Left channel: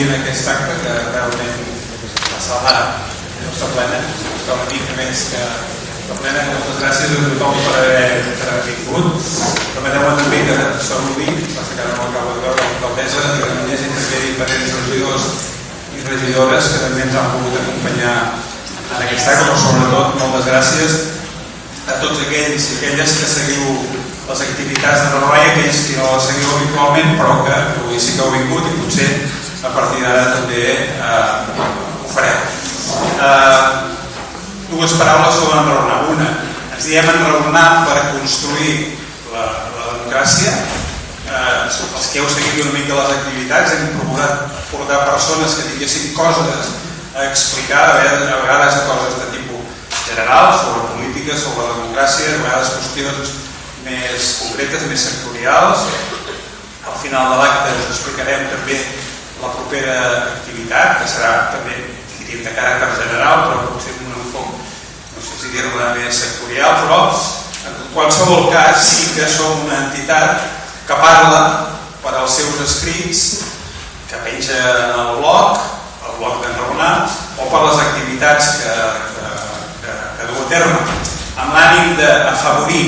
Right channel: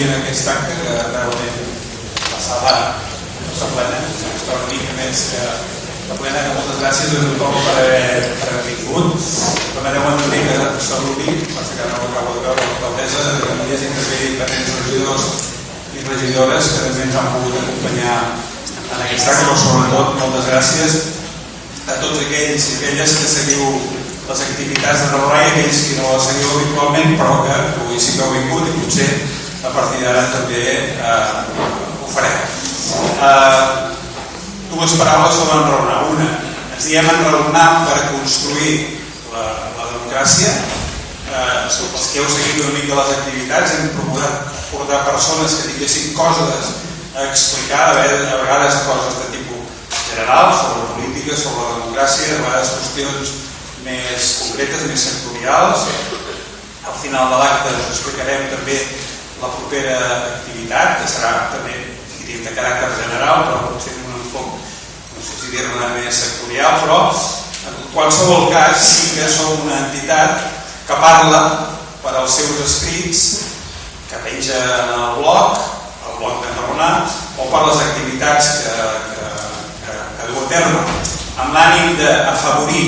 sovint aquest acte que realment la sala està plena, està una mica més que la plena, que moltes gràcies a tothom per haver vingut. Permeteu-me també que saludi, passa que ara no l'acabo de veure, l'alcaldessa de Granollers i també diferents regidors i regidores que també ens han pogut acompanyar en aquest acte, però sobretot moltes gràcies a tots aquells i aquelles que seguiu les activitats de Raurà i aquells que no les seguiu habitualment però que avui sí que heu vingut i potser a partir d'ara també ho fareu. Dues paraules sobre enraonar. Una, ens diem enraonar per construir la democràcia. Els que heu seguit una mica les activitats hem procurat portar persones que tinguessin coses a explicar, a vegades coses de tipus general, sobre política, sobre democràcia, a vegades qüestions més concretes, més sectorials. Al final de l'acte us explicarem també la propera activitat, que serà també de caràcter general, però potser amb un enfoc, no sé si dir-ne més sectorial, però en qualsevol cas sí que som una entitat que parla per als seus escrits, que penja en el blog d'Enraonar, o per les activitats que du a terme, amb l'ànim d'afavorir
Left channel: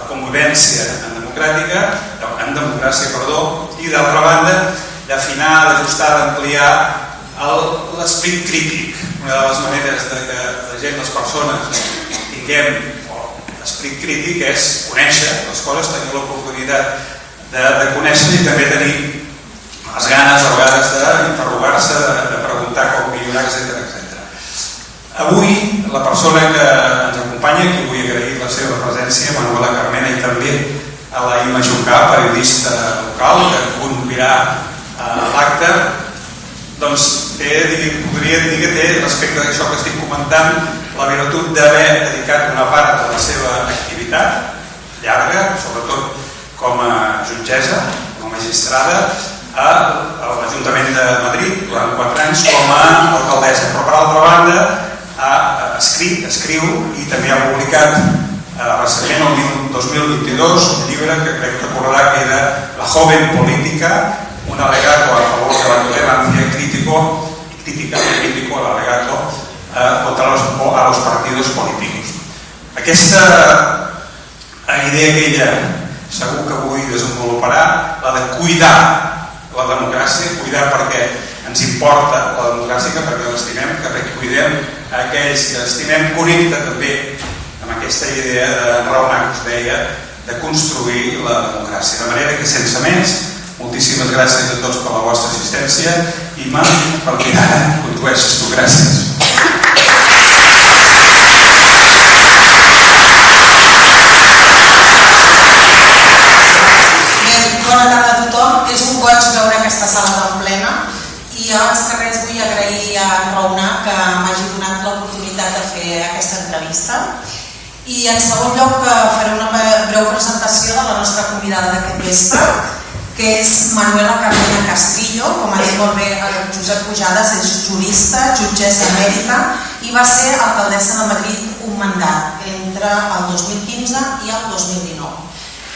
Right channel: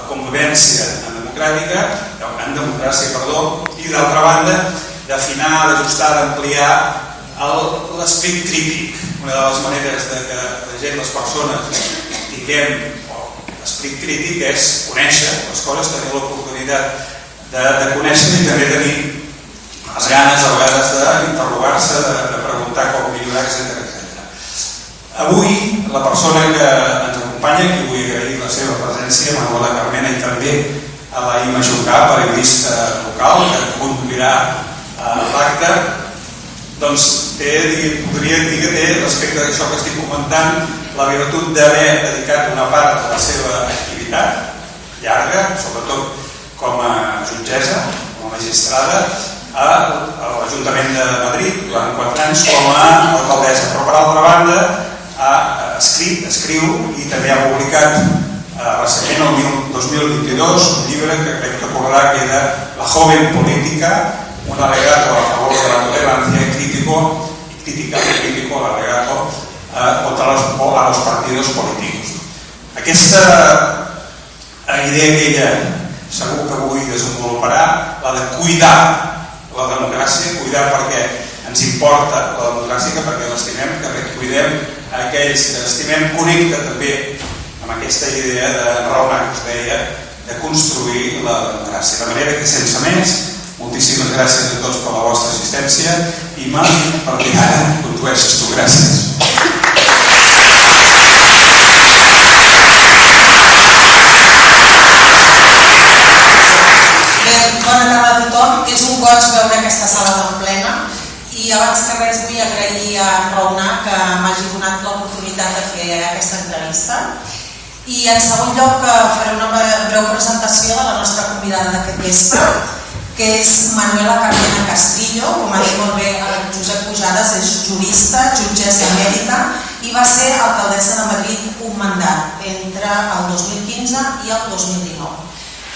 la convivència en democràcia, i d'altra banda d'afinar, d'ajustar, d'ampliar l'esperit crític. Una de les maneres que la gent, les persones, tinguem l'esperit crític és conèixer les coses, tenir l'oportunitat de conèixer i també tenir les ganes a vegades d'interrogar-se, de preguntar com millorar, etc. Avui la persona que ens acompanya, que vull agrair la seva presència, Manuela Carmena, i també a la Imma Juncà, periodista local, que conduirà l'acte, doncs podria dir que té, respecte a això que estic comentant, la virtut d'haver dedicat una part de la seva activitat llarga, sobretot com a jutgessa, com a magistrada, a l'Ajuntament de Madrid durant 4 anys com a alcaldessa, però per altra banda ha escrit, escriu i també ha publicat recentment, el 2022, un llibre que crec que recordarà, que era La joven política, un alegato a favor de la tolerancia crítica al alegato contra los partidos políticos. Aquesta idea que ella segur que avui desenvoluparà, la de cuidar la democràcia, cuidar perquè ens importa la democràcia, perquè l'estimem, que cuidem aquells que estimem, connecta també amb aquesta idea d'enraonar, que us deia, de construir la democràcia. De manera que, sense més, moltíssimes gràcies a tots per la vostra assistència. Imma, perquè ara condueixes tu. Gràcies. Bona tarda a tothom. És un goig veure aquesta sala tan plena i abans que res vull agrair a Enraonar que m'hagi donat l'oportunitat de fer aquesta entrevista i en segon lloc faré una breu presentació de la nostra convidada d'aquest vespre, que és Manuela Carmena Castrillo. Com ha dit molt bé el Josep Pujades, és jurista, jutgessa emèrita i va ser alcaldessa de Madrid un mandat entre el 2015 i el 2019.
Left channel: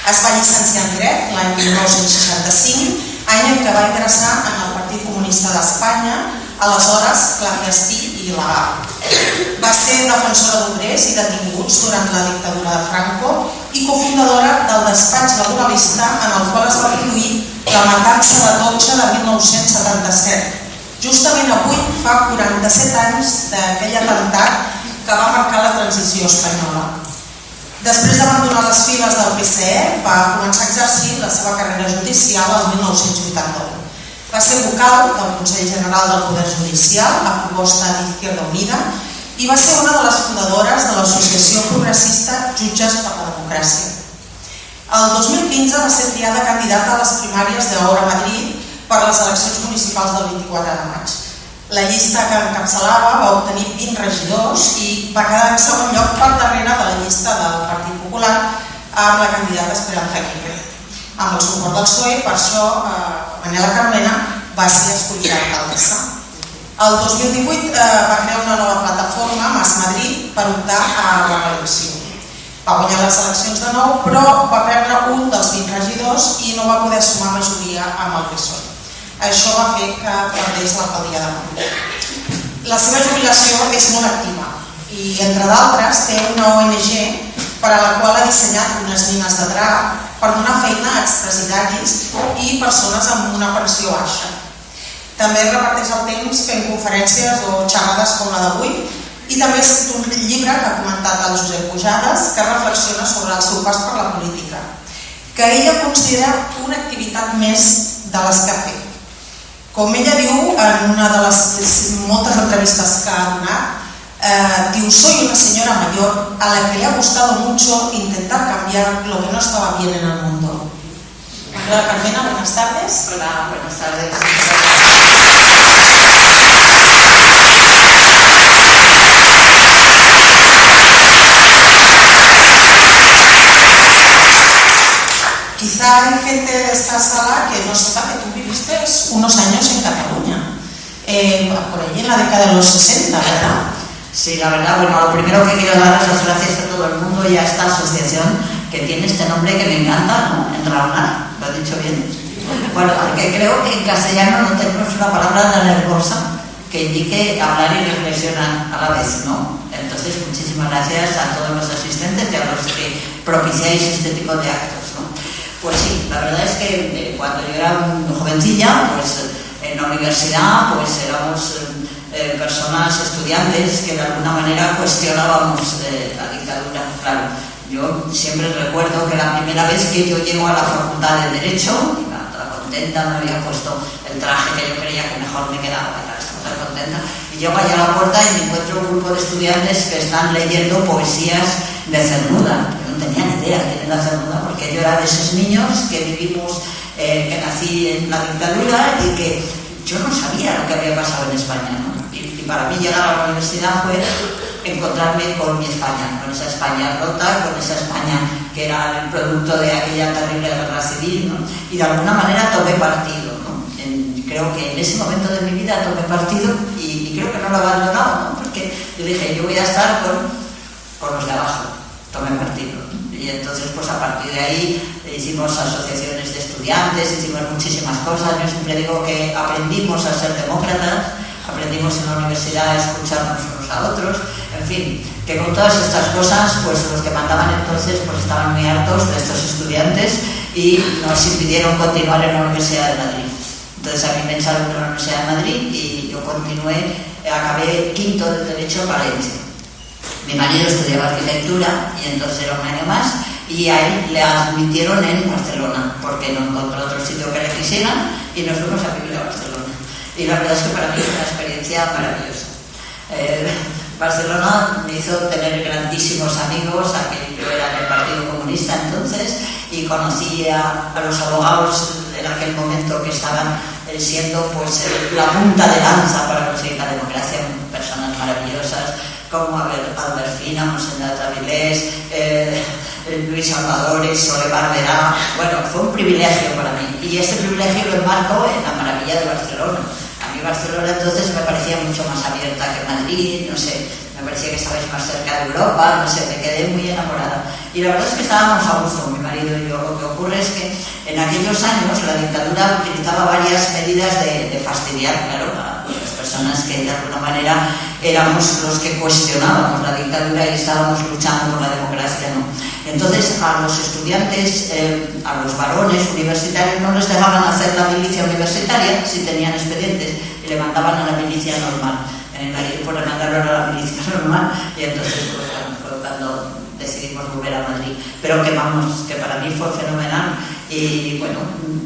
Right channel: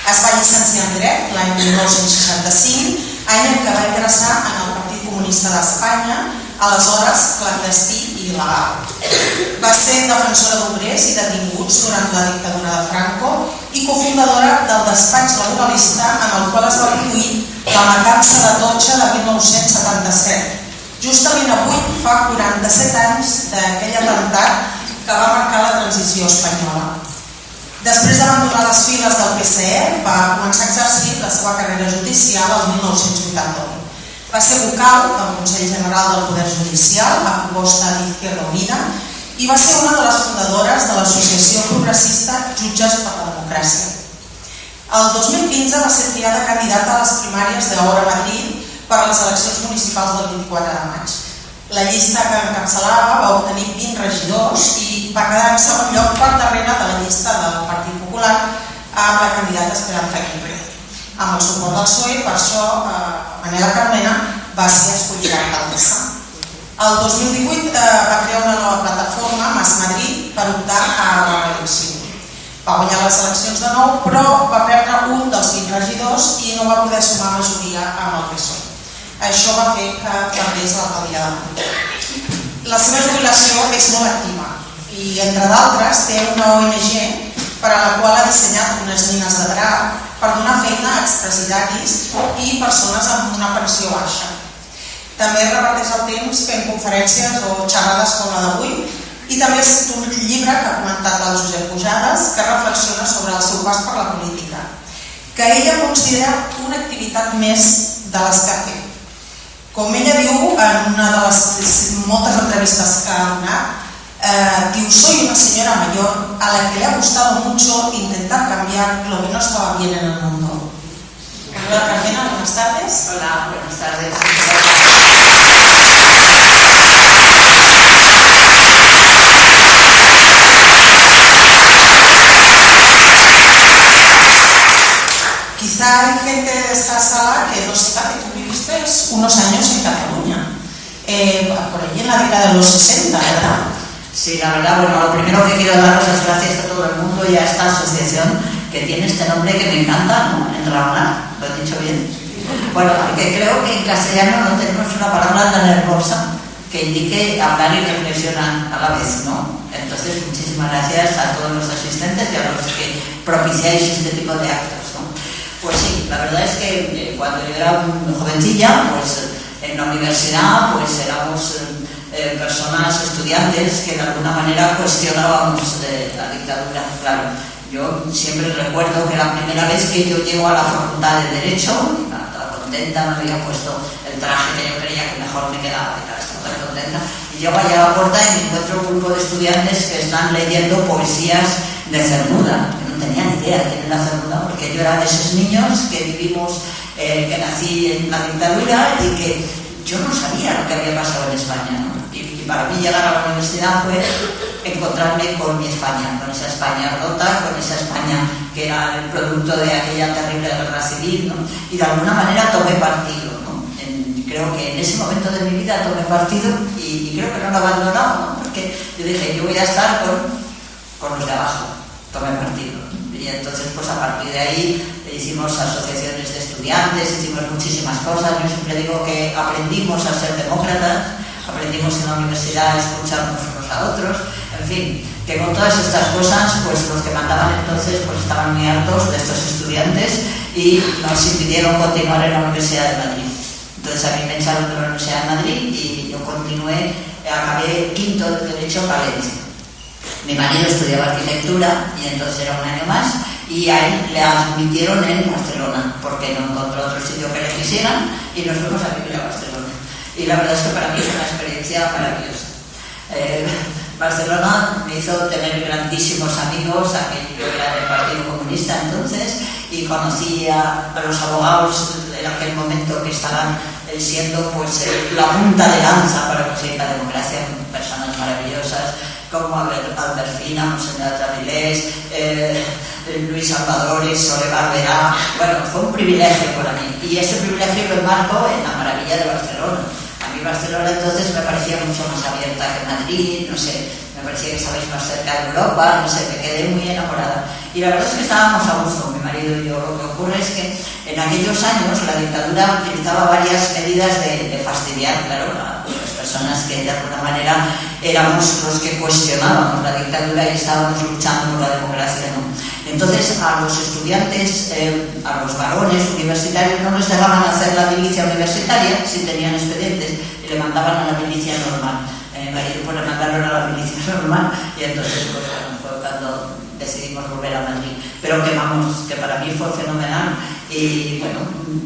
Es va llicenciar en Dret l'any 1965, any en què va ingressar en el Partit Comunista d'Espanya, aleshores clandestí i il·legal. Va ser defensora d'obrers i detinguts durant la dictadura de Franco i cofundadora del despatx laboralista en el qual es va produir la matança de Totxa de 1977. Justament avui fa 47 anys d'aquell atemptat que va marcar la transició espanyola. Després d'abandonar les files del PSE, va començar a exercir la seva carrera judicial el 1981. Va ser vocal del Consell General del Poder Judicial a proposta d'Izquierda Unida i va ser una de les fundadores de l'associació progressista Jutges per la Democràcia. El 2015 va ser triada candidata a les primàries d'Ahora Madrid per a les eleccions municipals del 24 de maig. La llista que encapçalava va obtenir 20 regidors i va quedar en segon lloc per darrere de la llista del Partit Popular amb la candidata Esperanza Aguirre. Amb el suport del PSOE, per això Manuela Carmena va ser escollida alcaldessa. El 2018 va crear una nova plataforma, Mas Madrid, per optar a la reelecció. Va guanyar les eleccions de nou, però va perdre un dels 20 regidors i no va poder sumar majoria amb el PSOE. Això va fer que perdés l'alcaldia de Madrid. La seva jubilació és molt activa i, entre d'altres, té una ONG per a la qual ha dissenyat unes mines de drac per donar feina a expresidiaris i persones amb una pensió baixa. També reparteix el temps fent conferències o xerrades com la d'avui i també ha escrit un llibre que ha comentat el Josep Pujades que reflexiona sobre el seu pas per la política, que ella considera una activitat més de les que ha fet. Com ella diu en una de les moltes entrevistes que ha donat, diu: soy una señora mayor a la que le ha gustado mucho intentar cambiar lo que no estaba bien en el mundo. Hola Carmena, buenas tardes. Hola, buenas tardes. Quizá hay gente de esta sala que no sepa que tú viviste unos años en Cataluña, por allí en la década de los 60, ¿verdad? Sí, la verdad, bueno, lo primero que quiero dar las gracias a todo el mundo y a esta asociación que tiene este nombre que me encanta, ¿no? Enraonar, ¿lo he dicho bien? Bueno, porque creo que en castellano no tenemos una palabra tan hermosa que indique hablar y reflexionar a la vez, ¿no? Entonces, muchísimas gracias a todos los asistentes y a los que propiciáis este tipo de actos, ¿no? Pues sí, la verdad es que cuando yo era jovencilla, pues en la universidad, pues éramos personas, estudiantes, que de alguna manera cuestionábamos la dictadura. Claro, yo siempre recuerdo que la primera vez que yo llego a la Facultad de Derecho, iba toda contenta, me había puesto el traje que yo creía que mejor me quedaba, y súper contenta, y llego allá a la puerta y me encuentro un grupo de estudiantes que están leyendo poesías de Cernuda. Yo no tenía ni idea de quién era Cernuda, porque yo era de esos niños que vivimos, que nací en la dictadura y que yo no sabía lo que había pasado en España, ¿no? Y para mí llegar a la universidad fue encontrarme con mi España, con esa España rota, con esa España que era el producto de aquella terrible guerra civil, ¿no? Y de alguna manera tomé partido, ¿no? Creo que en ese momento de mi vida tomé partido y creo que no lo he abandonado, ¿no? Porque yo dije, yo voy a estar con los de abajo, tomé partido, ¿no? Y entonces, pues a partir de ahí hicimos asociaciones de estudiantes, hicimos muchísimas cosas. Yo siempre digo que aprendimos a ser demócratas, aprendimos en la universidad a escucharnos unos a otros, en fin, que con todas estas cosas, pues los que mandaban entonces pues estaban muy hartos de estos estudiantes y nos impidieron continuar en la Universidad de Madrid. Entonces a mí me echaron de la Universidad de Madrid y yo continué, acabé quinto de Derecho en Valencia. Mi marido estudiaba arquitectura y entonces era un año más y a él le admitieron en Barcelona porque no encontró otro sitio que le quisieran y nos fuimos a vivir a Barcelona. Y la verdad es que para mí es una experiencia maravillosa. Barcelona me hizo tener grandísimos amigos, aquel yo era del Partido Comunista entonces, y conocí a los abogados en aquel momento que estaban siendo pues la punta de lanza para conseguir la democracia, personas maravillosas como Alberfina, Monseñor Avilés, Luis Salvadores, Sole Barberá. Bueno, fue un privilegio para mí y ese privilegio lo enmarco en la maravilla de Barcelona. A mí Barcelona entonces me parecía mucho más abierta que Madrid, no sé, me parecía que estabais más cerca de Europa, no sé, me quedé muy enamorada. Y la verdad es que estábamos a gusto, mi marido y yo. Lo que ocurre es que en aquellos años la dictadura utilizaba varias medidas de fastidiar, claro, a las personas que de alguna manera éramos los que cuestionábamos la dictadura y estábamos luchando por la democracia, ¿no? Entonces a los estudiantes, a los varones universitarios no les dejaban hacer la milicia universitaria si tenían expedientes y le mandaban a la milicia normal. Pues le mandaron a la milicia normal y entonces pues, fue cuando decidimos volver a Madrid. Pero que vamos, que para mí fue fenomenal y bueno,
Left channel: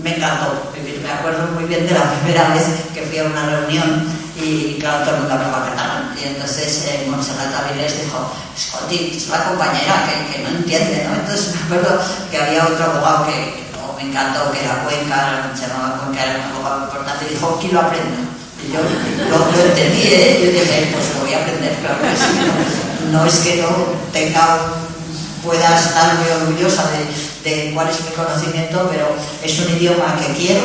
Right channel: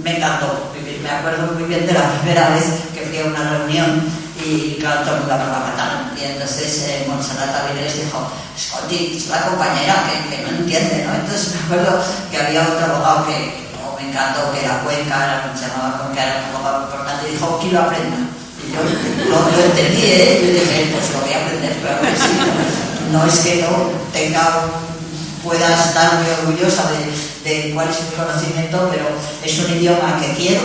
me encantó vivir. Me acuerdo muy bien de la primera vez que fui a una reunión y claro, todo el mundo hablaba catalán. Y entonces Montserrat Avilés dijo, Scotty, es la compañera que no entiende, ¿no? Entonces me acuerdo que había otro abogado que me encantó, que era Cuenca, se llamaba Cuenca, era un abogado importante, y dijo, quiero aprender. Y yo lo entendí, yo dije, pues lo voy a aprender, claro que sí. No es que no pueda estar muy orgullosa de cuál es mi conocimiento, pero es un idioma que quiero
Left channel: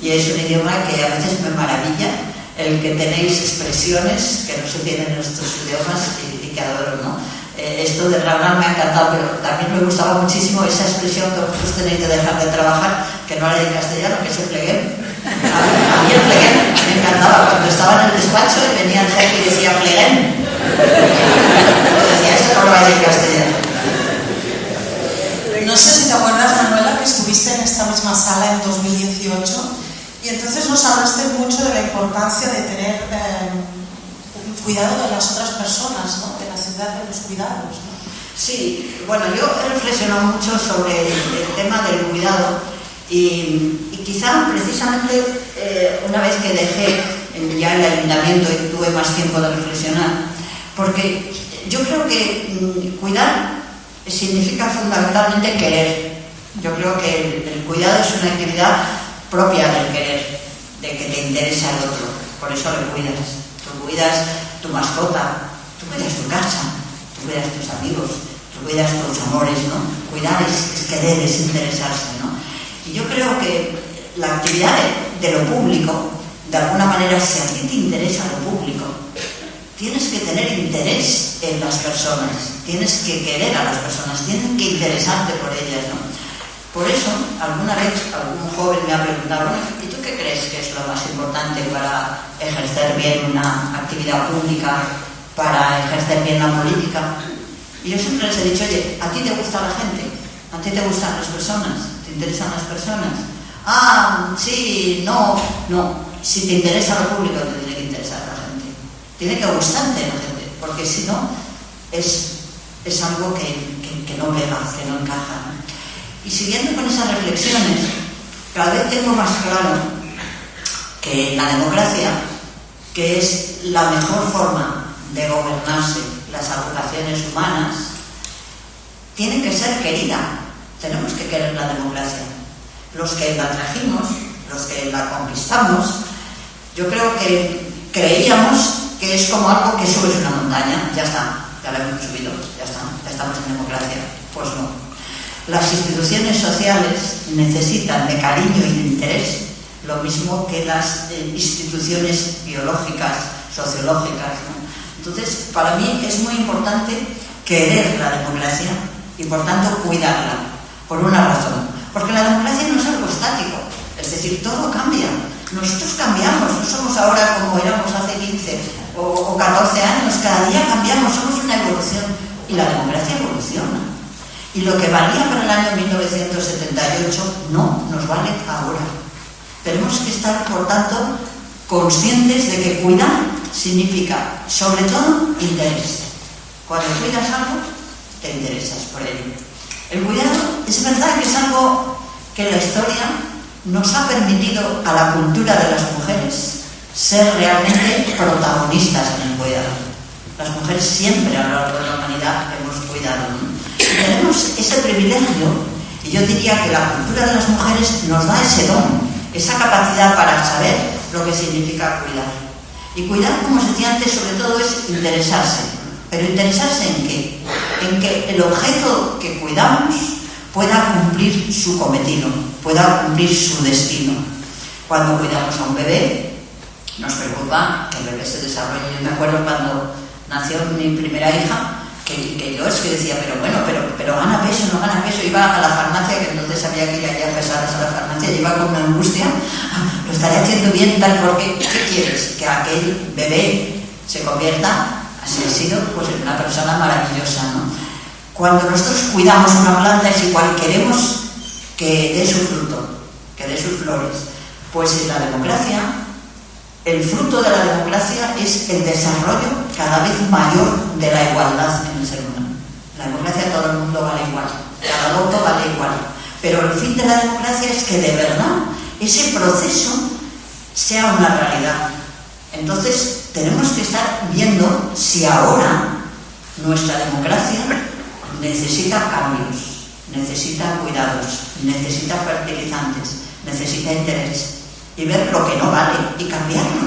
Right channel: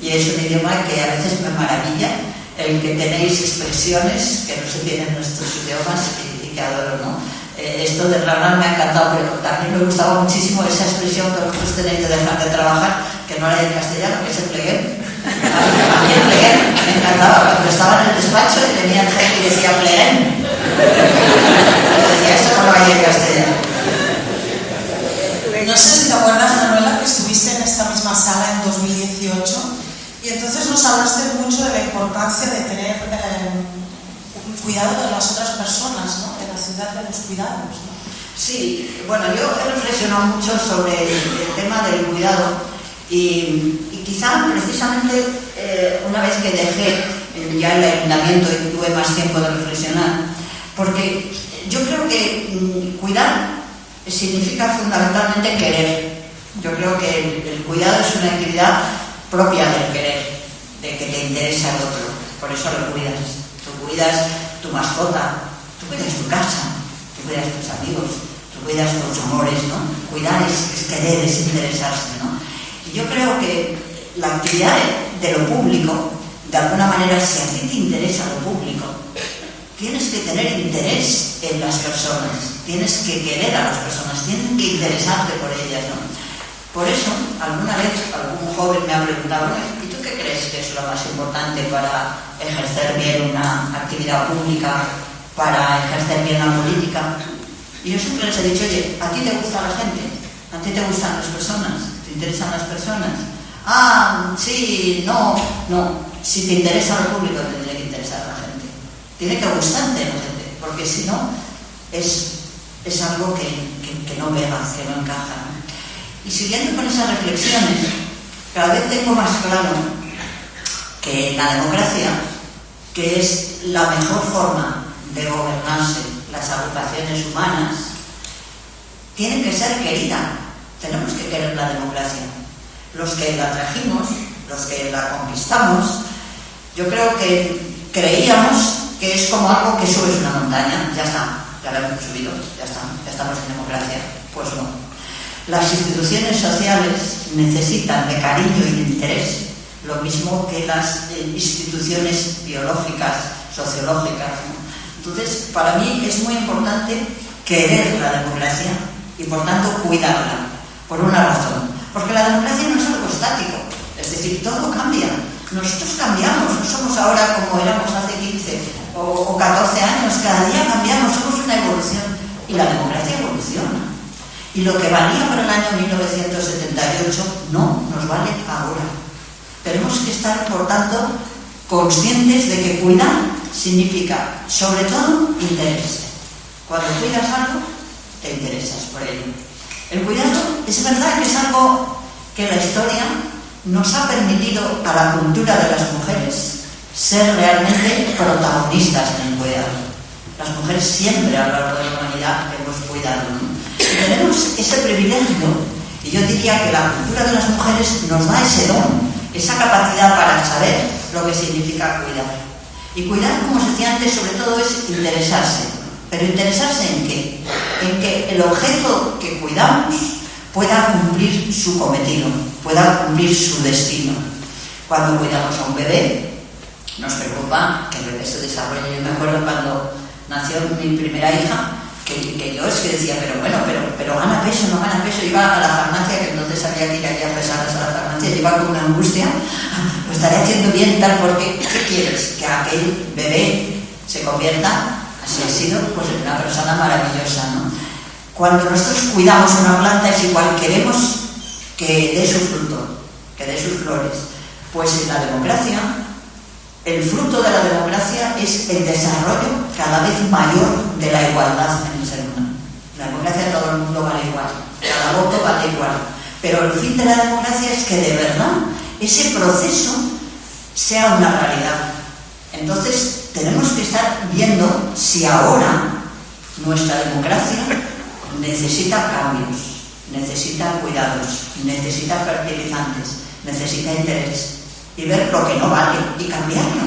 y es un idioma que a veces me maravilla, el que tenéis expresiones que no se tienen en nuestros idiomas y que adoro, ¿no? Esto de hablar me ha encantado, pero también me gustaba muchísimo esa expresión que vosotros tenéis de dejar de trabajar, que no era en castellano, que es el plegueo. despacho y venía el jefe y decía pleguen. Decía, eso no lo hay en castellano. No sé si te acuerdas, Manuela, que estuviste en esta misma sala en 2018 y entonces nos hablaste mucho de la importancia de tener cuidado de las otras personas, ¿no? De la ciudad de los cuidados, ¿no? Sí, bueno, yo he reflexionado mucho sobre el tema del cuidado y quizá precisamente una vez que dejé ya el ayuntamiento y tuve más tiempo de reflexionar, porque yo creo que cuidar significa fundamentalmente querer. Yo creo que el cuidado es una actividad propia del querer, de que te interesa el otro, por eso lo cuidas. Tú cuidas tu mascota, tú cuidas tu casa, tú cuidas tus amigos, tú cuidas tus amores, ¿no? Cuidar es querer, es interesarse, ¿no? Y yo creo que la actividad de lo público, de alguna manera, si a ti te interesa lo público, tienes que tener interés en las personas, tienes que querer a las personas, tienes que interesarte por ellas, ¿no? Por eso, alguna vez algún joven me ha preguntado, ¿y tú qué crees que es lo más importante para ejercer bien una actividad pública, para ejercer bien la política? Y yo siempre les he dicho, oye, ¿a ti te gusta la gente? ¿A ti te gustan las personas? ¿Te interesan las personas? Ah, sí, no. Si te interesa lo público, te tiene que interesar la gente. Tiene que gustarte la gente, porque si no, es algo que no pega, que no encaja, ¿no? Y siguiendo con esas reflexiones, cada vez tengo más claro que en la democracia, que es la mejor forma de gobernarse las agrupaciones humanas, tiene que ser querida. Tenemos que querer la democracia. Los que la trajimos, los que la conquistamos, yo creo que creíamos que es como algo que subes una montaña, ya está, ya la hemos subido, ya estamos en democracia. Pues no. Las instituciones sociales necesitan de cariño y de interés, lo mismo que las instituciones biológicas, sociológicas, ¿no? Entonces, para mí es muy importante querer la democracia y, por tanto, cuidarla, por una razón. Porque la democracia no es algo estático, es decir, todo cambia. Nosotros cambiamos, no somos ahora como éramos hace 15 o 14 años, cada día cambiamos, somos una evolución y la democracia evoluciona. Y lo que valía para el año 1978 no nos vale ahora. Tenemos que estar, por tanto, conscientes de que cuidar significa, sobre todo, interés. Cuando cuidas algo, te interesas por ello. El cuidado es verdad que es algo que la historia nos ha permitido a la cultura de las mujeres ser realmente protagonistas en el cuidado. Las mujeres siempre a lo largo de la humanidad hemos cuidado, ¿no? Tenemos ese privilegio y yo diría que la cultura de las mujeres nos da ese don, esa capacidad para saber lo que significa cuidar. Y cuidar, como os decía antes, sobre todo es interesarse. ¿Pero interesarse en qué? En que el objeto que cuidamos pueda cumplir su cometido, pueda cumplir su destino. Cuando cuidamos a un bebé, nos preocupa que el bebé se desarrolle. Yo me acuerdo cuando nació mi primera hija, que yo es que decía, pero gana peso, no gana peso. Iba a la farmacia, que entonces había que ir allá pesadas a la farmacia, iba con una angustia, lo estaré haciendo bien tal, porque ¿qué quieres? Que aquel bebé se convierta, así ha sido, pues en una persona maravillosa, ¿no? Cuando nosotros cuidamos una planta es igual, queremos que dé su fruto, que dé sus flores. Pues en la democracia, el fruto de la democracia es el desarrollo cada vez mayor de la igualdad en el ser humano. En la democracia todo el mundo vale igual, cada voto vale igual. Pero el fin de la democracia es que de verdad ese proceso sea una realidad. Entonces tenemos que estar viendo si ahora nuestra democracia necesita cambios, necesita cuidados, necesita fertilizantes, necesita interés, y ver lo que no vale y cambiarlo.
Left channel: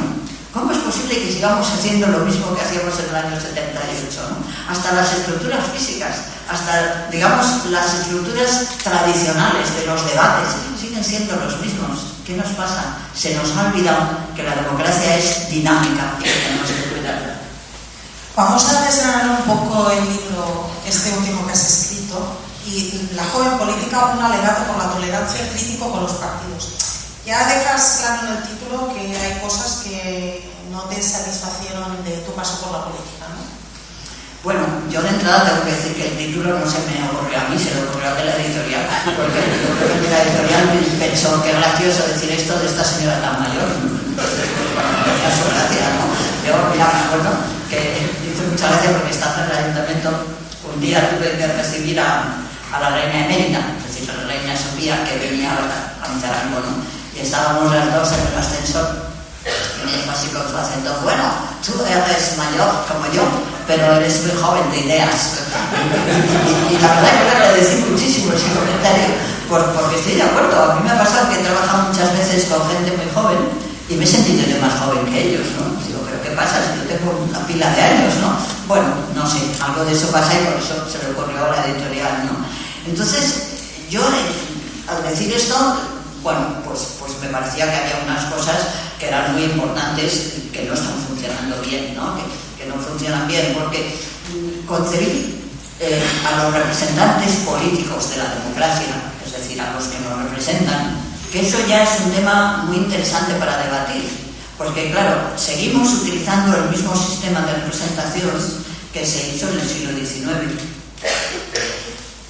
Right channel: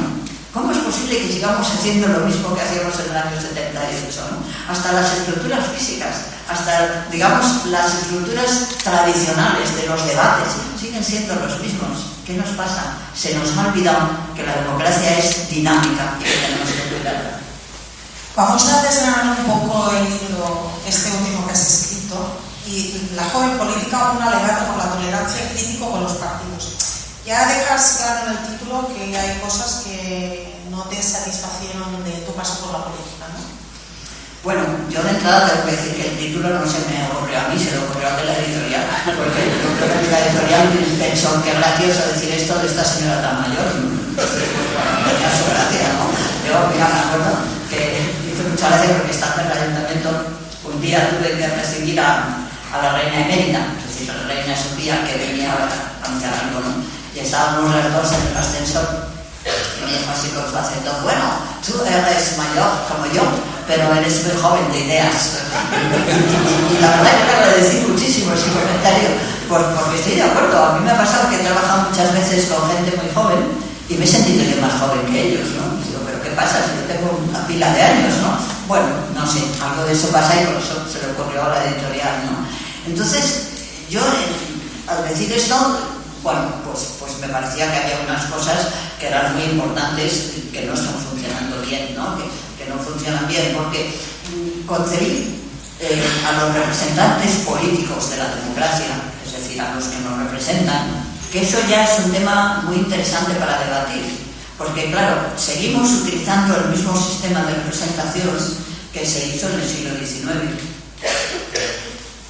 ¿Cómo es posible que sigamos haciendo lo mismo que hacíamos en el año 78? ¿No? Hasta las estructuras físicas, hasta, digamos, las estructuras tradicionales de los debates siguen siendo los mismos. ¿Qué nos pasa? Se nos ha olvidado que la democracia es dinámica y que tenemos que cuidarla. Vamos a desgranar un poco el libro, este último que has escrito, y la joven política, un alegato con la tolerancia y crítico con los partidos. Ya dejas claro en el título que hay cosas que no te satisfacen entrada tengo que decir que el título no se me ocurrió a mí, se le ocurrió a la editorial, porque yo creo que la editorial pensó que es gracioso decir esto de esta señora tan mayor. Tenía su gracia, ¿no? Yo, mira, me acuerdo que hizo mucha gracia porque estando en el ayuntamiento, un día tuve que recibir a la reina emérita, es decir, la reina Sofía, que venía a mi terreno, ¿no? Y estábamos las dos en el ascensor, y me dijo así con su acento: bueno, tú eres mayor como yo, pero eres muy joven de ideas. Y la verdad que me agradecí muchísimo ese comentario, porque estoy de acuerdo. A mí me ha pasado que he trabajado muchas veces con gente muy joven y me he sentido yo más joven que ellos, ¿no? Digo, ¿pero qué pasa? Si yo tengo una pila de años, ¿no? Bueno, no sé, algo de eso pasa y por eso se le ocurrió a la editorial, ¿no? Entonces, yo al decir esto, bueno, pues me parecía que había unas cosas que eran muy importantes que no están funcionando bien, ¿no? Que no funcionan bien, porque concebí a los representantes políticos de la democracia, es decir, a los que nos representan, que eso ya es un tema muy interesante para debatir, porque claro, seguimos utilizando el mismo sistema de representación que se hizo en el siglo XIX.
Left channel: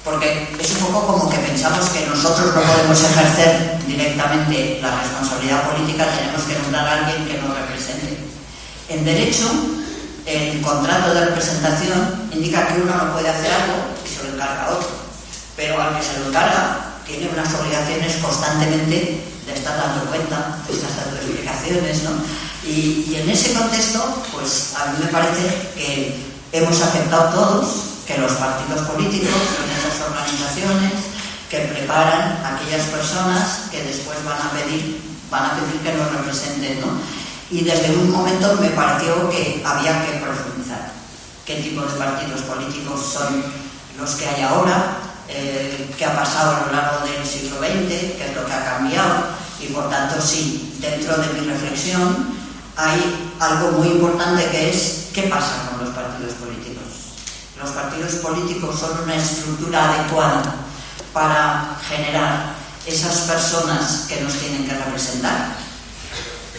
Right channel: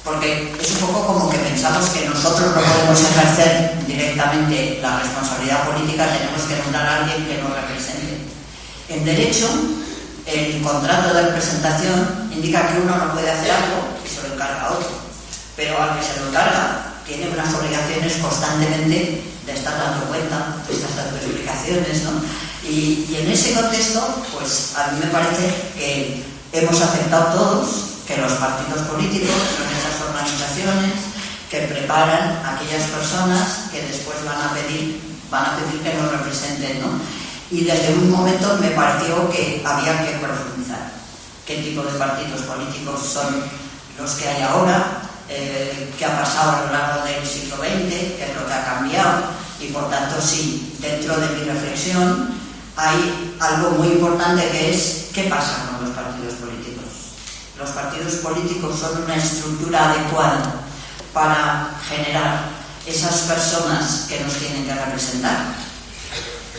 Porque es un poco como que pensamos que nosotros no podemos ejercer directamente la responsabilidad política, tenemos que nombrar a alguien que nos represente. En derecho, el contrato de representación indica que uno no puede hacer algo y se lo encarga a otro, pero al que se lo encarga tiene unas obligaciones constantemente de estar dando cuenta de estas autoexplicaciones, ¿no? Y en ese contexto, pues a mí me parece que hemos aceptado todos que los partidos políticos son esas organizaciones que preparan a aquellas personas que después van a pedir que nos representen, ¿no? Y desde un momento me pareció que había que profundizar qué tipo de partidos políticos son los que hay ahora, qué ha pasado a lo largo del siglo XX, qué es lo que ha cambiado, y por tanto sí, dentro de mi reflexión hay algo muy importante que es qué pasa con los partidos políticos. Los partidos políticos son una estructura adecuada para generar esas personas que nos tienen que representar.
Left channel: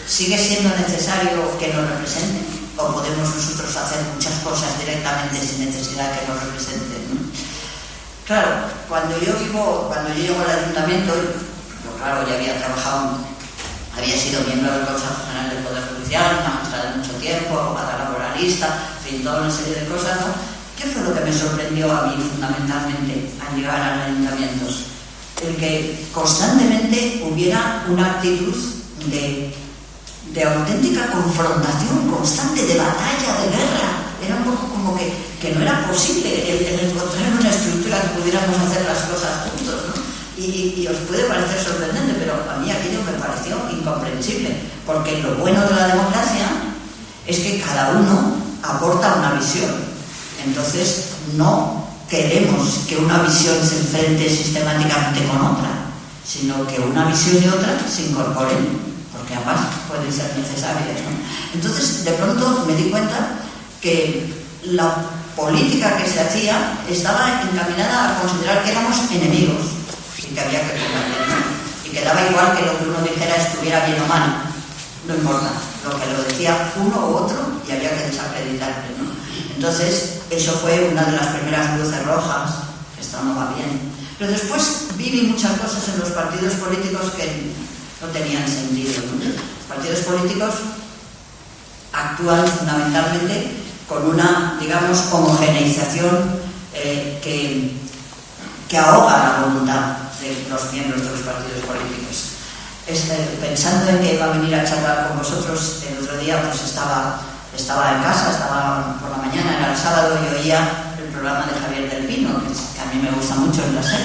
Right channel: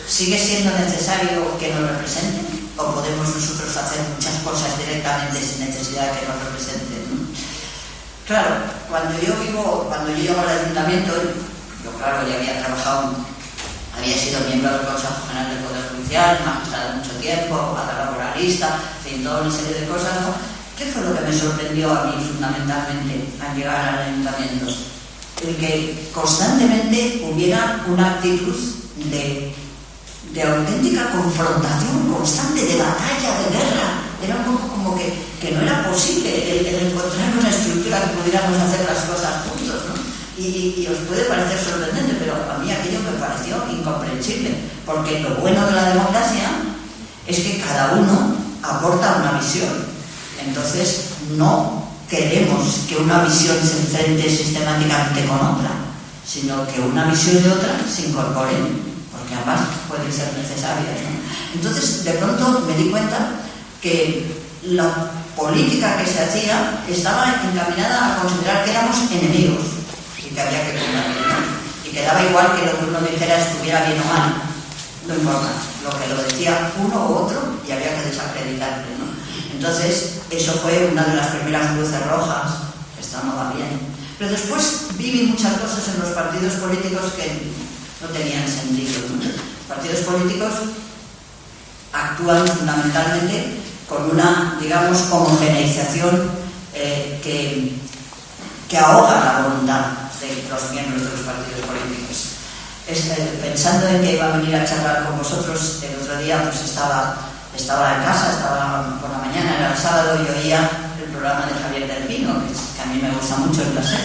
¿Sigue siendo necesario que nos representen? ¿O podemos nosotros hacer muchas cosas directamente sin necesidad de que nos representen? Claro, cuando yo llego al ayuntamiento, yo claro, ya había trabajado, había sido miembro del Consejo General del Poder Judicial, magistrado de mucho tiempo, abogada laboralista, en fin, toda una serie de cosas, ¿no? ¿Qué fue lo que me sorprendió a mí fundamentalmente al llegar al ayuntamiento? El que constantemente hubiera una actitud de auténtica confrontación constante, de batalla, de guerra. Era un poco como que no era posible el encontrar una estructura que pudiéramos hacer las cosas juntos, ¿no? Y os puede parecer sorprendente, pero a mí aquello me pareció incomprensible, porque lo bueno de la democracia es que cada uno aporta una visión. Entonces no queremos que una visión se enfrente sistemáticamente con otra, sino que una visión y otra se incorporen, porque además pueden ser necesarias, ¿no? Entonces de pronto me di cuenta que la política que se hacía estaba encaminada a considerar que éramos enemigos y que había que combatir, ¿no? Y que daba igual que lo que uno dijera estuviera bien o mal, no importa, lo que lo decía uno u otro y había que desacreditarle, ¿no? Entonces, eso fue una de las primeras luces rojas, esto no va bien. Pero después viví muchas cosas en los partidos políticos que no tenían sentido, ¿no? Los partidos políticos actúan fundamentalmente con una, digamos, homogeneización que ahoga la voluntad de los miembros de los partidos políticos. Pensando en que iba a venir a charlar con vosotros, el otro día pues estaba en casa, estaba por la mañana, era el sábado, y oía el programa de Javier del Pino, que a mí me gusta mucho el placer,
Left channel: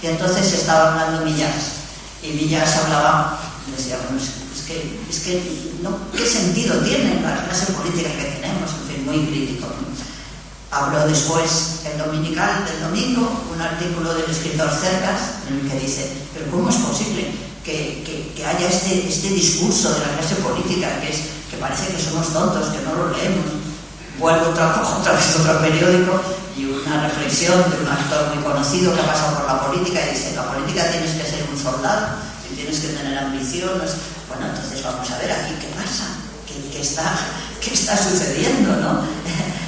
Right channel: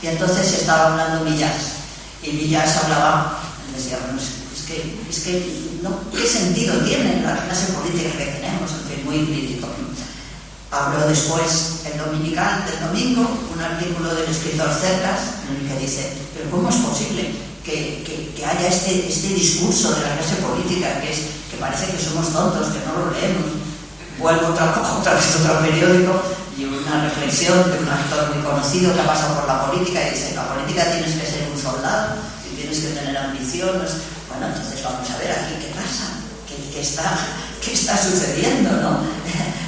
y entonces estaba hablando Millás, y Millás hablaba, decía, bueno, es que no, ¿qué sentido tiene la clase política que tenemos? En fin, muy crítico, ¿no? Habló después, el dominical del domingo, un artículo del escritor Cercas, en el que dice, pero ¿cómo es posible que haya este discurso de la clase política que parece que somos tontos, que no lo leemos? Vuelvo otra vez otro periódico y una reflexión de un actor muy conocido que ha pasado por la política y dice, la política tienes que ser un soldado y tienes que tener ambiciones. Bueno, entonces vamos a ver aquí qué pasa, qué está sucediendo, ¿no?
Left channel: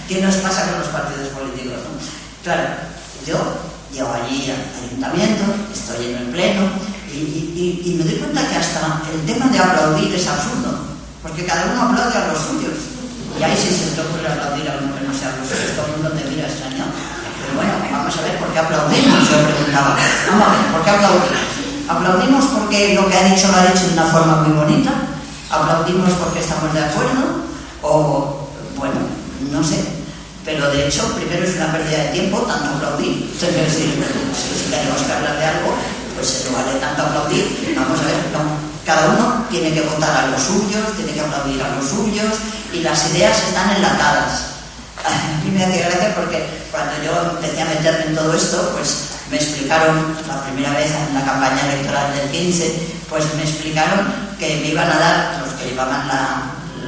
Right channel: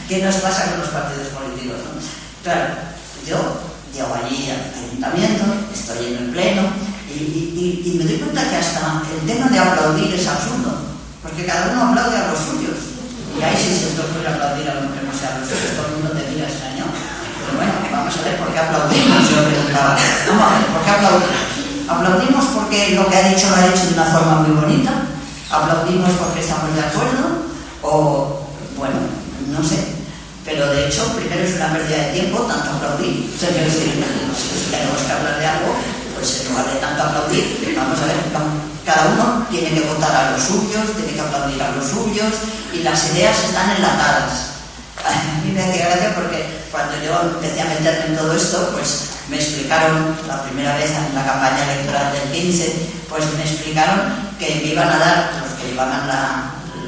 ¿Qué nos pasa con los partidos políticos, ¿no? Claro, yo llego allí al ayuntamiento, estoy en el pleno y me doy cuenta que hasta el tema de aplaudir es absurdo, porque cada uno aplaude a los suyos. Y ahí sí se te ocurre aplaudir a uno que no sea a los suyos, todo el mundo te mira extrañado. Pero bueno, vamos a ver por qué aplaudimos, yo preguntaba. Vamos a ver, ¿por qué aplaudimos? Aplaudimos porque lo que ha dicho lo ha dicho de una forma muy bonita, aplaudimos porque estamos de acuerdo, o bueno, no sé. Pero de hecho, primero es una pérdida de tiempo, tanto aplaudir. Si tenemos que hablar de algo, pues no vale tanto aplaudir. Vamos a ver, cada uno tiene que votar a los suyos, tiene que aplaudir a los suyos, y las ideas están enlatadas. A mí me hace gracia porque cuando yo empecé a meterme en todo esto, pues me explicaron, la primera vez en la campaña electoral del 15, pues me explicaron que me iban a dar, los que llevaban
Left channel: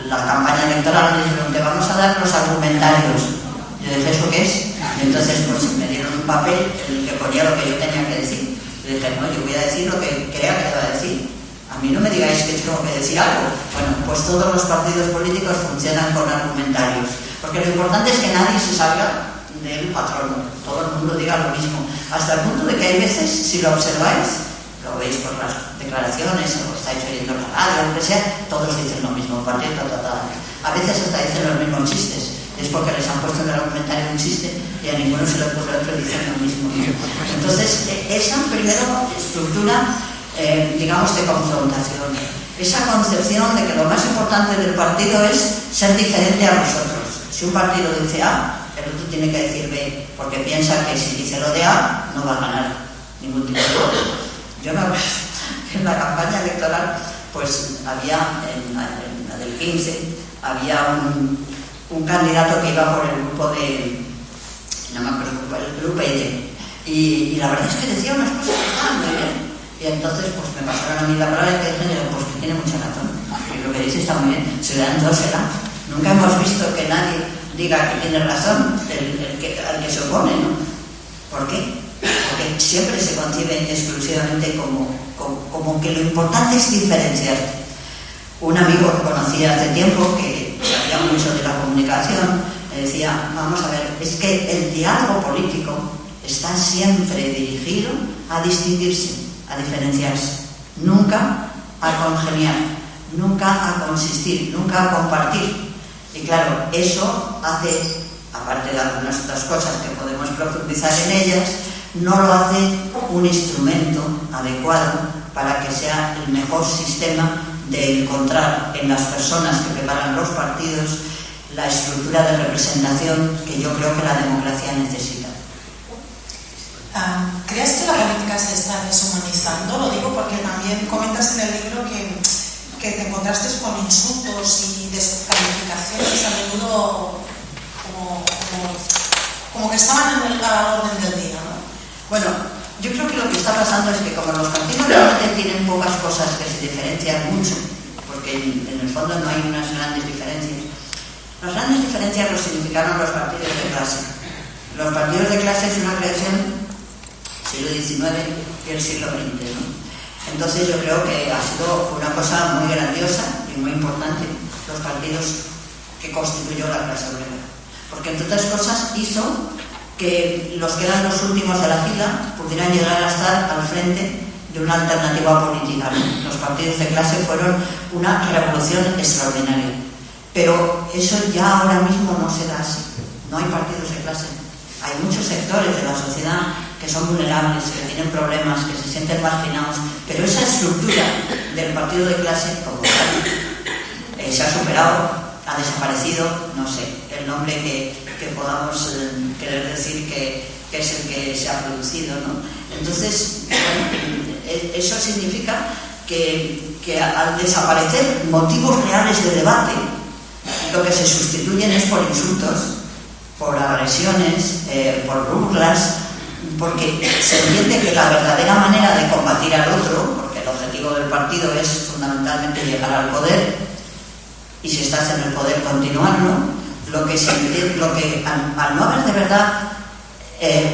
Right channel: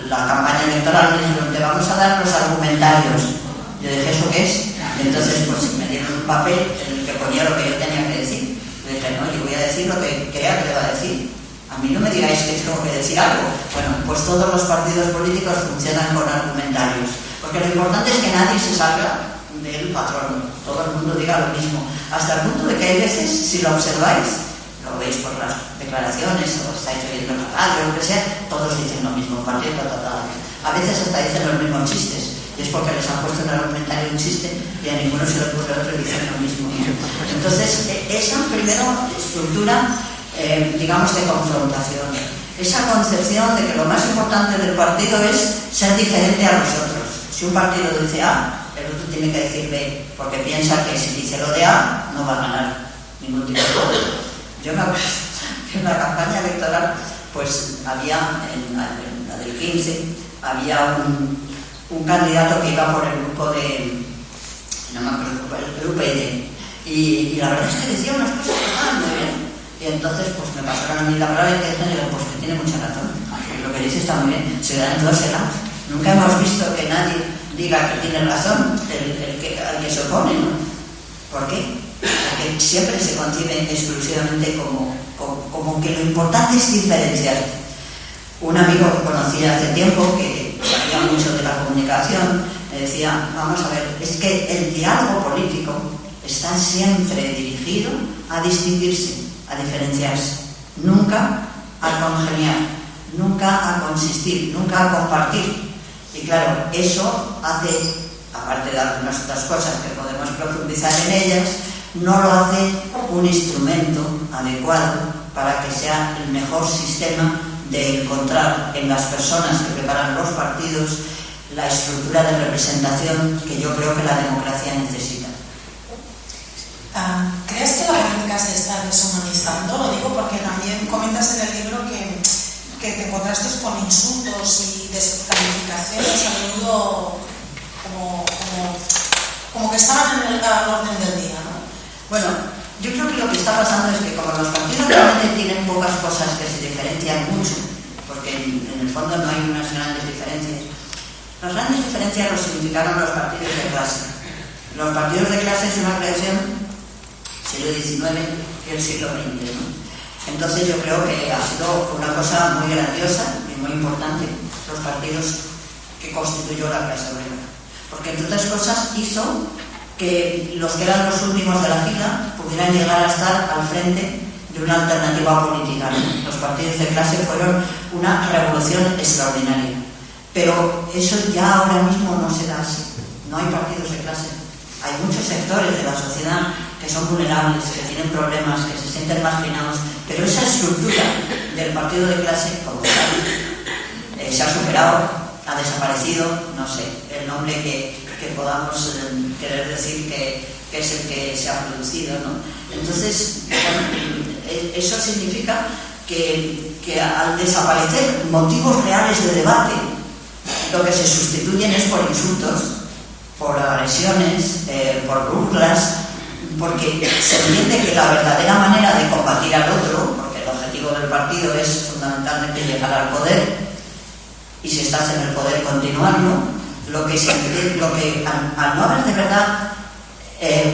la campaña electoral, me dijeron, te vamos a dar los argumentarios. Yo dije, ¿eso qué es? Y entonces pues me dieron un papel en el que ponía lo que yo tenía que decir. Yo dije, no, yo voy a decir lo que crea que deba decir. A mí no me digáis que tengo que decir algo. Bueno, pues todos los partidos políticos funcionan con argumentarios. Porque lo importante es que nadie se salga del patrón. Todo el mundo diga lo mismo. Hasta el punto de que hay veces, si lo observáis, lo veis por las declaraciones o estáis oyendo en la radio, lo que sea, todos dicen lo mismo, partiendo total. A veces hasta dicen los mismos chistes. Es porque les han puesto en el argumentario un chiste y a ninguno se le ocurre otro y dicen lo mismo. Entonces, esa primera estructura, digamos, de confrontación, esa concepción de que lo más importante del partido es ser diferente a los otros. Si un partido dice A, el otro tiene que decir B, porque piensa que si dice lo de A, no va a ganar ningún tipo de voto. Yo me acuerdo que en la campaña electoral, pues había, en la del 15, había un candidato que iba por el grupo de, no me acuerdo, el grupo ID, y la verdad es que decía unas cosas que estaban muy bien, y entonces pues me pasaron a mí la palabra y dijeron, pues que tiene mucha razón, y lo que dice está muy bien, ciudadanos no será. Nunca hemos visto que nadie diga que tiene razón al que se opone, ¿no? ¿Por qué? Porque siempre se concibe exclusivamente como que lo importante es diferenciar. Un amigo que conocí hace tiempo que sabía mucho de la comunicación me decía, vamos a ver, es que el diálogo político está siempre dirigido a distinguirse, a diferenciarse, nunca a congeniar, nunca a consistir, nunca a compartir. Y claro, eso hace, aparte de algunas otras cosas que podemos profundizar en ellas, no lo hace un instrumento adecuado para que sea el mejor sistema de encontrar en las personas que preparan los partidos la estructura de representación que yo creo que la democracia necesita. ¿Crees que la política se está deshumanizando? Lo digo porque también comentas en el libro que te encontraste con insultos y descalificaciones a menudo como que estaban en el orden del día, ¿no? Bueno, yo creo que lo que está pasando es que como los partidos realmente tienen pocas cosas que se diferencian mucho, porque en el fondo no hay unas grandes diferencias. Las grandes diferencias lo significaron los partidos de clase. Los partidos de clase es una creación siglo XIX y el siglo XX, ¿no? Entonces yo creo que ha sido una cosa muy grandiosa y muy importante los partidos que constituyó la clase obrera, porque entre otras cosas hizo que los que eran los últimos de la fila pudieran llegar a estar al frente de una alternativa política, ¿no? Los partidos de clase fueron una revolución extraordinaria, pero eso ya ahora mismo no se da así. No hay partidos de clase. Hay muchos sectores de la sociedad que son vulnerables, que tienen problemas, que se sienten marginados, pero esa estructura del partido de clase se ha superado, ha desaparecido, no sé, el nombre que podamos querer decir que es el que se ha producido, ¿no? Entonces, bueno, eso significa que al desaparecer motivos reales de debate, lo que se sustituyen es por insultos, por agresiones, por burlas, porque se entiende que la verdadera manera de combatir al otro, porque el objetivo del partido es fundamentalmente llegar al poder, y si estás en el poder continuarlo, al no haber de verdad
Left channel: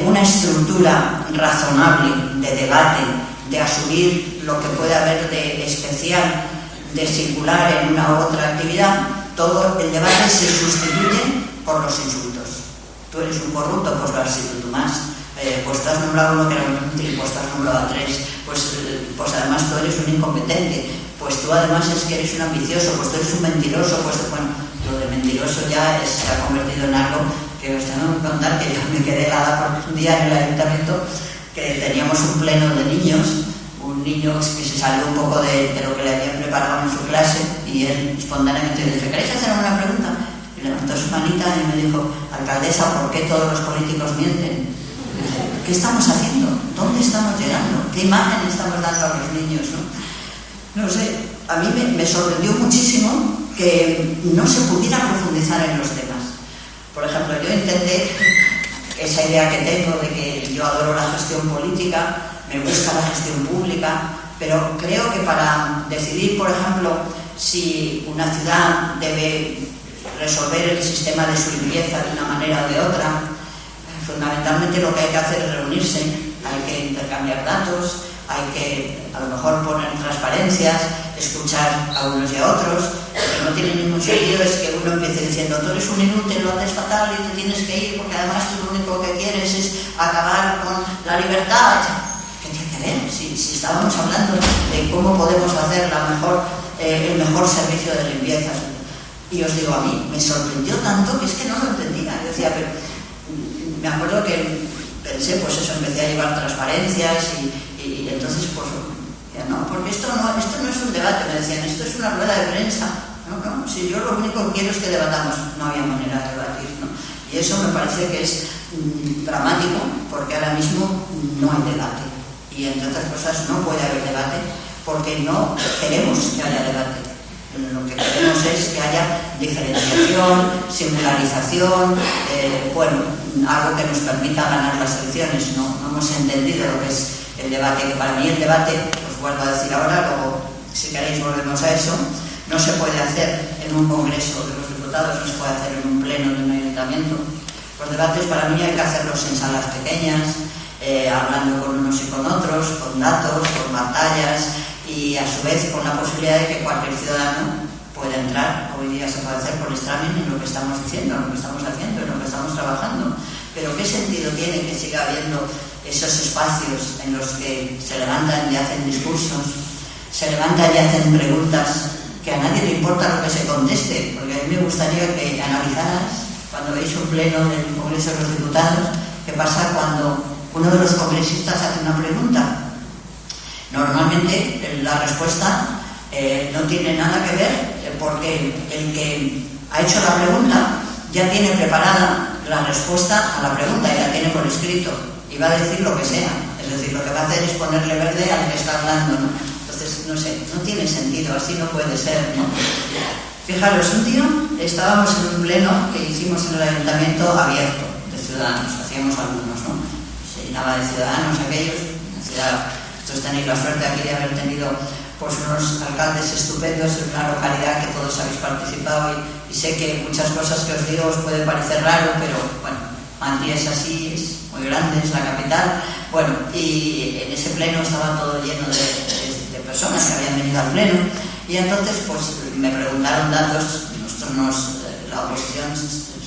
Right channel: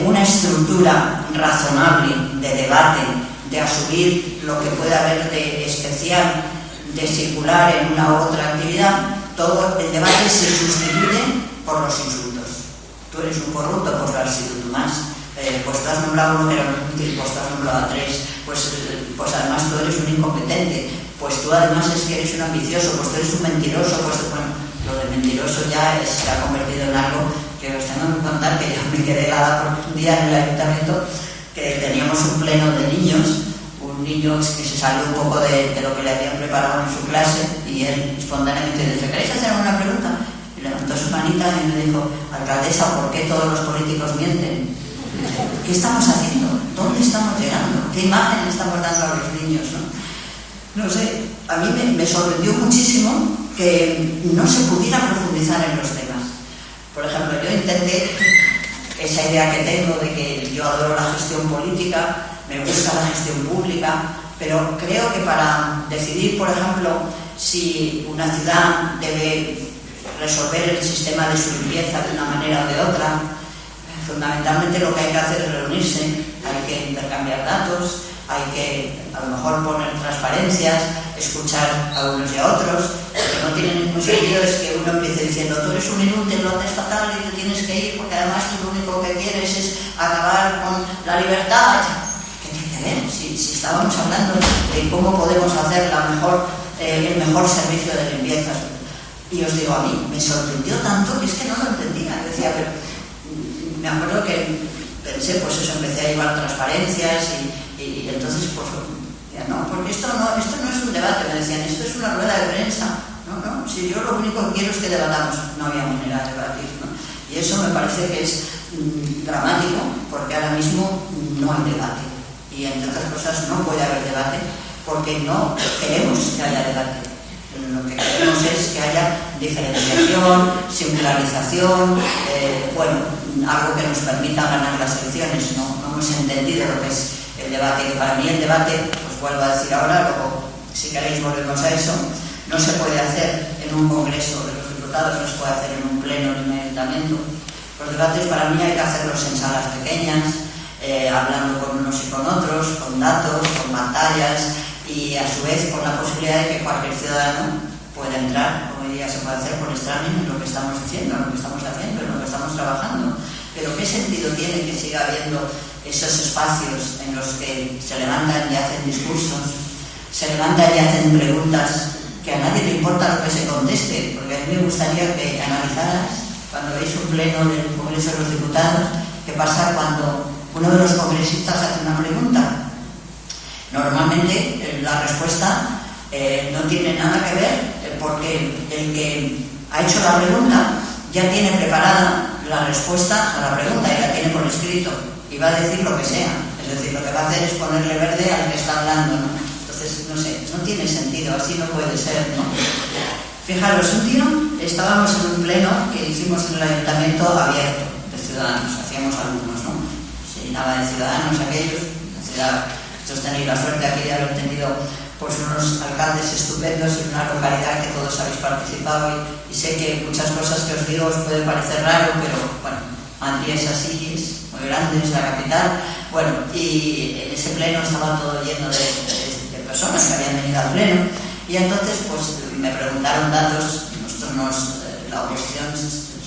una estructura razonable de debate, de asumir lo que puede haber de especial, de singular en una u otra actividad, todo el debate se sustituye por los insultos. tú eres un corrupto, pues lo has sido tú más. Pues tú has nombrado a uno que era un inútil, pues tú has nombrado a 3, pues además tú eres un incompetente, pues tú además es que eres un ambicioso, pues tú eres un mentiroso, pues bueno, lo de mentiroso ya se ha convertido en algo que os tengo que contar, que yo me quedé helada por un día en el ayuntamiento que teníamos un pleno de niños, un niño que se salió un poco de lo que le habían preparado en su clase y él espontáneamente dice, ¿queréis hacer una pregunta? Y levantó su manita y me dijo, alcaldesa, ¿por qué todos los políticos mienten? ¿Qué estamos haciendo? ¿Dónde estamos llegando? ¿Qué imagen estamos dando a los niños? No sé, a mí me sorprendió muchísimo que no se pudiera profundizar en los temas. Por ejemplo, yo intenté, esa idea que tengo de que yo adoro la gestión política, me gusta la gestión pública, pero creo que para decidir, por ejemplo, si una ciudad debe resolver el sistema de su limpieza de una manera o de otra, fundamentalmente lo que hay que hacer es reunirse, hay que intercambiar datos, hay que a lo mejor poner transparencias, escuchar a unos y a otros. Lo que no tiene ningún sentido es que uno empiece diciendo tú eres un inútil, lo haces fatal y te tienes que ir porque además tú lo único que quieres es acabar con la libertad. ¿Qué tiene que ver? Si estábamos hablando de cómo podemos hacer el mejor servicio de limpieza. Y os digo, a mí me sorprendió tanto que es que no lo entendía. Yo decía, pero me acuerdo que pensé, pues eso, empecé a llevar transparencias y entonces, pues, no, porque esto no es un debate, me decían, esto es una rueda de prensa. No, si yo lo único que quiero es que debatamos, no había manera de debatir, ¿no? Y eso me parece que es dramático, porque ahora mismo no hay debate. Y entre otras cosas no puede haber debate, porque no queremos que haya debate. Lo que queremos es que haya diferenciación, singularización, algo que nos permita ganar las elecciones. No hemos entendido lo que es el debate, que para mí el debate, os vuelvo a decir ahora, luego si queréis volvemos a eso, no se puede hacer en un congreso de los diputados, no se puede hacer en un pleno de un ayuntamiento. Los debates para mí hay que hacerlos en salas pequeñas, hablando con unos y con otros, con datos, con pantallas, y a su vez con la posibilidad de que cualquier ciudadano pueda entrar. Hoy día se puede hacer por streaming en lo que estamos diciendo, en lo que estamos haciendo, en lo que estamos trabajando. Pero ¿qué sentido tiene que siga habiendo esos espacios en los que se levantan y hacen discursos, se levantan y hacen preguntas que a nadie le importa lo que se conteste? Porque a mí me gustaría que analizaras, cuando veis un pleno del Congreso de los Diputados, qué pasa cuando uno de los congresistas hace una pregunta. Normalmente la respuesta no tiene nada que ver, porque el que ha hecho la pregunta ya tiene preparada la respuesta a la pregunta y la tiene por escrito y va a decir lo que sea. Es decir, lo que va a hacer es ponerle verde al que está hablando, ¿no? Entonces, no sé, no tiene sentido, así no puede ser, ¿no? Fijaros, un día estábamos en un pleno que hicimos en el ayuntamiento abierto de ciudadanos, hacíamos alumnos, ¿no? Se llenaba de ciudadanos aquellos, la ciudad. Entonces tenéis la suerte aquí de haber tenido pues unos alcaldes estupendos en una localidad que todos habéis participado y sé que muchas cosas que os digo os pueden parecer raro, pero bueno, Madrid es así, es muy grande, es la capital. Bueno, y en ese pleno estaba todo lleno de personas que habían venido al pleno y entonces pues me preguntaron datos. La oposición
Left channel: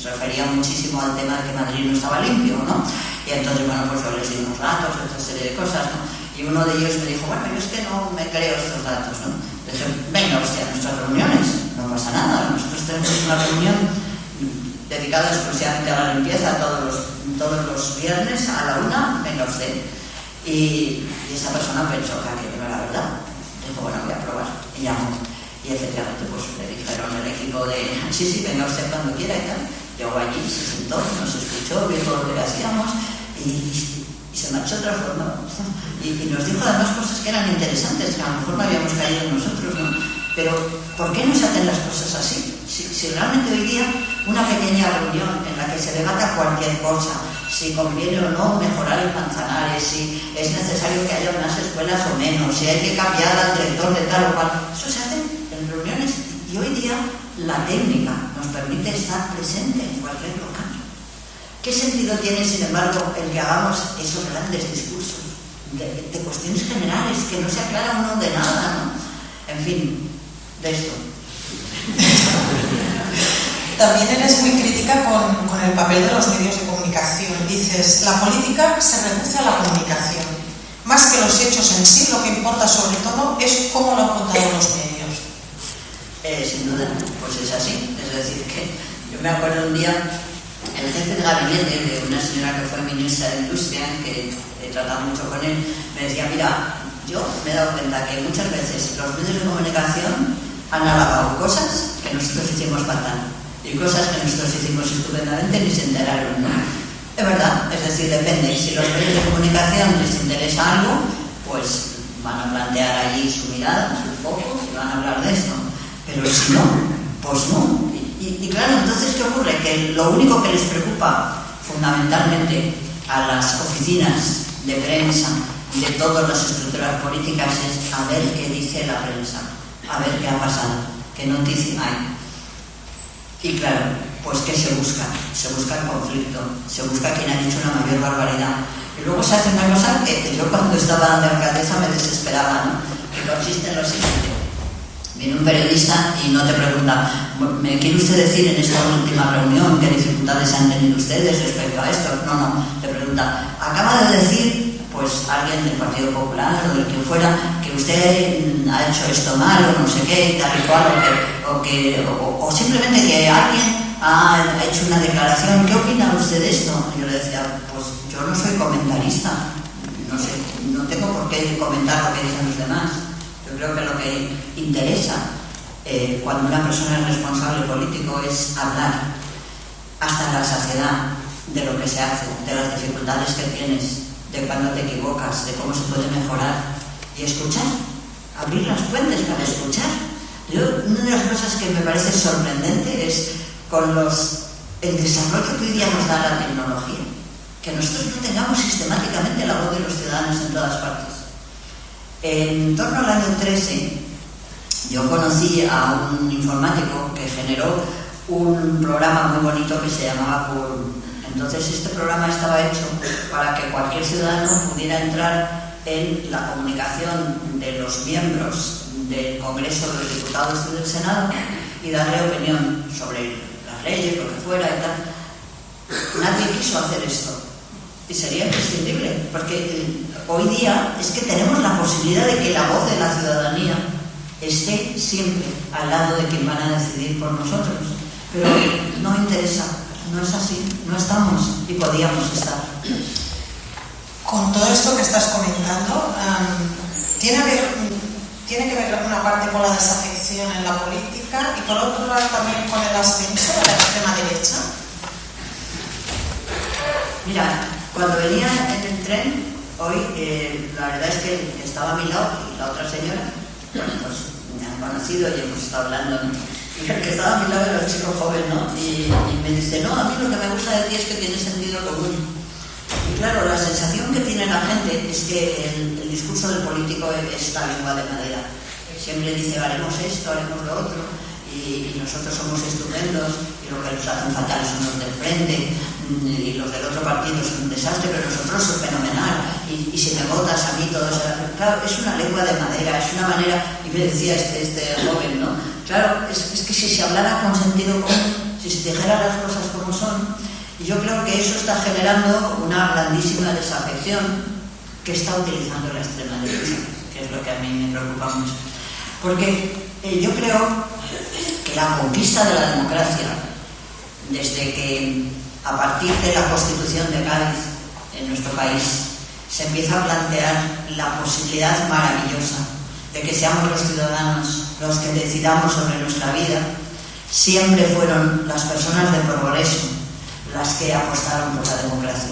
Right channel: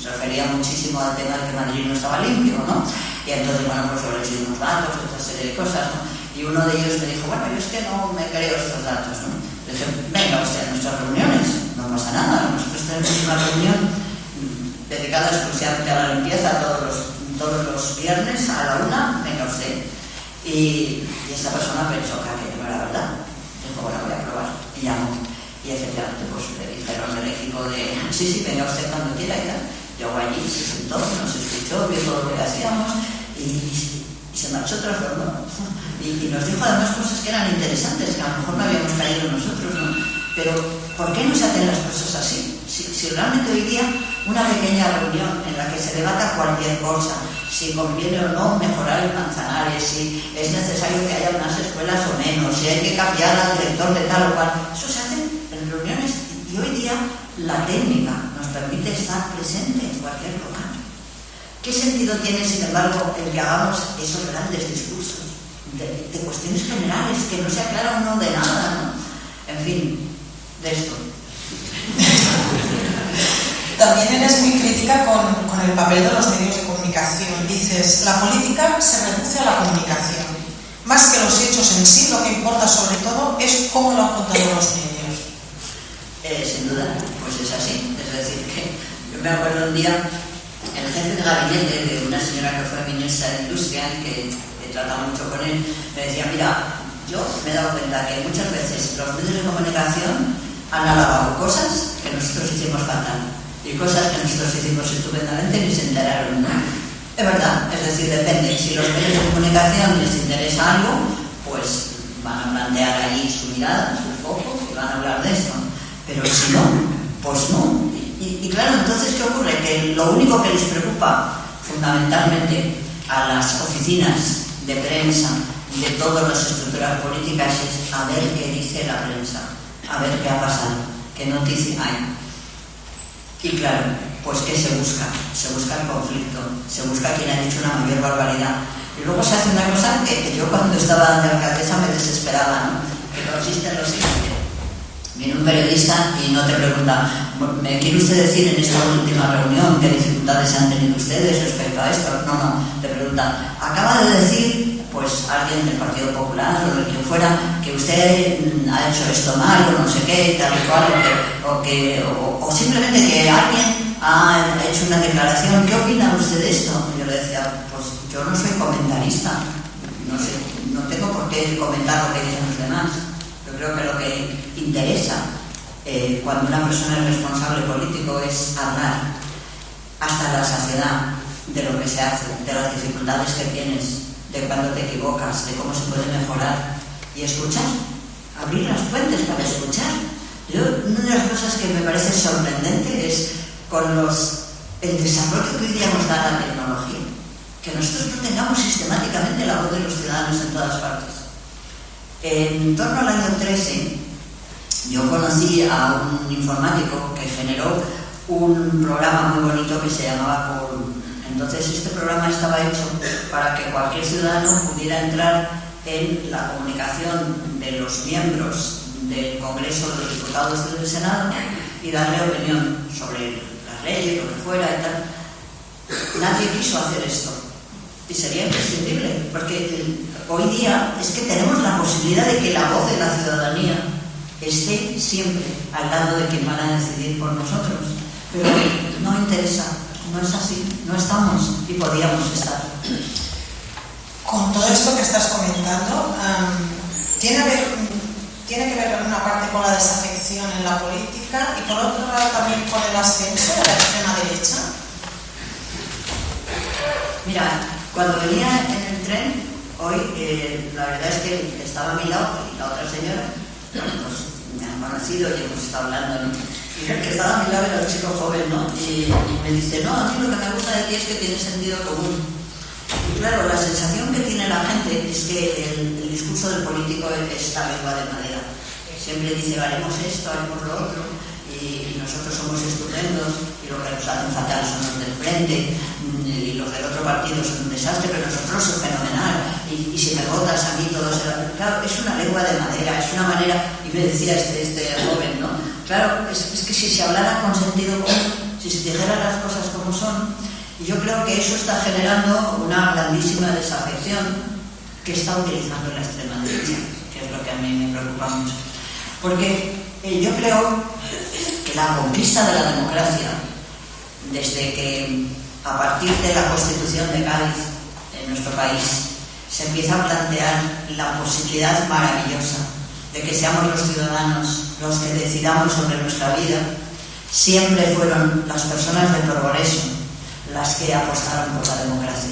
se refería muchísimo al tema de que Madrid no estaba limpio, ¿no? Y entonces, bueno, pues yo les di unos datos, otra serie de cosas, ¿no? Y uno de ellos me dijo, bueno, yo es que no me creo estos datos, ¿no? Le dije, venga usted a nuestras reuniones, no pasa nada, nosotros tenemos una reunión dedicada exclusivamente a la limpieza todos los viernes a la 1, venga usted. Y esta persona pensó que aquello no era verdad. Dijo, bueno, voy a probar. Y llamó. Y efectivamente, pues le dijeron el equipo de, sí, venga usted cuando quiera y tal. Llegó allí, se sentó, nos escuchó, vio todo lo que hacíamos y se marchó transformado. Y nos dijo además cosas que eran interesantes, que a lo mejor no habíamos caído nosotros, ¿no? Pero, ¿por qué no se hacen las cosas así? Si realmente hoy día una pequeña reunión en la que se debata cualquier cosa, si conviene o no mejorar el Manzanares, si es necesario que haya unas escuelas o menos, si hay que cambiar al director de tal o cual, eso se hace en reuniones y hoy día la técnica nos permite estar presente en cualquier local. ¿Qué sentido tiene, sin embargo, el que hagamos esos grandes discursos de cuestiones generales que no se aclara uno de nada, ¿no? En fin, de esto. También eres muy crítica con el papel de los medios de comunicación comunicación. Dices, la política se reduce a la comunicación. Más que los hechos en sí, lo que importa sobre todo es cómo lo han contado los medios. Sin duda, pues es así. Es decir, que yo me acuerdo un día, el jefe de gabinete de una señora que fue ministra de Industria, que he tratado mucho con él, me decía, mira, yo me he dado cuenta que muchas veces los medios de comunicación han alabado cosas que nosotros hicimos fatal y cosas que nosotros hicimos estupendamente ni se enteraron, ¿no? Es verdad, es decir, depende. Si los medios de comunicación les interesa algo, pues van a plantear allí su mirada, sus focos y van a hablar de esto. Pero si no, pues no. Y claro, entonces, ¿qué ocurre? Que lo único que les preocupa fundamentalmente a las oficinas de prensa de todas las estructuras políticas es a ver qué dice la prensa, a ver qué ha pasado, qué noticia hay. Y claro, pues ¿qué se busca? Se busca el conflicto, se busca quien ha dicho una mayor barbaridad. Y luego se hace una cosa que yo cuando estaba de alcaldesa me desesperaba, ¿no? Que consiste en lo siguiente. Viene un periodista y no te pregunta, ¿me quiere usted decir en esta última reunión qué dificultades han tenido ustedes respecto a esto? No, te pregunta, acaba de decir, pues alguien del Partido Popular o del quien fuera, que usted ha hecho esto mal o no sé qué, tal y cual, o simplemente que alguien ha hecho una declaración, ¿qué opina usted de esto? Y yo le decía, pues yo no soy comentarista, no sé, no tengo por qué comentar lo que dicen los demás. Yo creo que lo que interesa cuando una persona es responsable político es hablar hasta la saciedad de lo que se hace, de las dificultades que tienes, de cuando te equivocas, de cómo se puede mejorar y escuchar, abrir las fuentes para escuchar. Una de las cosas que me parece sorprendente es con el desarrollo que hoy día nos da la tecnología, que nosotros no tengamos sistemáticamente la voz de los ciudadanos en todas partes. En torno al año 13, yo conocí a un informático que generó un programa muy bonito que se llamaba Quorum. Entonces este programa estaba hecho para que cualquier ciudadano pudiera entrar en la comunicación de los miembros del Congreso de los Diputados y del Senado y darle opinión sobre las leyes, lo que fuera y tal. Nadie quiso hacer esto. Y sería imprescindible, porque hoy día es que tenemos la posibilidad de que la voz de la ciudadanía esté siempre al lado de quien van a decidir por nosotros. Pero no interesa, no es así, no estamos y podíamos estar. Con todo esto que estás comentando, ¿tiene que ver una parte con la desafección en la política y por otro lado también con el ascenso de la extrema derecha? Mira, cuando venía en el tren, hoy la verdad es que el que estaba a mi lado y la otra señora, bueno, pues me han conocido y hemos estado hablando, ¿no? Y el que estaba a mi lado era un chico joven, ¿no? Y me dice, no, a mí lo que me gusta de ti es que tienes sentido común. Y claro, la sensación que tiene la gente es que el discurso del político es la lengua de madera. Siempre dice, haremos esto, haremos lo otro, y nosotros somos estupendos, y lo que nos hacen fatal son los del frente, y los del otro partido son un desastre, pero nosotros son fenomenal, y si me votas a mí todo será... Claro, es una lengua de madera, es una manera, y me decía este joven, ¿no? Claro, es que si se hablara con sentido común, si se dijera las cosas como son, y yo creo que eso está generando una grandísima desafección que está utilizando la extrema derecha, que es lo que a mí me preocupa mucho. Porque yo creo que la conquista de la democracia, desde que a partir de la Constitución de Cádiz en nuestro país se empieza a plantear la posibilidad maravillosa de que seamos los ciudadanos los que decidamos sobre nuestra vida, siempre fueron las personas de progreso las que apostaron por la democracia.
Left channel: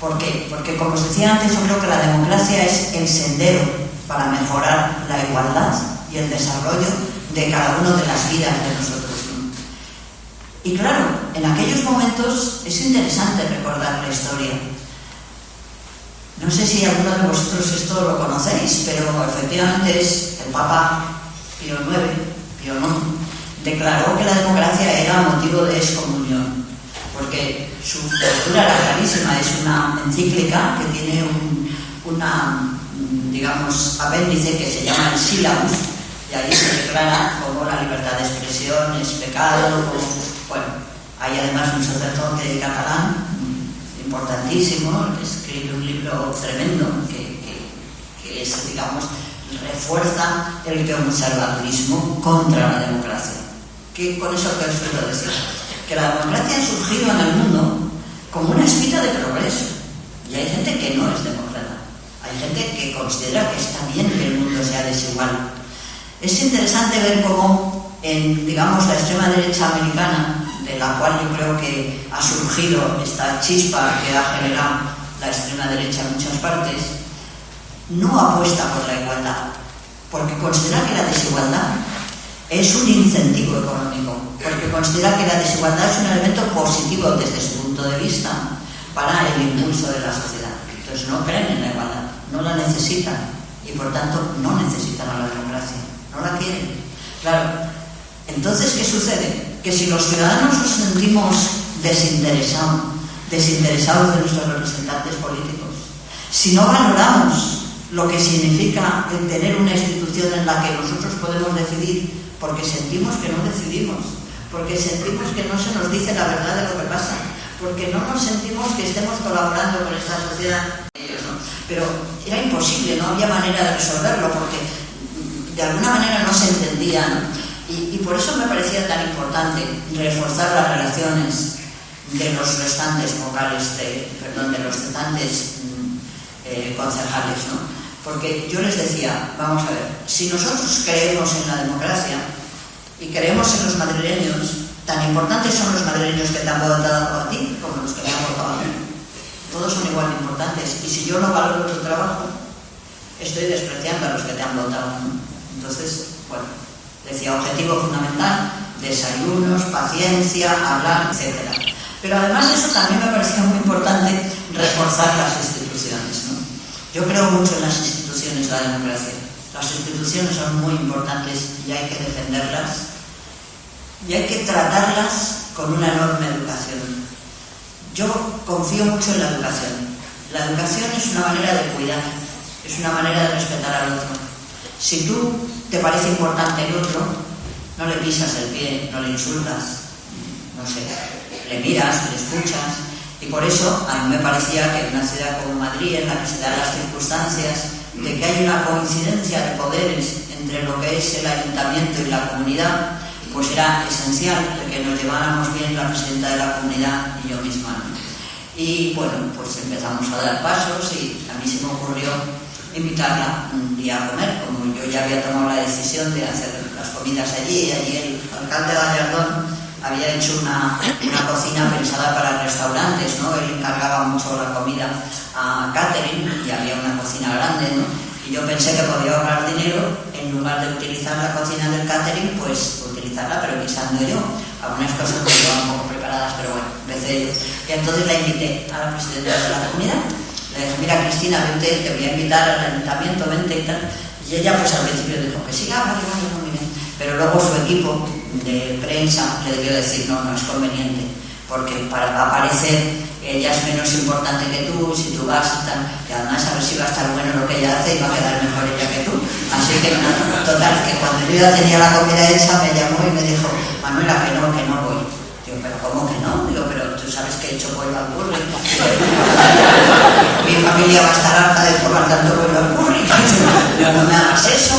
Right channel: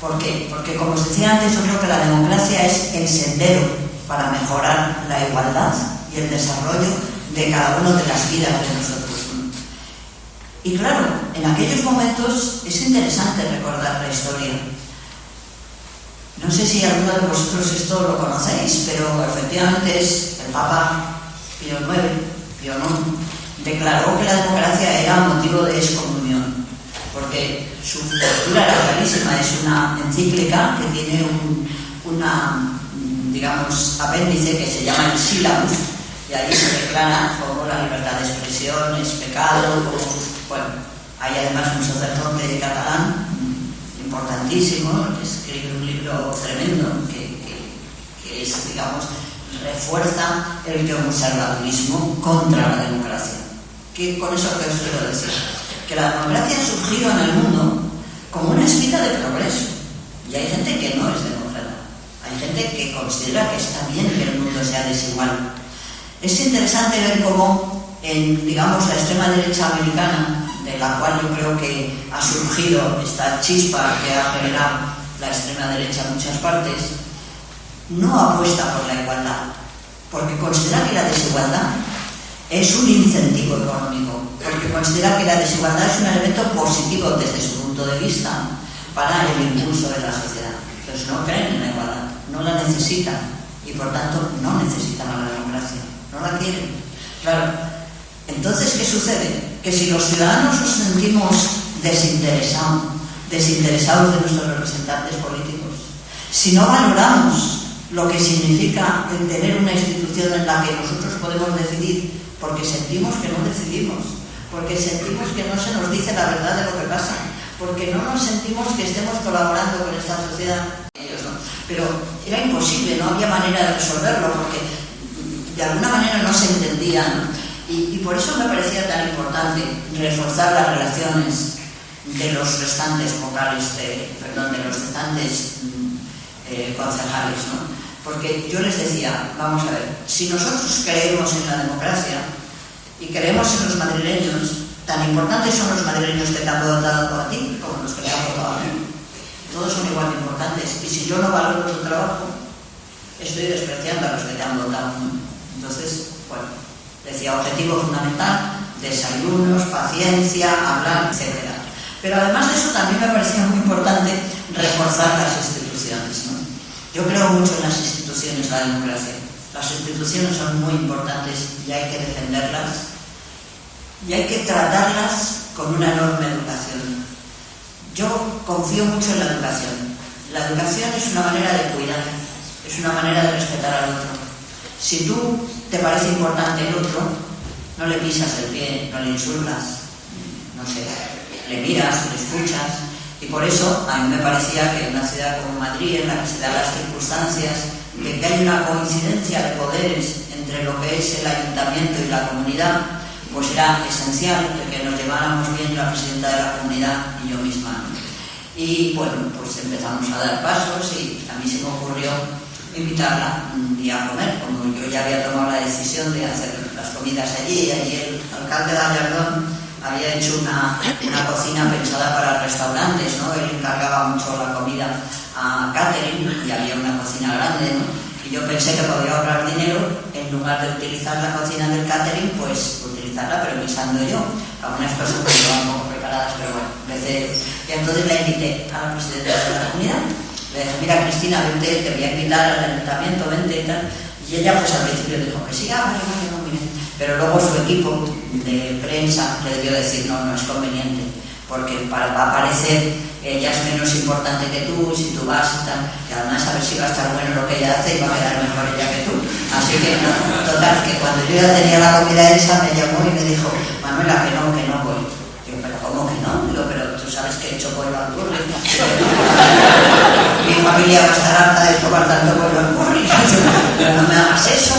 ¿Por qué? Porque, como os decía antes, yo creo que la democracia es el sendero para mejorar la igualdad y el desarrollo de cada una de las vidas de nosotros. Y claro, en aquellos momentos es interesante recordar la historia. No sé si alguno de vosotros esto lo conocéis, pero efectivamente es el Papa Pío IX, declaró que la democracia era motivo de excomunión, porque su postura era clarísima. Es una encíclica que tiene digamos, apéndice que se llama el Sílabus, y ahí se declara como la libertad de expresión es pecado, bueno, hay además un sacerdote catalán, importantísimo, que escribe un libro tremendo que es, digamos, refuerza el conservadurismo contra la democracia. Que con eso que os quiero decir, que la democracia ha surgido en el mundo como una espita de progreso, y hay gente que no es demócrata, hay gente que considera que está bien que el mundo sea desigual. Es interesante ver cómo en, digamos, la extrema derecha americana, de la cual yo creo que ha surgido esta chispa que ha generado la extrema derecha en muchas partes, no apuesta por la igualdad, porque considera que la desigualdad es un incentivo económico, porque considera que la desigualdad es un elemento positivo desde su punto de vista para el impulso de la sociedad. Entonces no creen en la igualdad, no la necesitan y por tanto no necesitan a la democracia, no la quieren. Claro, entonces ¿qué sucede? Que si los ciudadanos nos sentimos desinteresados de nuestros representantes políticos, si no valoramos lo que significa el tener una institución en la que nosotros podemos decidir, porque sentimos que no decidimos, porque sentimos que no se nos dice la verdad de lo que pasa, porque no nos sentimos que estemos colaborando con esta sociedad. Pero era imposible, no había manera de resolverlo, porque de alguna manera no se entendían. Y por eso me parecía tan importante reforzar las relaciones de los restantes vocales, de los restantes concejales, ¿no? Porque yo les decía, vamos a ver, si nosotros creemos en la democracia y creemos en los madrileños, tan importantes son los madrileños que te han votado a ti como los que te han votado a mí. Todos son igual de importantes. Y si yo no valoro tu trabajo, estoy despreciando a los que te han votado. Entonces, bueno, decía, objetivo fundamental, desayunos, paciencia, hablar, etc. Pero además de eso también me parecía muy importante reforzar las instituciones, ¿no? Yo creo mucho en las instituciones, la democracia. Las instituciones son muy importantes y hay que defenderlas y hay que tratarlas con una enorme educación. Yo confío mucho en la educación. La educación es una manera de cuidar, es una manera de respetar al otro. Si tú te parece importante el otro, no le pisas el pie, no le insultas, no sé, le miras, le escuchas. Y por eso a mí me parecía que en una ciudad como Madrid, en la que se dan las circunstancias de que hay una coincidencia de poderes entre lo que es el ayuntamiento y la comunidad, pues era esencial el que nos lleváramos bien la presidenta de la comunidad y yo misma, ¿no? Y bueno, pues empezamos a dar pasos y a mí se me ocurrió invitarla un día a comer, como yo ya había tomado la decisión de hacer las comidas allí, y allí el alcalde de Gallardón había hecho una cocina pensada para restaurantes, ¿no? Él encargaba mucho la comida a catering y había una cocina grande, ¿no? Y yo pensé que podía ahorrar dinero, en lugar de utilizar la cocina del catering, pues utilizarla, pero guisando yo. Algunas cosas que estaban un poco preparadas, pero bueno, y entonces la invité a la presidenta de la comunidad. Le dije, mira Cristina, vente, te voy a invitar al ayuntamiento, vente y tal. Y ella pues al principio dijo que sí, vale, muy bien. Pero luego su equipo de prensa le debió decir, no es conveniente, porque para parecer ella es menos importante que tú, si tú vas y tal, y además a ver si va a estar bueno lo que ella hace y va a quedar mejor ella que tú. Así que, total, que cuando yo ya tenía la comida hecha, me llamó y me dijo, Manuela, que no voy. Digo, pero ¿cómo que no? Digo, pero tú sabes que he hecho pollo al curry. Mi familia va a estar harta de tomar tanto pollo al curry. Pero no me hagas eso.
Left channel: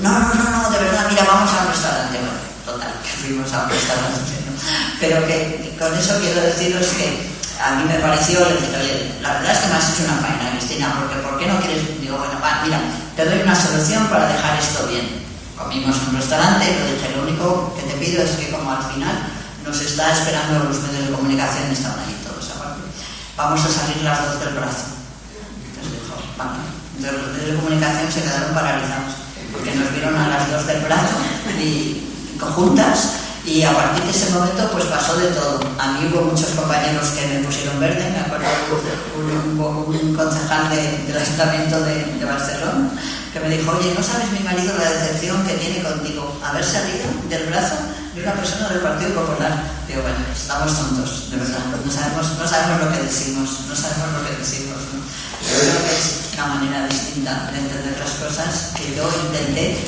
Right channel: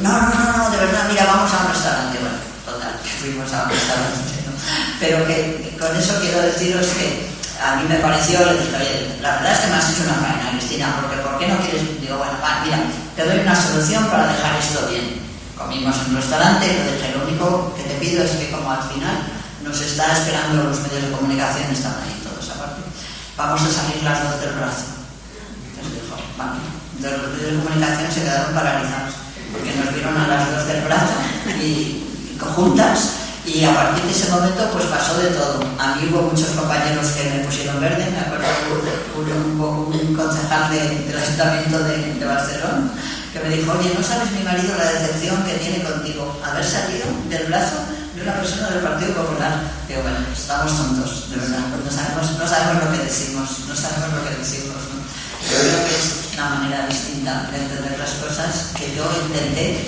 No, de verdad, mira, vamos a un restaurante. Bueno, total, que fuimos a un restaurante, ¿no? Pero que con eso quiero deciros que a mí me pareció, le dije, oye, la verdad es que me has hecho una faena, Cristina, porque ¿por qué no quieres? Digo, bueno, mira, te doy una solución para dejar esto bien. Comimos en un restaurante, le dije, lo único que te pido es que como al final nos está esperando los medios de comunicación, están ahí todos aparte, vamos a salir las dos del brazo. Entonces dijo, vamos. Entonces los medios de comunicación se quedaron paralizados, porque nos vieron a las dos del brazo y conjuntas. Y a partir de ese momento pues pasó de todo. A mí hubo muchos compañeros que me pusieron verde. Me acuerdo un concejal del Ayuntamiento de Barcelona que me dijo, oye, ¿no sabes mi marido la decepción que tiene contigo? Haber salido del brazo de una persona del Partido Popular. Digo, bueno, estamos tontos, de verdad. No sabemos lo que decimos, ¿no? Yo creo que es una manera distinta de entender las cosas que yo intenté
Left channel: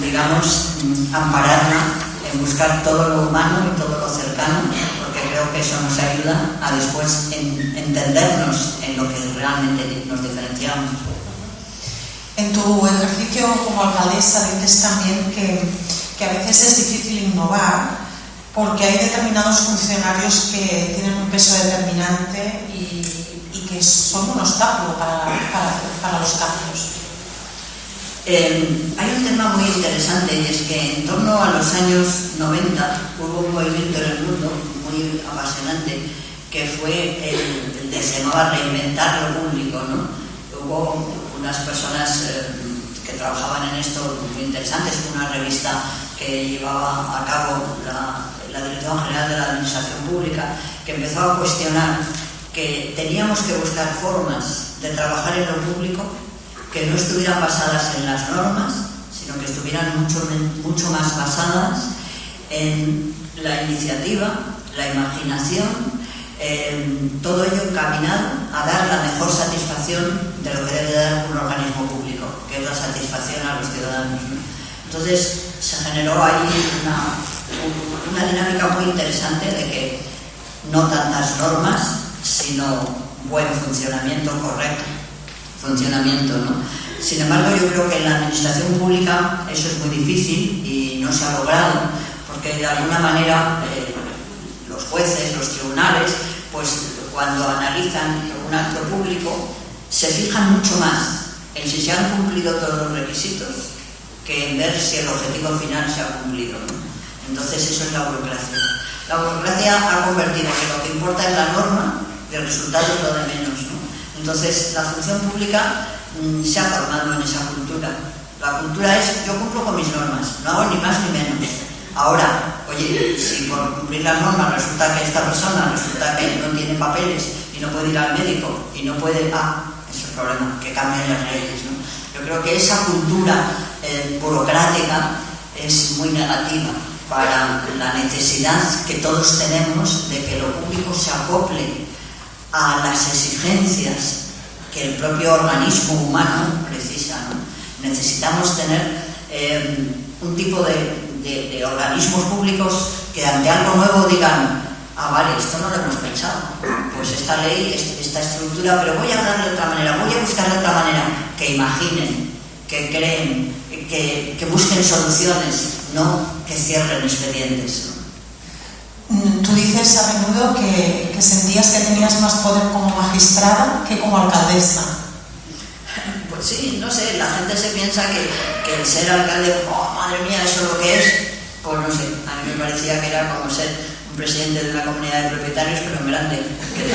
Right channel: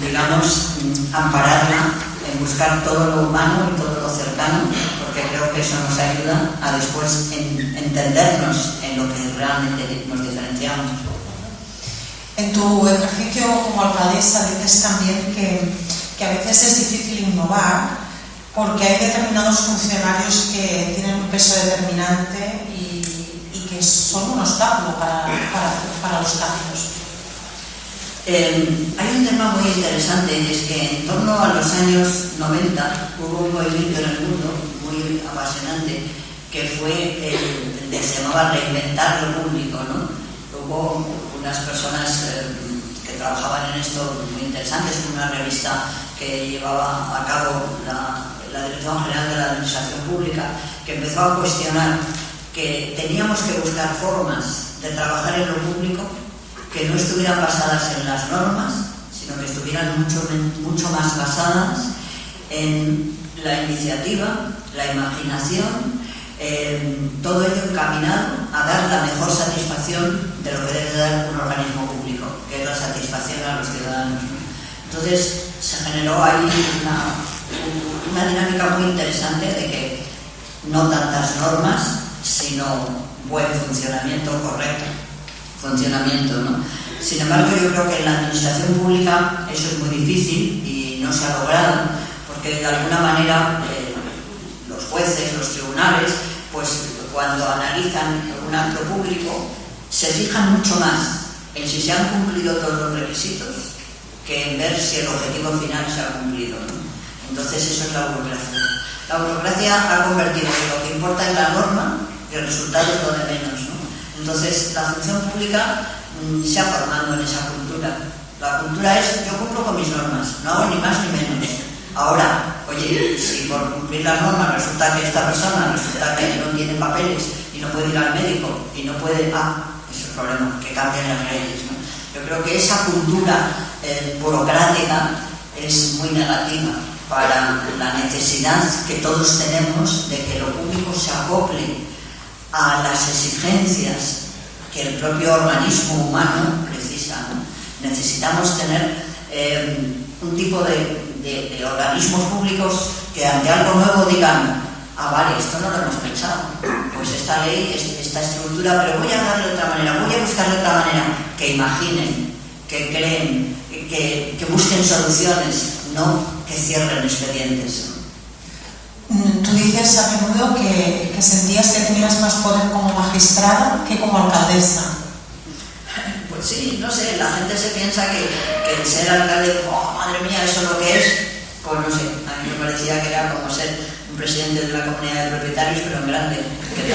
digamos, ampararla en buscar todo lo humano y todo lo cercano, porque creo que que eso nos ayuda a después entendernos en lo que realmente nos diferenciamos. En tu ejercicio como alcaldesa dices también que a veces es difícil innovar porque hay determinados funcionarios que tienen un peso determinante y que son un obstáculo para los cambios. Hay un tema muy interesante, y es que en torno a los años 90 hubo un movimiento en el mundo muy apasionante que fue el de se llamaba reinventar lo público, ¿no? Hubo unas personas que trabajaban en esto muy interesantes, una revista que llevaba a cabo la Dirección General de la Administración Pública, que empezó a cuestionar que teníamos que buscar formas de trabajar en lo público que no estuvieran basadas en las normas, sino que estuvieran mucho más basadas en la iniciativa, la imaginación, todo ello encaminado a dar la mejor satisfacción de lo que debe dar un organismo público, que es la satisfacción a los ciudadanos, ¿no? Entonces se generó ahí una dinámica muy interesante de que no tantas normas, sino buen funcionamiento, correcto funcionamiento, ¿no? Sin embargo, yo creo que en la administración pública eso es muy difícil y no se ha logrado, porque de alguna manera los jueces, los tribunales, pues cuando analizan un acto público se fijan mucho más en si se han cumplido todos los requisitos que en ver si el objetivo final se ha cumplido, ¿no? Entonces eso es la burocracia. La burocracia ha convertido que lo que importa es la norma y el resultado es lo de menos, ¿no? Entonces la función pública se ha formado en esa cultura. La cultura es: yo cumplo con mis normas, no hago ni más ni menos. Ahora, oye, si por cumplir las normas resulta que esta persona resulta que no tiene papeles y no puede ir al médico y no puede, es el problema, que cambien las leyes, ¿no? Yo creo que esa cultura burocrática es muy negativa para la necesidad que todos tenemos de que lo público se acople a las exigencias que el propio organismo humano precisa, ¿no? Necesitamos tener un tipo de organismos públicos que ante algo nuevo digan: vale, esto no lo hemos pensado, pues esta ley, esta estructura, pero voy a darle de otra manera, voy a buscar de otra manera, que imaginen, que creen, que busquen soluciones, no que cierren expedientes. Tú dices a menudo que sentías que tenías más poder como magistrada que como alcaldesa. Pues sí, no sé, la gente se piensa que el ser alcalde, madre mía, eso es lo que es. Pues no sé, a mí me parecía que era como ser un presidente de una comunidad de propietarios, pero en grande, que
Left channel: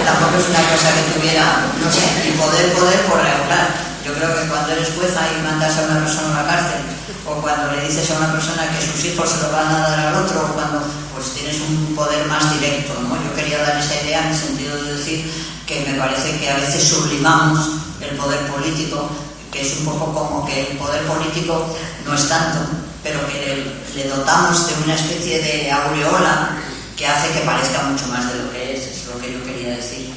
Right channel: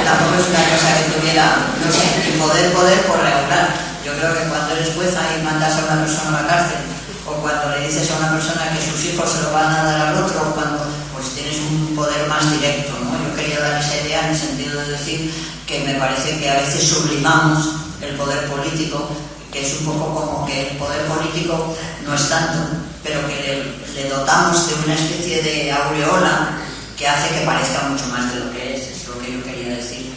tampoco es una cosa que tuviera, no sé, y poder por regular. Yo creo que cuando eres jueza y mandas a una persona a la cárcel, o cuando le dices a una persona que sus hijos se lo van a dar al otro, o cuando pues tienes un poder más directo, ¿no? Yo quería dar esa idea en el sentido de decir que me parece que a veces sublimamos el poder político, que es un poco como que el poder político no es tanto, pero que le dotamos de una especie de aureola que hace que parezca mucho más de lo que es lo que yo quería decir.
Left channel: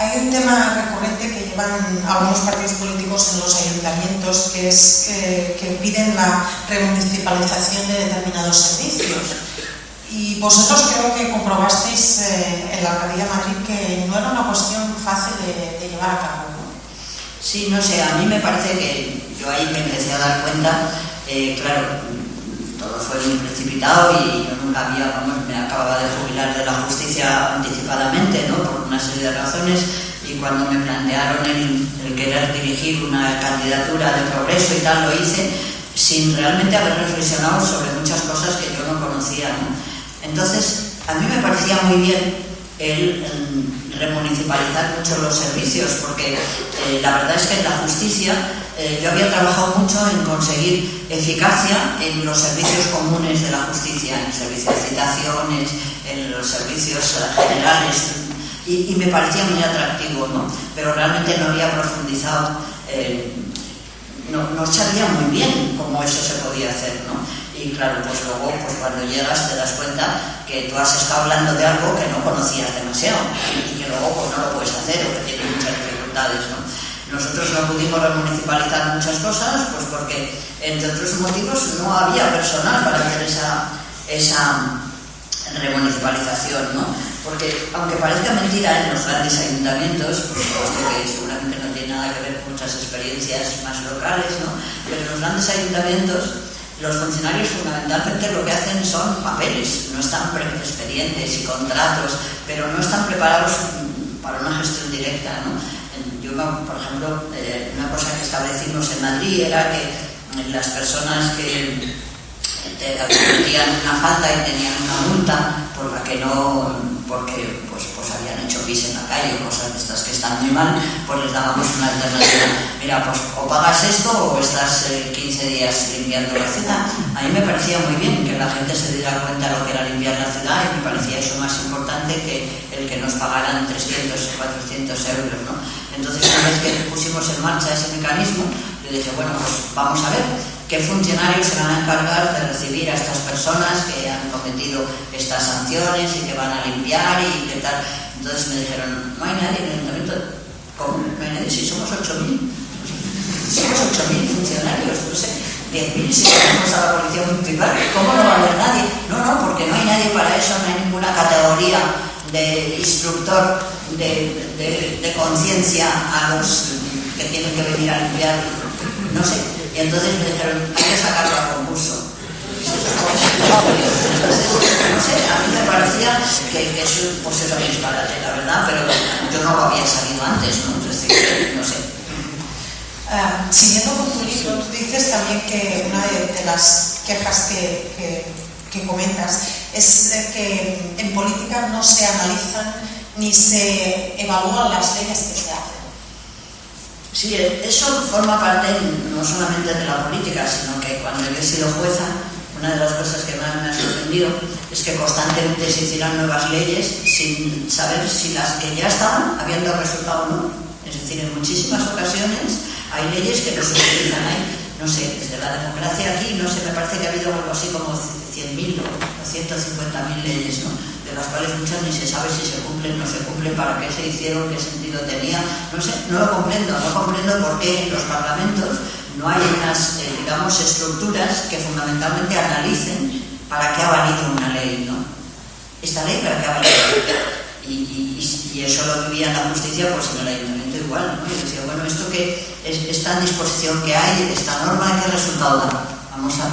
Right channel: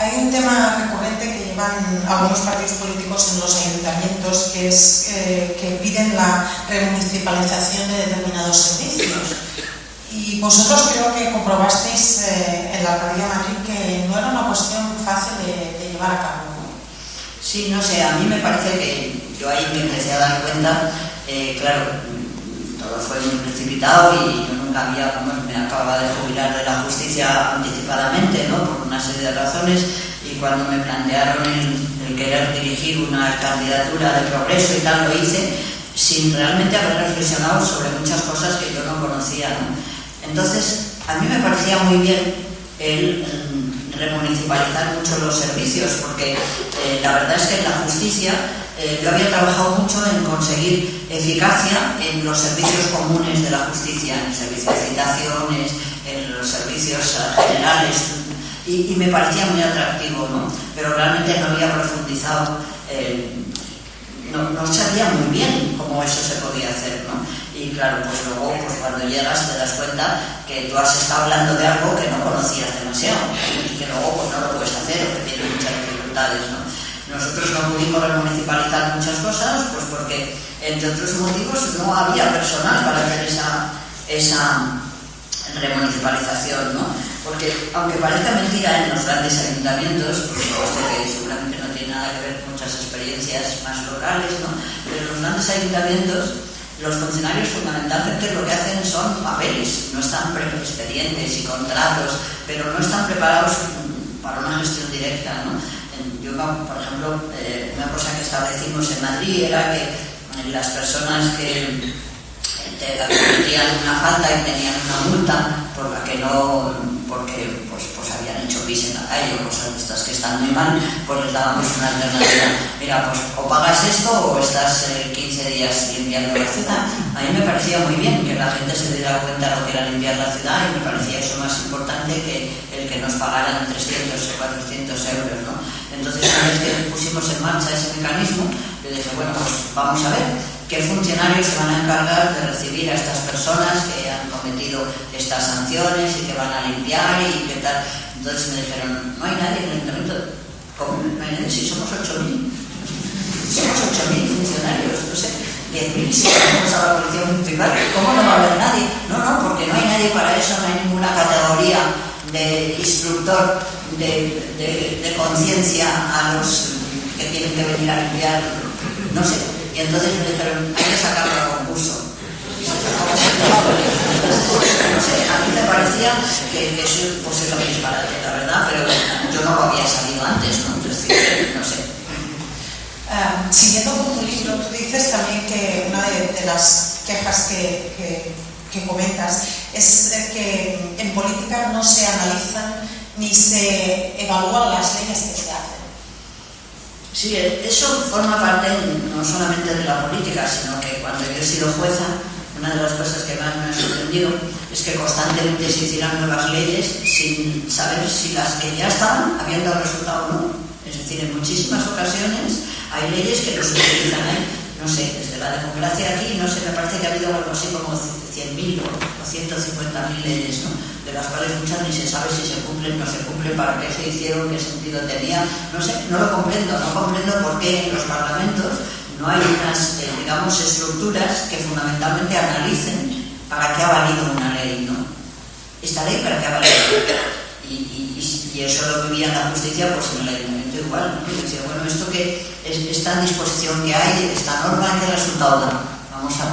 Hay un tema recurrente que llevan algunos partidos políticos en los ayuntamientos, que es que piden la remunicipalización de determinados servicios. Y vosotros creo que comprobasteis en la Alcaldía de Madrid que no era una cuestión fácil de llevar a cabo, ¿no? Sí, no sé, a mí me parece que yo ahí me empecé a dar cuenta, claro, todo fue muy precipitado y yo nunca me acababa de jubilar de la justicia anticipadamente, ¿no? Por una serie de razones, y cuando me plantearon el querer dirigir una candidatura de progreso y tal, lo hice sin realmente haber reflexionado sobre muchas cosas que yo no conocía, ¿no? Entonces, a mí me parecía muy bien el remunicipalizar mucho los servicios, porque la verdad es que en la justicia yo había trabajado mucho en conseguir eficacia en los servicios comunes de la justicia, en el servicio de citaciones, en los servicios generales, y me parecía muy atractivo, ¿no? Pero realmente no había profundizado, no sabía muy bien cómo eso se podía hacer, ¿no? Y claro, pues luego pues cuando llegas te das cuenta que tú has estado hablando de algo que no conocías demasiado y que luego pues no lo puedes hacer o que tiene muchas dificultades, ¿no? Nosotros no pudimos remunicipalizar muchas cosas pues porque, entre otros motivos, no había personal para hacer esa remunicipalización, ¿no? Porque aunque parezca mentira, en los grandes ayuntamientos, por supuesto que seguramente no tiene nada que ver con muchas experiencias más locales, ¿no? Pero en los grandes ayuntamientos los funcionarios fundamentalmente lo que hacen son papeles, no están expedientes y contratos, pero no están preparados para una gestión directa, ¿no? Yo, por ejemplo, una cosa que establecimos en Madrid era que las personas que cometían una falta y tenían una multa por la que no, porque pues habían hecho pis en la calle o cosas de estas que están muy mal, pues les dábamos una alternativa. Mira, pues o pagas esto o estás 15 días limpiando la ciudad. A mí me parecía muy bien que la gente se diera cuenta de lo que era limpiar la ciudad, y me parecía eso más importante que el que nos pagaran 300 o 400 euros, ¿no? Entonces, una vez que pusimos en marcha ese mecanismo, yo dije, bueno, pues vamos a ver qué funcionarios se van a encargar de recibir a estas personas que han cometido estas sanciones y que van a limpiar y qué tal. Entonces me dijeron, no hay nadie en el ayuntamiento. ¿Cómo? No hay nadie, sí, somos 8.000. Somos 8.000 funcionarios, no sé, 10.000 si tenemos a la policía municipal. ¿Cómo no va a haber nadie? No, porque no hay nadie para eso, no hay ninguna categoría de instructor de conciencia a los que tienen que venir a limpiar, no sé. Y entonces me dijeron, hay que sacarlo a concurso. Entonces, no sé, a mí me parecía que eso pues es un disparate, la verdad, pero yo no lo había sabido antes, ¿no? Entonces, no sé. Siguiendo con tu libro, tú dices también que una de las quejas que comentas es que en política no se analizan ni se evalúan las leyes que se hacen. Sí, eso forma parte no solamente de la política, sino que cuando yo he sido jueza, una de las cosas que más me ha sorprendido es que constantemente se hicieran nuevas leyes sin saber si las que ya estaban habían dado resultado o no. Es decir, en muchísimas ocasiones hay leyes que no se utilizan ahí. No sé, desde la democracia aquí, no sé, me parece que ha habido algo así como 100.000 o 150.000 leyes, ¿no? De las cuales muchas ni se sabe si se cumplen, no se cumplen, para qué se hicieron, qué sentido tenía. No sé, no lo comprendo por qué en los parlamentos no hay unas, digamos, estructuras que fundamentalmente analicen para qué ha valido una ley, ¿no? Esta ley para qué ha valido. Y eso lo vivía en la justicia, pues en el ayuntamiento igual, ¿no? Y decía, bueno, esto que esta disposición que hay, esta norma, ¿qué resultado da?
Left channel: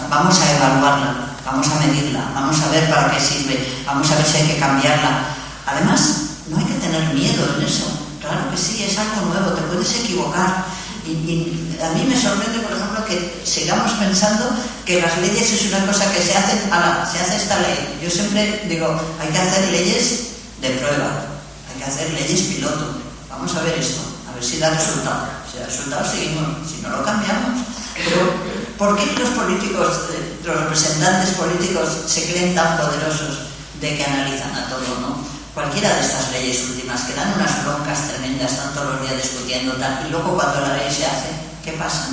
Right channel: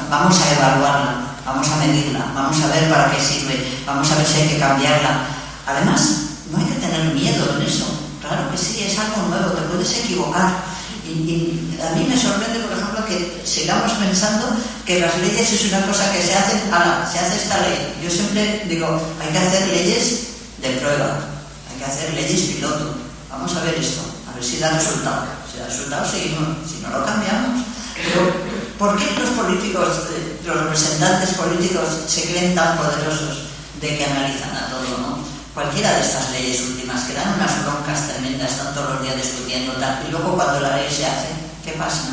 Vamos a evaluarla, vamos a medirla, vamos a ver para qué sirve, vamos a ver si hay que cambiarla. Además, no hay que tener miedo en eso. Claro que sí, es algo nuevo, te puedes equivocar. Y a mí me sorprende, por ejemplo, que sigamos pensando que las leyes es una cosa que se hacen, se hace esta ley. Yo siempre digo, hay que hacer leyes de prueba, hay que hacer leyes piloto. Vamos a ver esto, a ver si da resultado. Si da resultado, seguimos, si no lo cambiamos. Pero, ¿por qué los políticos, los representantes políticos se creen tan poderosos de que analizan a todo, ¿no? Cualquiera de estas leyes últimas que dan unas broncas tremendas, están todos los días discutiendo tal, y luego cuando la ley se hace, ¿qué pasa?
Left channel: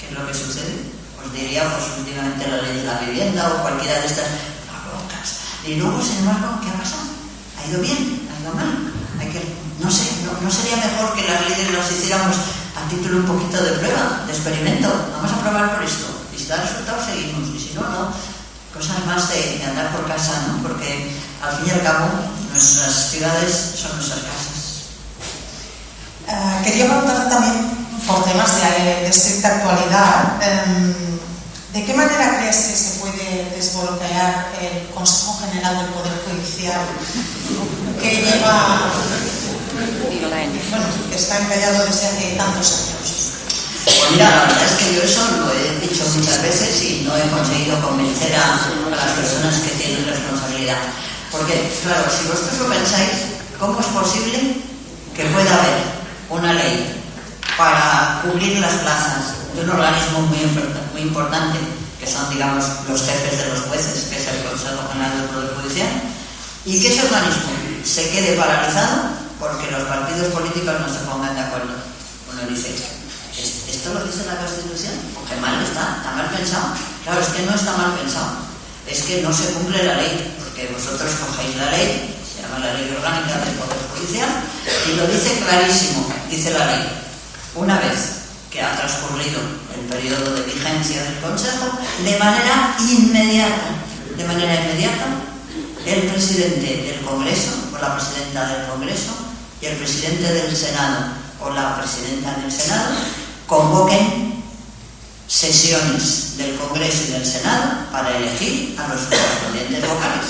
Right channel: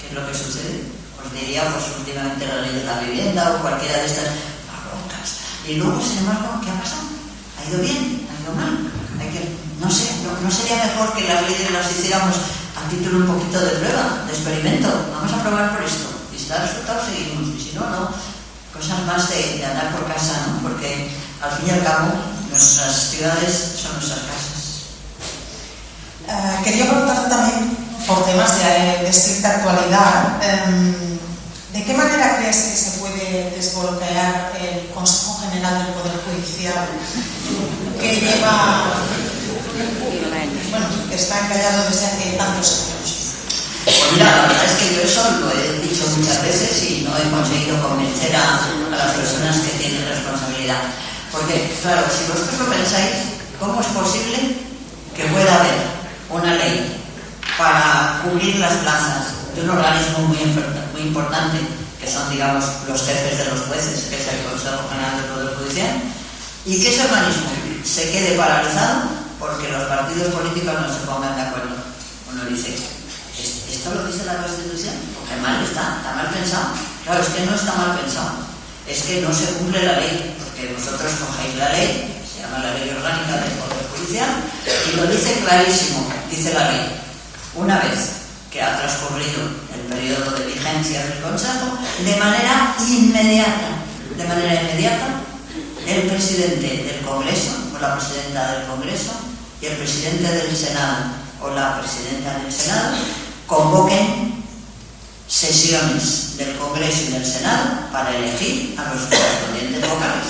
¿Qué es lo que sucede? Os diría, pues últimamente la ley de la vivienda o cualquiera de estas broncas. Y luego, sin embargo, ¿qué ha pasado? ¿Ha ido bien? ¿Ha ido mal? No sé, ¿no sería mejor que las leyes las hiciéramos a título un poquito de prueba, de experimento? Vamos a probar por esto. Y si da resultado, seguimos. Y si no, no. Cosas más de andar por casa, ¿no? Porque al fin y al cabo nuestras ciudades son nuestras casas. Quería preguntarte también, por temas de estricta actualidad, ¿de qué manera crees que se puede desbloquear el Consejo General del Poder Judicial que lleva, bueno, que está encallado desde hace tantos años? Mira, la verdad es que yo eso lo he dicho muchas veces y no he conseguido convencer a las personas que tienen responsabilidad. Porque, claro, si vosotros lo pensáis, ¿cómo es posible que pueda haber una ley para cubrir las plazas de un organismo muy importante, que son, digamos, los jefes de los jueces, que es el Consejo General del Poder Judicial, y que ese organismo se quede paralizado porque los partidos políticos no se pongan de acuerdo? Uno dice, ¿esto lo dice la Constitución? Porque mal está mal pensado. Claro, es que no está mal pensado, es que no se cumple la ley, porque vosotros cogéis la ley, se llama la Ley Orgánica del Poder Judicial, y lo dice clarísimo, dice la ley, una vez que ha transcurrido el periodo de vigencia del Consejo, de manera inmediata, el presidente del Congreso o la presidenta del Congreso y el presidente del Senado o la presidenta del Senado convoquen sesiones del Congreso y del Senado para elegir a los correspondientes vocales.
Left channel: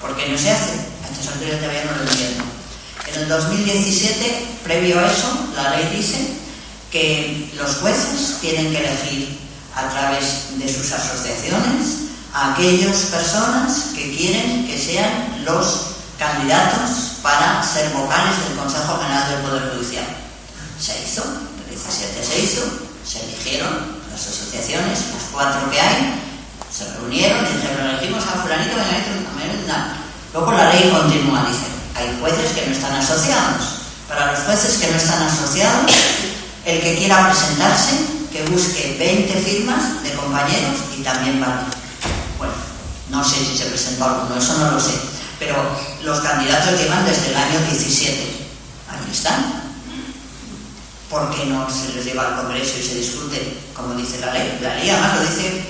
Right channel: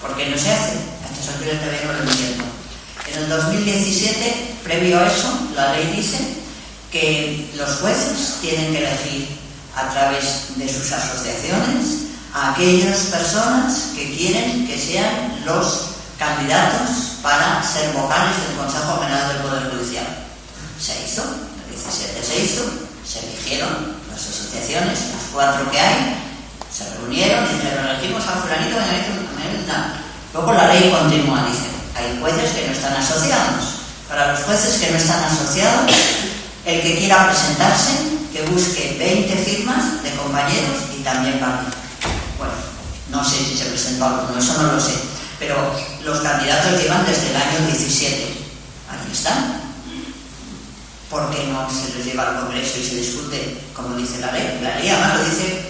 ¿Por qué no se hace? A estas alturas todavía no lo entiendo. En el 2017, previo a eso, la ley dice que los jueces tienen que elegir a través de sus asociaciones a aquellas personas que quieren que sean los candidatos para ser vocales del Consejo General del Poder Judicial. Se hizo, el 17 se hizo, se eligieron las asociaciones, las 4 que hay, se reunieron y dijeron, elegimos a fulanito, luego la ley continúa, dice, hay jueces que no están asociados. Para los jueces que no están asociados, el que quiera presentarse, que busque 20 firmas de compañeros y también vale. Bueno, no sé si se presentó alguno, eso no lo sé, pero los candidatos llevan desde el año 17. Ahí están. ¿Por qué no se les lleva al Congreso y se discute como dice la ley? La ley además lo dice,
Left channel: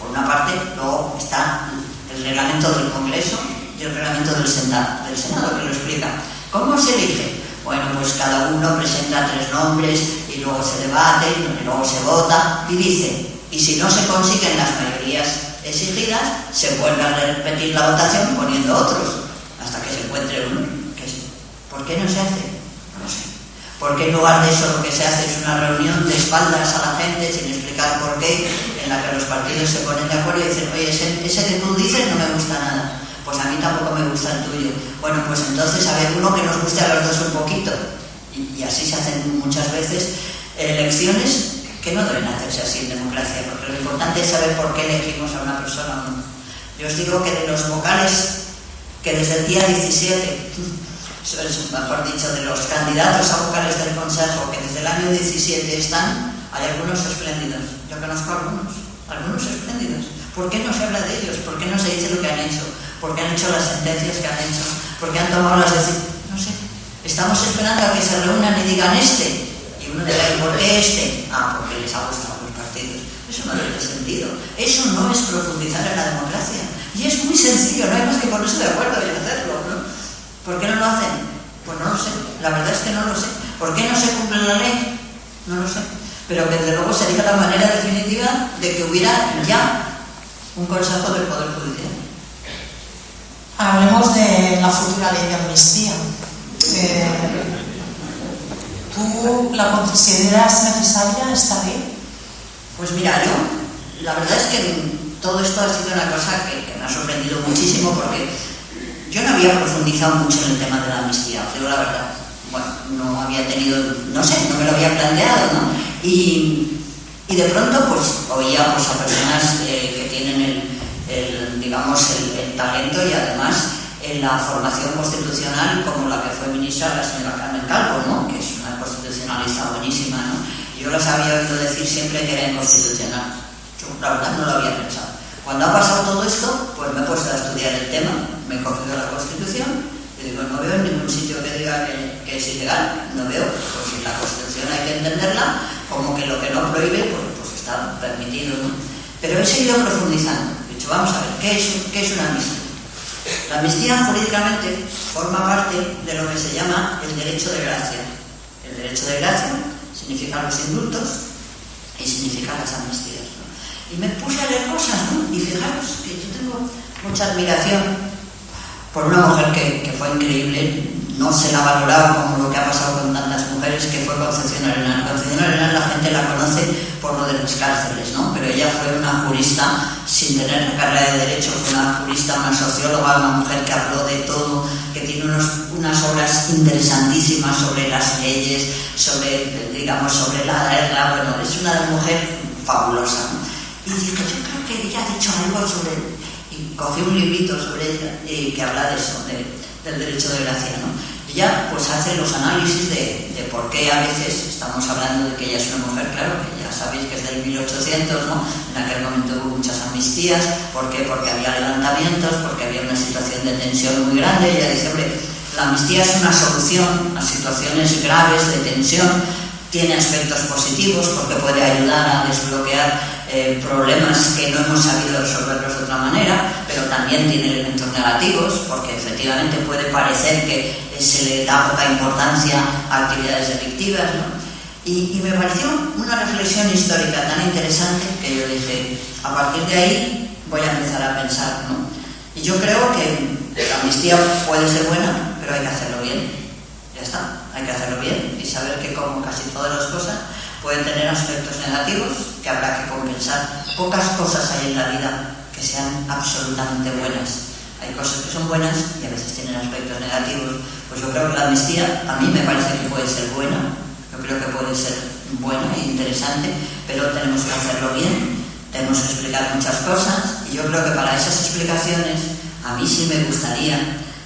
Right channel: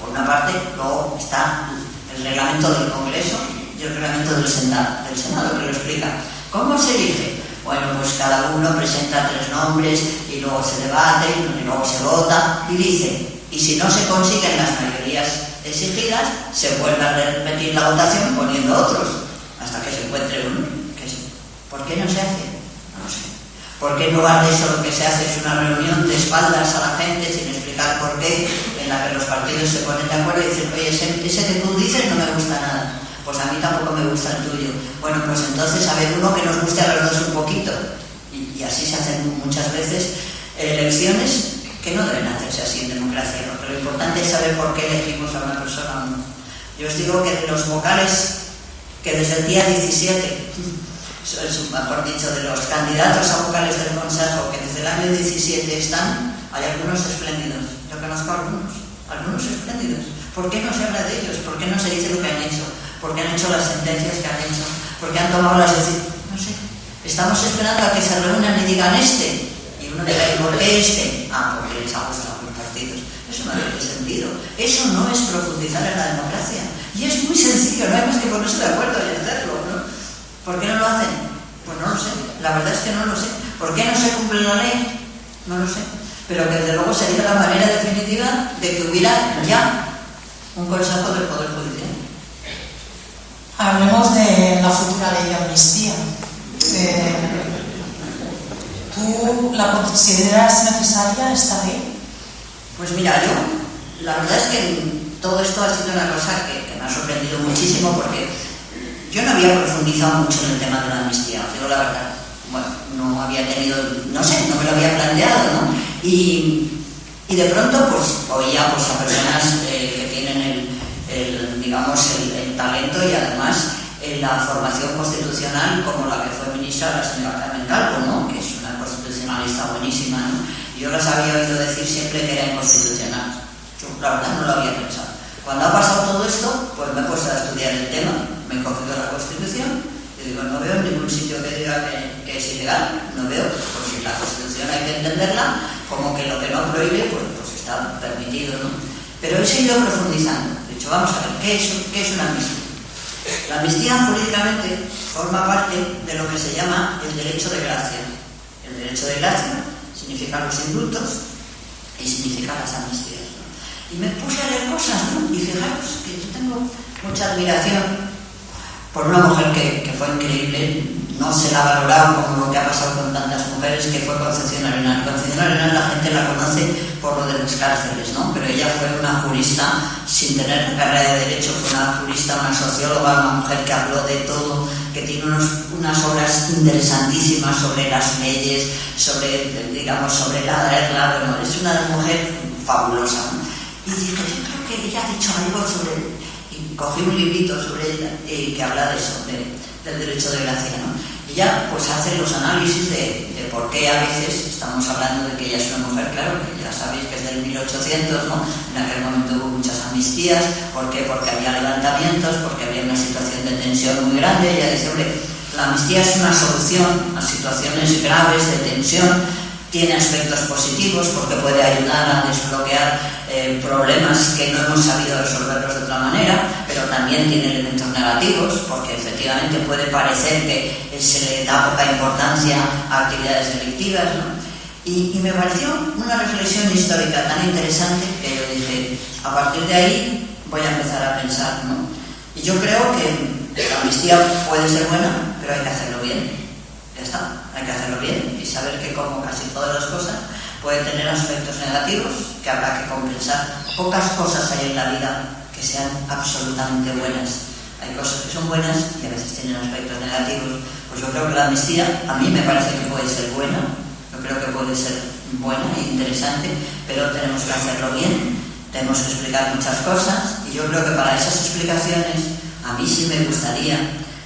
por una parte, luego está el reglamento del Congreso y el reglamento del Senado que lo explica. ¿Cómo se elige? Bueno, pues cada uno presenta 3 nombres y luego se debate y luego se vota y dice, y si no se consiguen las mayorías exigidas, se vuelve a repetir la votación poniendo otros hasta que se encuentre uno. ¿Por qué no se hace? No sé. ¿Por qué en lugar de eso lo que se hace es una reunión de espaldas a la gente sin explicar por qué, en la que los partidos se ponen de acuerdo y dicen, oye, ese que tú dices no me gusta nada? Pues a mí tampoco me gusta el tuyo. Bueno, pues entonces a ver uno que nos guste a los dos un poquito. Y así se hacen muchas veces elecciones que no deben hacerse así en democracia, porque lo importante es saber por qué elegimos a una persona o no. Yo os digo que de los vocales que desde el día 17, mejor dicho, de los candidatos a vocales del Consejo que desde el año 17 están, hay algunos espléndidos. Yo conozco algunos espléndidos. ¿Por qué no se habla de ellos? ¿Por qué no se dice lo que han hecho? ¿Por qué han hecho las sentencias que han hecho? ¿Por qué han tomado las decisiones? No sé. Estamos esperando a que se reúnan y digan este. Y uno dirá, ¿y por qué este? Ah, porque les ha gustado los partidos. Eso no tiene sentido. Eso no es profundizar en la democracia. Y es muy sencillo, no hay más que ponerse de acuerdo y hacerlo, ¿no? ¿Por qué no lo hacen? Pues no lo sé. La verdad es que no lo sé. ¿Por qué no se cumple la ley? No lo sé. Pero que desde luego sería la manera definitiva de que hubiera ya un Consejo del Poder Judicial. Hablemos de la futura ley de amnistía. ¿Tú la consideras necesaria esta ley? Pues mira, yo, la verdad es que todo esto ha sido una cosa que me ha sorprendido muchísimo porque yo no había profundizado mucho en el tema de la amnistía, pero la verdad, bueno, no había tenido, no sé, no me lo había planteado, ¿no? Y de pronto, pues, oía pues, a personas que tienen el talento y además en la formación constitucional, como la que fue ministra, la señora Carmen Calvo, ¿no? Que es una constitucionalista buenísima, ¿no? Yo las había oído decir siempre que era inconstitucional. Yo, la verdad, no lo había pensado. Cuando ha pasado todo esto, pues me he puesto a estudiar el tema, me he cogido la Constitución y digo, no veo en ningún sitio que diga que es ilegal, no veo, pues si la Constitución hay que entenderla, como que lo que no prohíbe, pues está permitido, ¿no? Pero he seguido profundizando. He dicho, vamos a ver, ¿qué es una amnistía? La amnistía jurídicamente forma parte de lo que se llama el derecho de gracia. El derecho de gracia significa los indultos y significa las amnistías, ¿no? Y me puse a leer cosas, ¿no? Y fijaros que yo tengo mucha admiración por una mujer que fue increíble, no se la ha valorado como lo que ha pasado con tantas mujeres, que fue Concepción Arenal. Concepción Arenal la gente la conoce por lo de las cárceles, ¿no? Pero ella fue una jurista sin tener carrera de derecho, fue una jurista, una socióloga, una mujer que habló de todo, que tiene unas obras interesantísimas sobre las leyes, sobre la guerra, bueno, es una mujer fabulosa, ¿no? Y dije, yo creo que ella ha dicho algo sobre, y cogí un librito sobre ella que habla de eso, del derecho de gracia, ¿no? Ella pues hace los análisis de por qué a veces estamos hablando de que ella es una mujer, claro, que ya sabéis que es del 1800, ¿no? En aquel momento hubo muchas amnistías. ¿Por qué? Porque había levantamientos, porque había una situación de tensión muy grande. Ella dice, hombre, la amnistía es una solución a situaciones graves de tensión, tiene aspectos positivos porque puede ayudar a desbloquear problemas que no hemos sabido resolverlos de otra manera, pero también tiene elementos negativos negativos, porque efectivamente puede parecer que se le da poca importancia a actividades delictivas, ¿no? Y me pareció una reflexión histórica tan interesante que yo dije, a partir de ahí voy a empezar a pensar, ¿no? Y yo creo que la amnistía puede ser buena, pero hay que hacerlo bien. Ya está, hay que hacerlo bien y saber que, como casi todas las cosas, puede tener aspectos negativos que habrá que compensar. Pocas cosas hay en la vida que sean absolutamente buenas. Hay cosas que son buenas y a veces tienen aspectos negativos. Pues yo creo que la amnistía a mí me parece que puede ser buena, yo creo que puede ser buena e interesante, pero tenemos que hacerlo bien, tenemos que explicar muchas cosas y yo creo que para esas explicaciones a mí sí me gustaría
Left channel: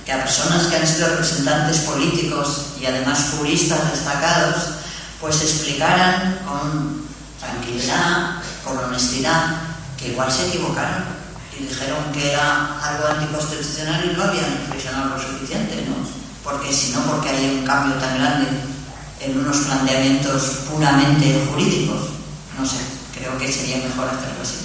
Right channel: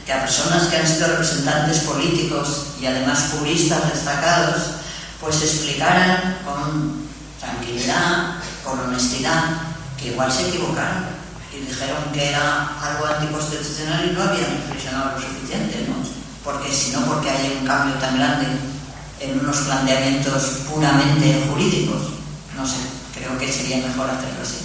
que a personas que han sido representantes políticos y además juristas destacados pues explicaran con tranquilidad, con honestidad, que igual se equivocaron y dijeron que era algo anticonstitucional y no habían reflexionado lo suficiente, ¿no? Porque si no, porque hay un cambio tan grande en unos planteamientos puramente jurídicos. No sé, creo que sería mejor hacerlo así.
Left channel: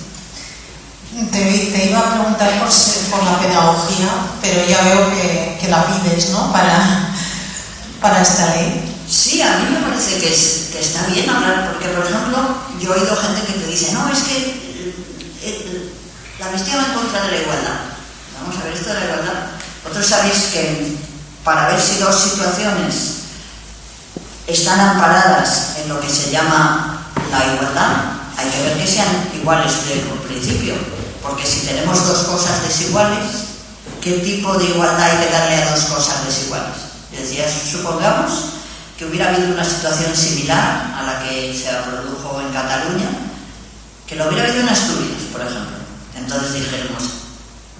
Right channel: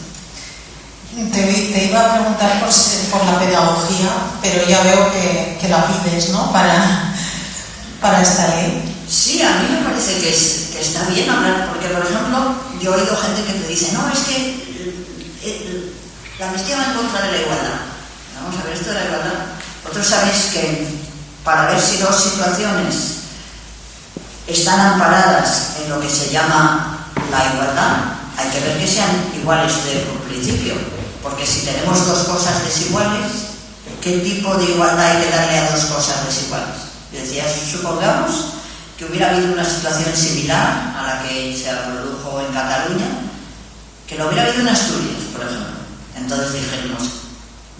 Te iba a preguntar por la pedagogía, pero ya veo que la pides, ¿no? Para esta ley. Sí, a mí me parece que está bien hablar, porque por ejemplo, yo he oído gente que te dice, no, es que la amnistía va en contra de la igualdad. Vamos a ver esto de la igualdad. Vosotros sabéis que para ver si dos situaciones están amparadas en lo que se llama la igualdad, hay que ver que sean iguales desde un principio, porque si tenemos dos cosas desiguales, ¿qué tipo de igualdad hay que darle a dos cosas desiguales? Yo decía, supongamos que hubiera habido una situación similar a la que se produjo en Cataluña, que lo hubiera habido en Asturias, por ejemplo. Entonces dijéramos,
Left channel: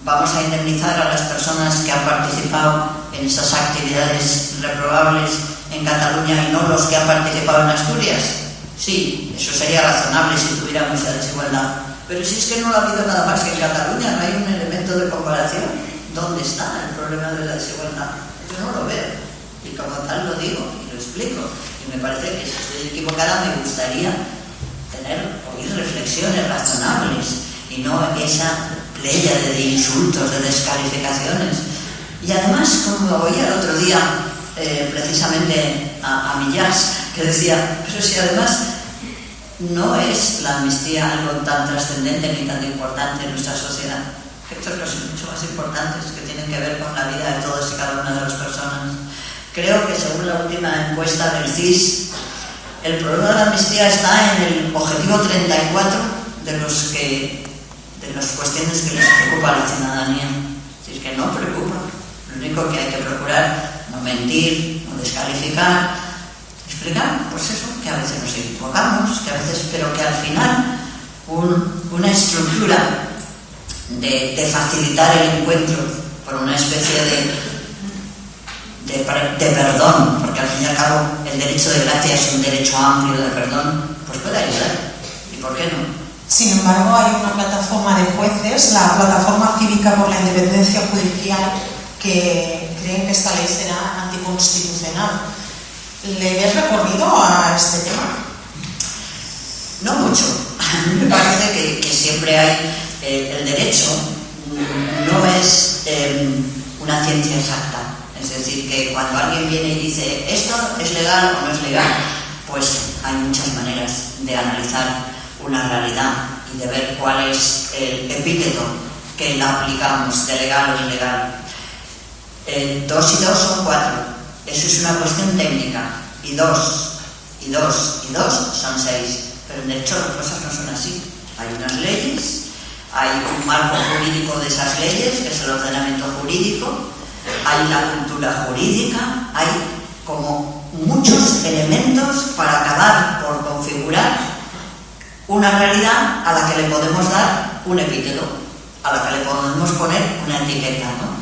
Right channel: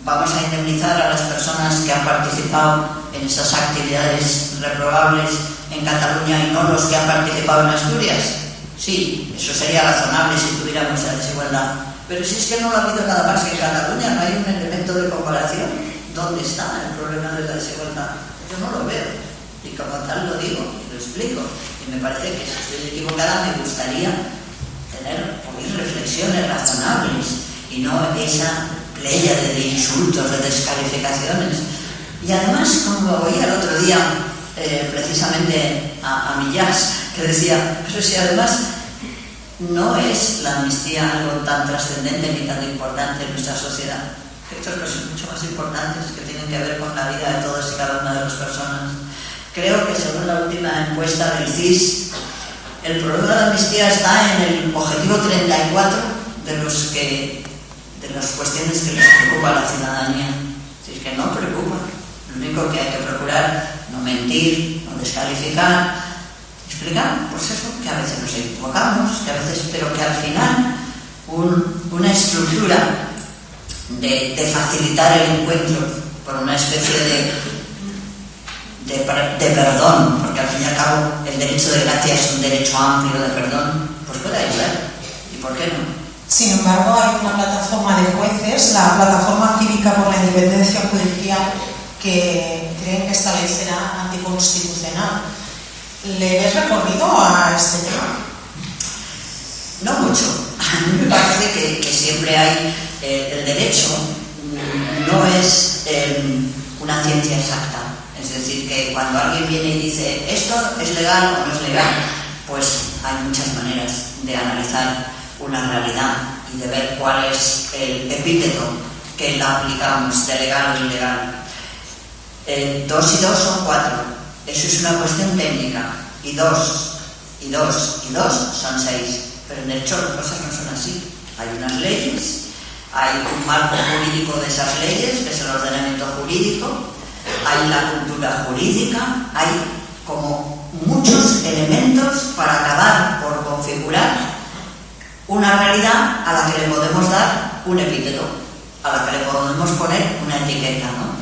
vamos a indemnizar a las personas que han participado en esas actividades reprobables en Cataluña y no los que han participado en Asturias. Sí, eso sería razonable si tuviéramos esa desigualdad. Pero si es que no lo ha habido nada más que en Cataluña, no hay un elemento de comparación. ¿Dónde está el problema de la desigualdad? Yo no lo veo. Y como tal lo digo y lo explico. Y me parece que si estoy equivocada me gustaría oír reflexiones razonables y no esa pléyade de insultos, de descalificaciones. Y además, como oía el otro día precisamente a Millás, que decía, pero si además no es la amnistía algo tan trascendente ni tan importante en nuestra sociedad, que otras cosas mucho más importantes que tienen que ver con la vida de todos y cada una de las personas. Creo que según la última encuesta del CIS, el problema de la amnistía está en el objetivo 34 de las cuestiones que les preocupa a la ciudadanía. Si es que no preocupa. Lo único que hay que procurar, no mentir, no descalificar, explicar, pues eso, que a veces nos equivocamos, que a veces, pero que al final una estructura de facilitar el encuentro por una especie de perdón, porque al fin y al cabo el derecho de gracia es un derecho amplio de perdón, pues puede ayudar. ¿Y por qué no? Sin embargo, hay una plataforma de jueces, la Plataforma Cívica por la Independencia Judicial, que creen que esta ley será anticonstitucional. ¿Le ves recorrido a este tema? No mucho. A mí me parece que siempre hay el derecho, no es una ciencia exacta. Es decir, que cuando alguien viene y dice esto es legal o no es legal, pues hay muchas maneras de analizar una realidad y de ver cuál es el epíteto que la aplicamos, de legal o ilegal. 2 y 2 son 4. Eso es una cuestión técnica. Y 2 son 6. Pero en derecho las cosas no son así. Hay unas leyes, hay un marco jurídico de esas leyes, que es el ordenamiento jurídico, hay la cultura jurídica, hay como muchos elementos para acabar por configurar una realidad a la que le podemos dar un epíteto, a la que le podemos poner una etiqueta, ¿no?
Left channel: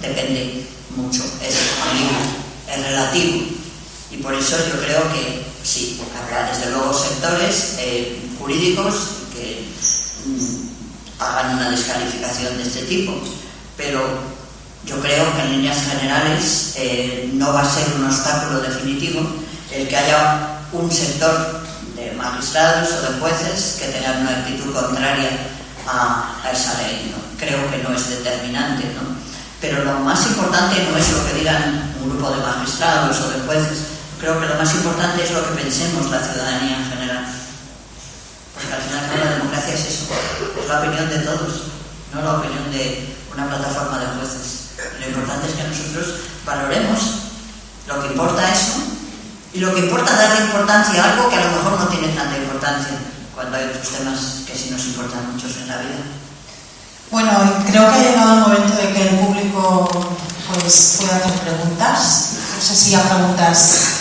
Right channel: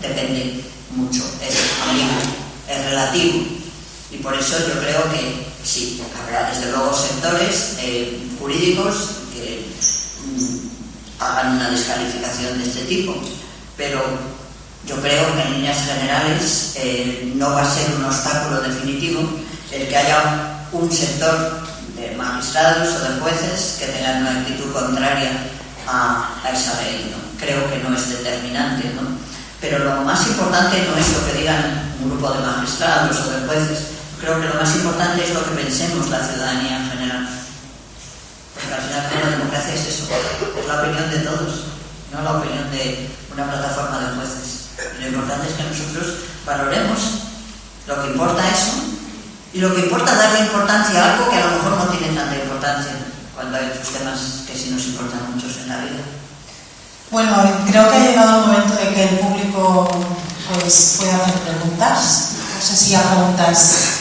Depende mucho, es relativo. Y por eso yo creo que sí, habrá desde luego sectores jurídicos que hagan una descalificación de este tipo, pero yo creo que en líneas generales no va a ser un obstáculo definitivo el que haya un sector de magistrados o de jueces que tengan una actitud contraria a esa ley, ¿no? Creo que no es determinante, ¿no? Pero lo más importante no es lo que digan un grupo de magistrados o de jueces. Creo que lo más importante es lo que pensemos la ciudadanía en general. Porque al final la democracia es eso, es la opinión de todos, no la opinión de una plataforma de jueces. Lo importante es que nosotros valoremos lo que importa eso, y lo que importa es darle importancia a algo que a lo mejor no tiene tanta importancia, cuando hay otros temas que sí nos importan muchos en la vida. Bueno, creo que ha llegado el momento de que el público pues, pueda hacer preguntas. No sé si hay preguntas.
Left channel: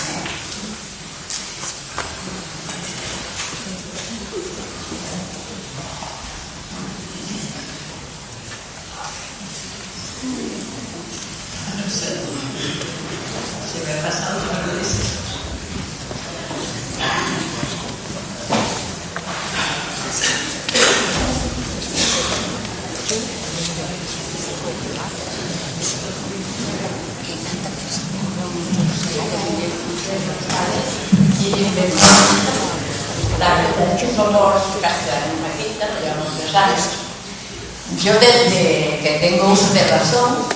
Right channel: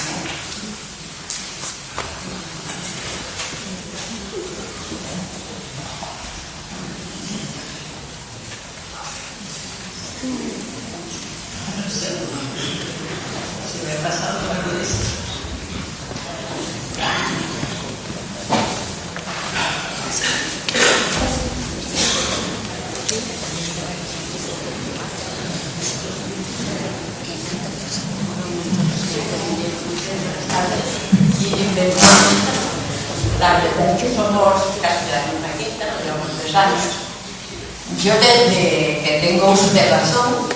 Yo desde que tengo uso de razón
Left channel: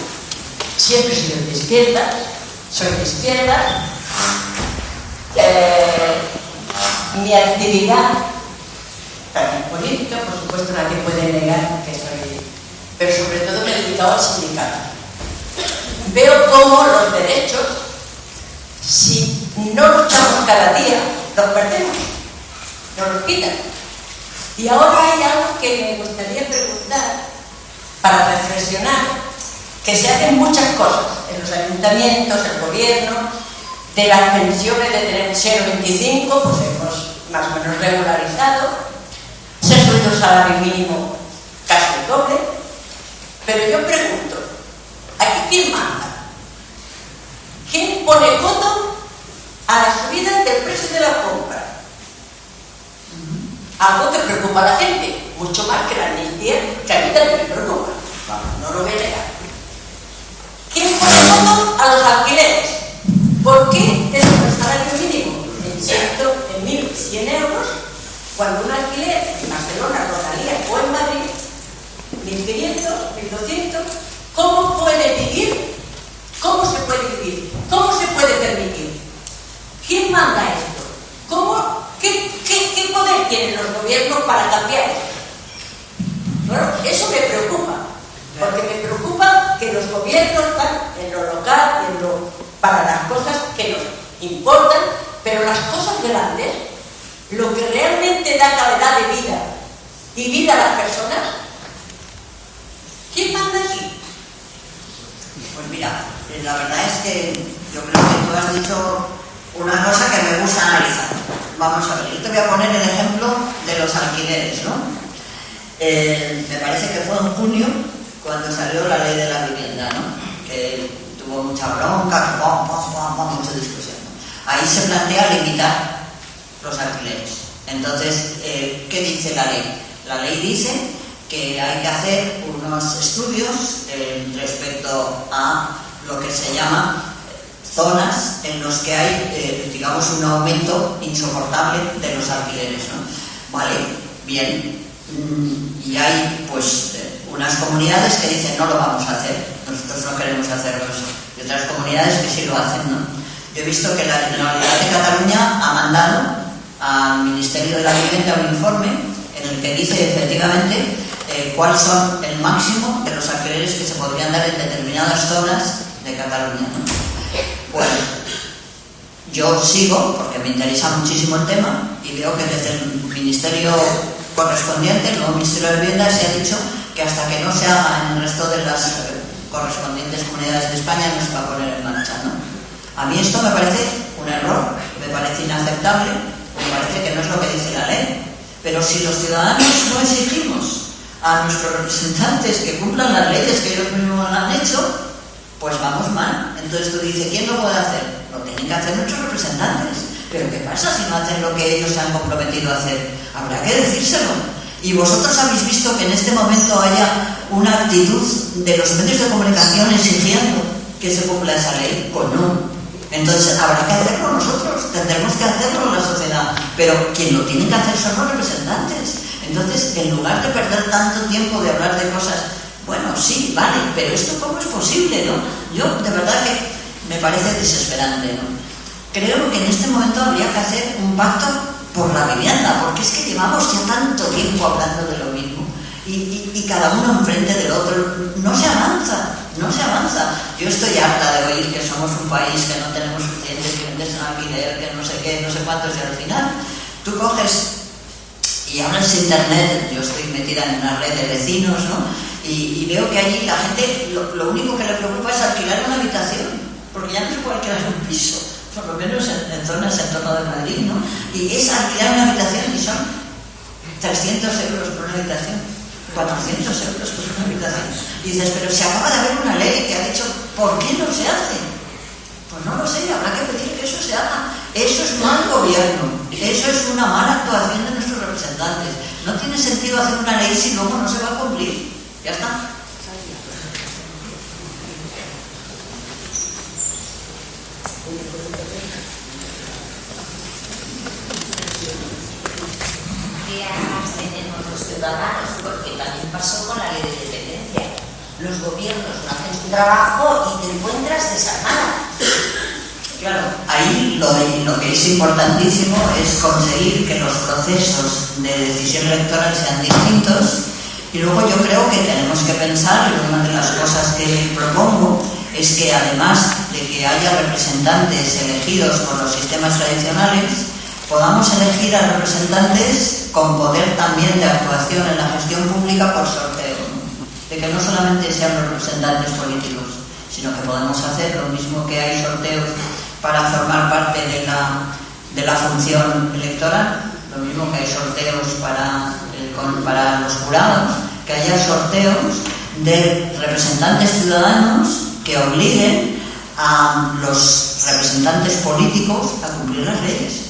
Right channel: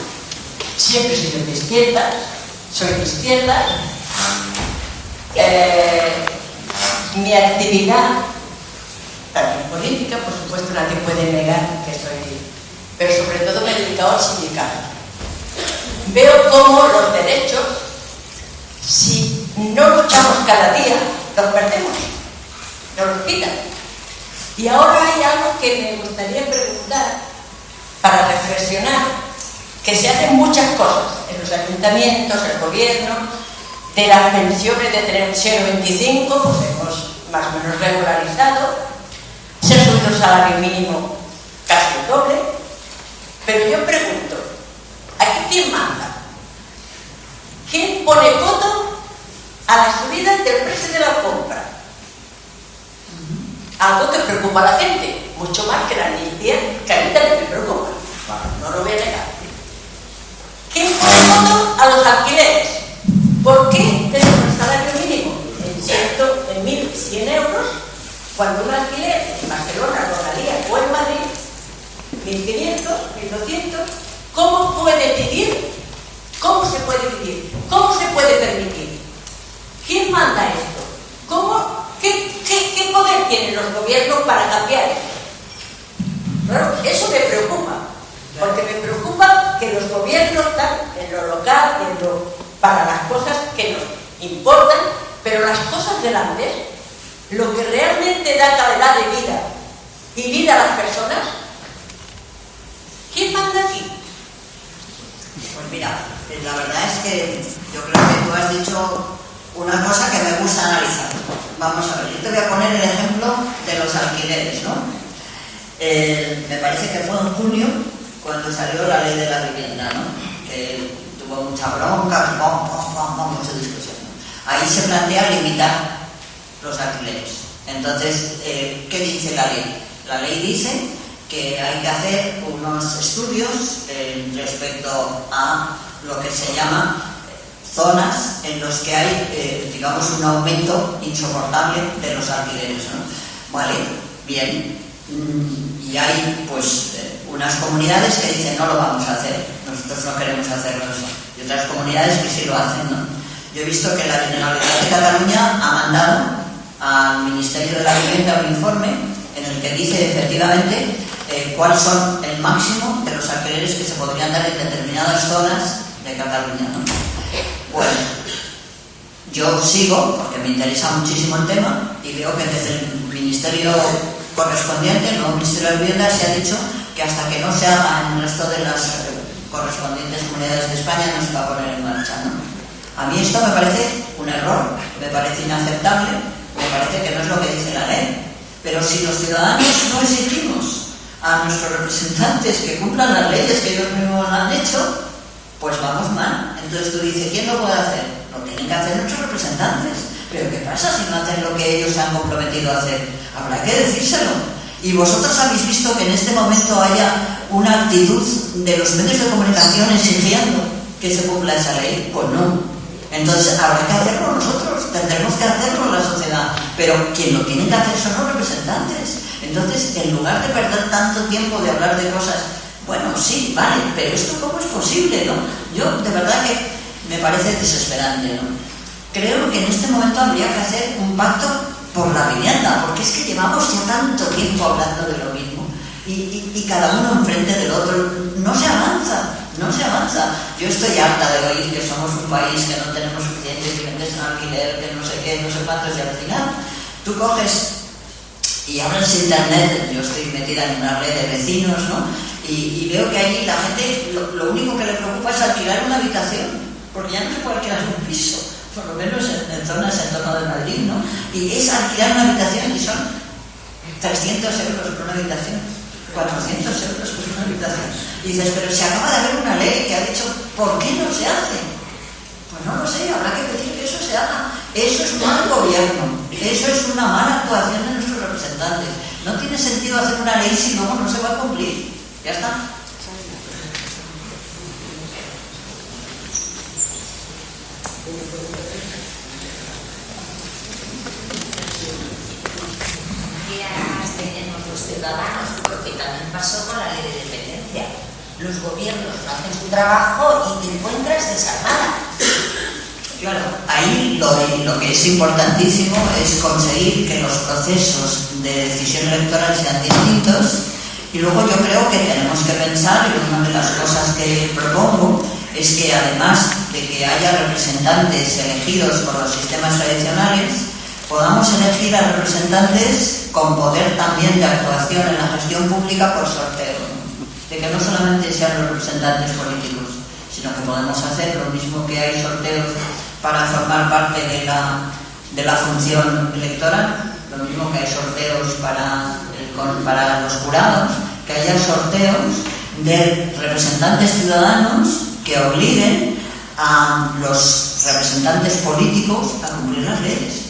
siempre he sido de izquierda, soy de izquierda. Mi actividad política, por supuesto, nadie puede negar que soy, pero sobre todo me he dedicado al sindicato. Veo cómo los derechos, si no luchamos cada día, los perdemos, nos los quitan. Y ahora hay algo que me gustaría preguntar para reflexionar, que se hacen muchas cosas en los ayuntamientos, el gobierno, de las pensiones de tener 0,25, pues hemos más o menos regularizado, se ha subido el salario mínimo casi el doble, pero yo pregunto, ¿aquí quién manda? ¿Quién pone coto a la subida del precio de la compra? Algo que preocupa a la gente, mucho más que la amnistía, que a mí también me preocupa, no lo voy a negar. ¿Quién pone coto a los alquileres? ¿Por qué te sube el salario mínimo en 1.100 euros cuando un alquiler en Barcelona, Rodalía o en Madrid, 1.500, 1.200, ¿cómo puede vivir? ¿Cómo se puede vivir? ¿Cómo se puede permitir? ¿Quién manda esto? ¿Cómo? ¿Qué poder tienen los gobiernos para cambiar esto? Bueno, eso me preocupa, porque me preocupa que los gobiernos están en lo local, para las cosas que nos importan, pero las cosas grandes, lo que realmente da calidad de vida y vida a las personas, ¿quién manda aquí? Pues mira, la verdad es que yo creo que tú has dicho una cosa que me gusta analizar. Vamos a ver, yo te voy a poner el ejemplo de los alquileres, ¿no? Me parece que fue en junio cuando salió la ley de la vivienda, ¿no? Que tuvo mucha bronca, mucha discusión. Ahí se plantea limitar los alquileres. Entonces, ¿qué dice la ley? La ley dice que hay que hacer unos estudios respecto a lo que se llama zonas en los que hay, digamos, un aumento insoportable de los alquileres, ¿no? Vale, bien. Y hay, pues, unas comunidades que dicen no lo vamos a hacer, nosotros no queremos hacerlo, y otras comunidades que sí lo hacen, ¿no? Yo he visto que la Generalitat de Cataluña ha mandado al Ministerio de la Vivienda un informe en el que dice efectivamente cuáles son el máximo de los alquileres que se podrían dar en determinadas zonas de Cataluña, ¿no? Bueno, yo sigo, porque me interesa muchísimo el tema, y veo que desde el Ministerio correspondiente, el nuevo Ministerio de Vivienda, se ha dicho que hasta que no se haga en el resto de las correspondientes comunidades de España no se va a poner en marcha, ¿no? A mí esto me parece un error, me parece inaceptable, me parece que no es lo que dice la ley. Pero si los ciudadanos no exigimos a nuestros representantes que cumplan las leyes que ellos mismos han hecho, pues vamos mal. Entonces tú dices, ¿quién lo puede hacer? Lo tienen que hacer nuestros representantes. Pero ¿qué pasa si no hacen lo que ellos se han comprometido a hacer? Habrá que decírselo. Y vosotros habéis visto que en este momento haya una actitud de los medios de comunicación exigiendo que se cumpla esa ley. Pues no. Entonces habrá que hacerlo nosotros, tendremos que hacerlo la sociedad. Pero quien lo tiene que hacer son los representantes. Entonces, en lugar de perder tanto tiempo de hablar de cosas, bueno, bueno, sí, vale, pero esto cómo es posible, ¿no? Yo de verdad que me parece desesperante, ¿no? Creo que en este momento habría que hacer un pacto por la vivienda, porque es que llevamos ya tanto tiempo hablando de lo mismo y cada uno enfrente del otro, no se avanza. Yo estoy harta de oír que somos un país que no tenemos suficiente, que vendes un alquiler, que no sé qué, no sé cuántos, y al final tú coges y hablas internet. Yo estoy metida en una red de vecinos, ¿no? Y veo que ahí la gente lo único que le preocupa es alquilar una habitación, porque ya no se puede alquilar un piso, por lo menos en zonas en torno de Madrid, ¿no? Y es alquilar una habitación y son 300 euros por una habitación, 400 euros por una habitación. Y dices, pero se acaba de haber una ley que ha dicho, ¿por qué no se hace? Pues no lo sé, habrá que pedir que eso se haga. Eso es mal gobierno, eso es una mala actuación de nuestros representantes. No tiene sentido hacer una ley si luego no se va a cumplir. Ya está. Tenemos los ciudadanos, porque también pasó con la ley de dependencia. Los gobiernos no hacen su trabajo y te encuentras desarmada. Claro, ahí lo que es importantísimo es conseguir que los procesos de decisión electoral sean distintos. Y luego yo creo que tenemos que pensar, y una de las cosas que propongo es que además de que haya representantes elegidos por los sistemas tradicionales, podamos elegir a representantes con poder también de actuación en la gestión pública por sorteo, de que no solamente sean los representantes políticos, sino que podemos hacer lo mismo que hay sorteos para formar parte de la función electoral, lo mismo que hay sorteos para los jurados, que haya sorteos de representantes ciudadanos que obliguen a los representantes políticos a cumplir las leyes.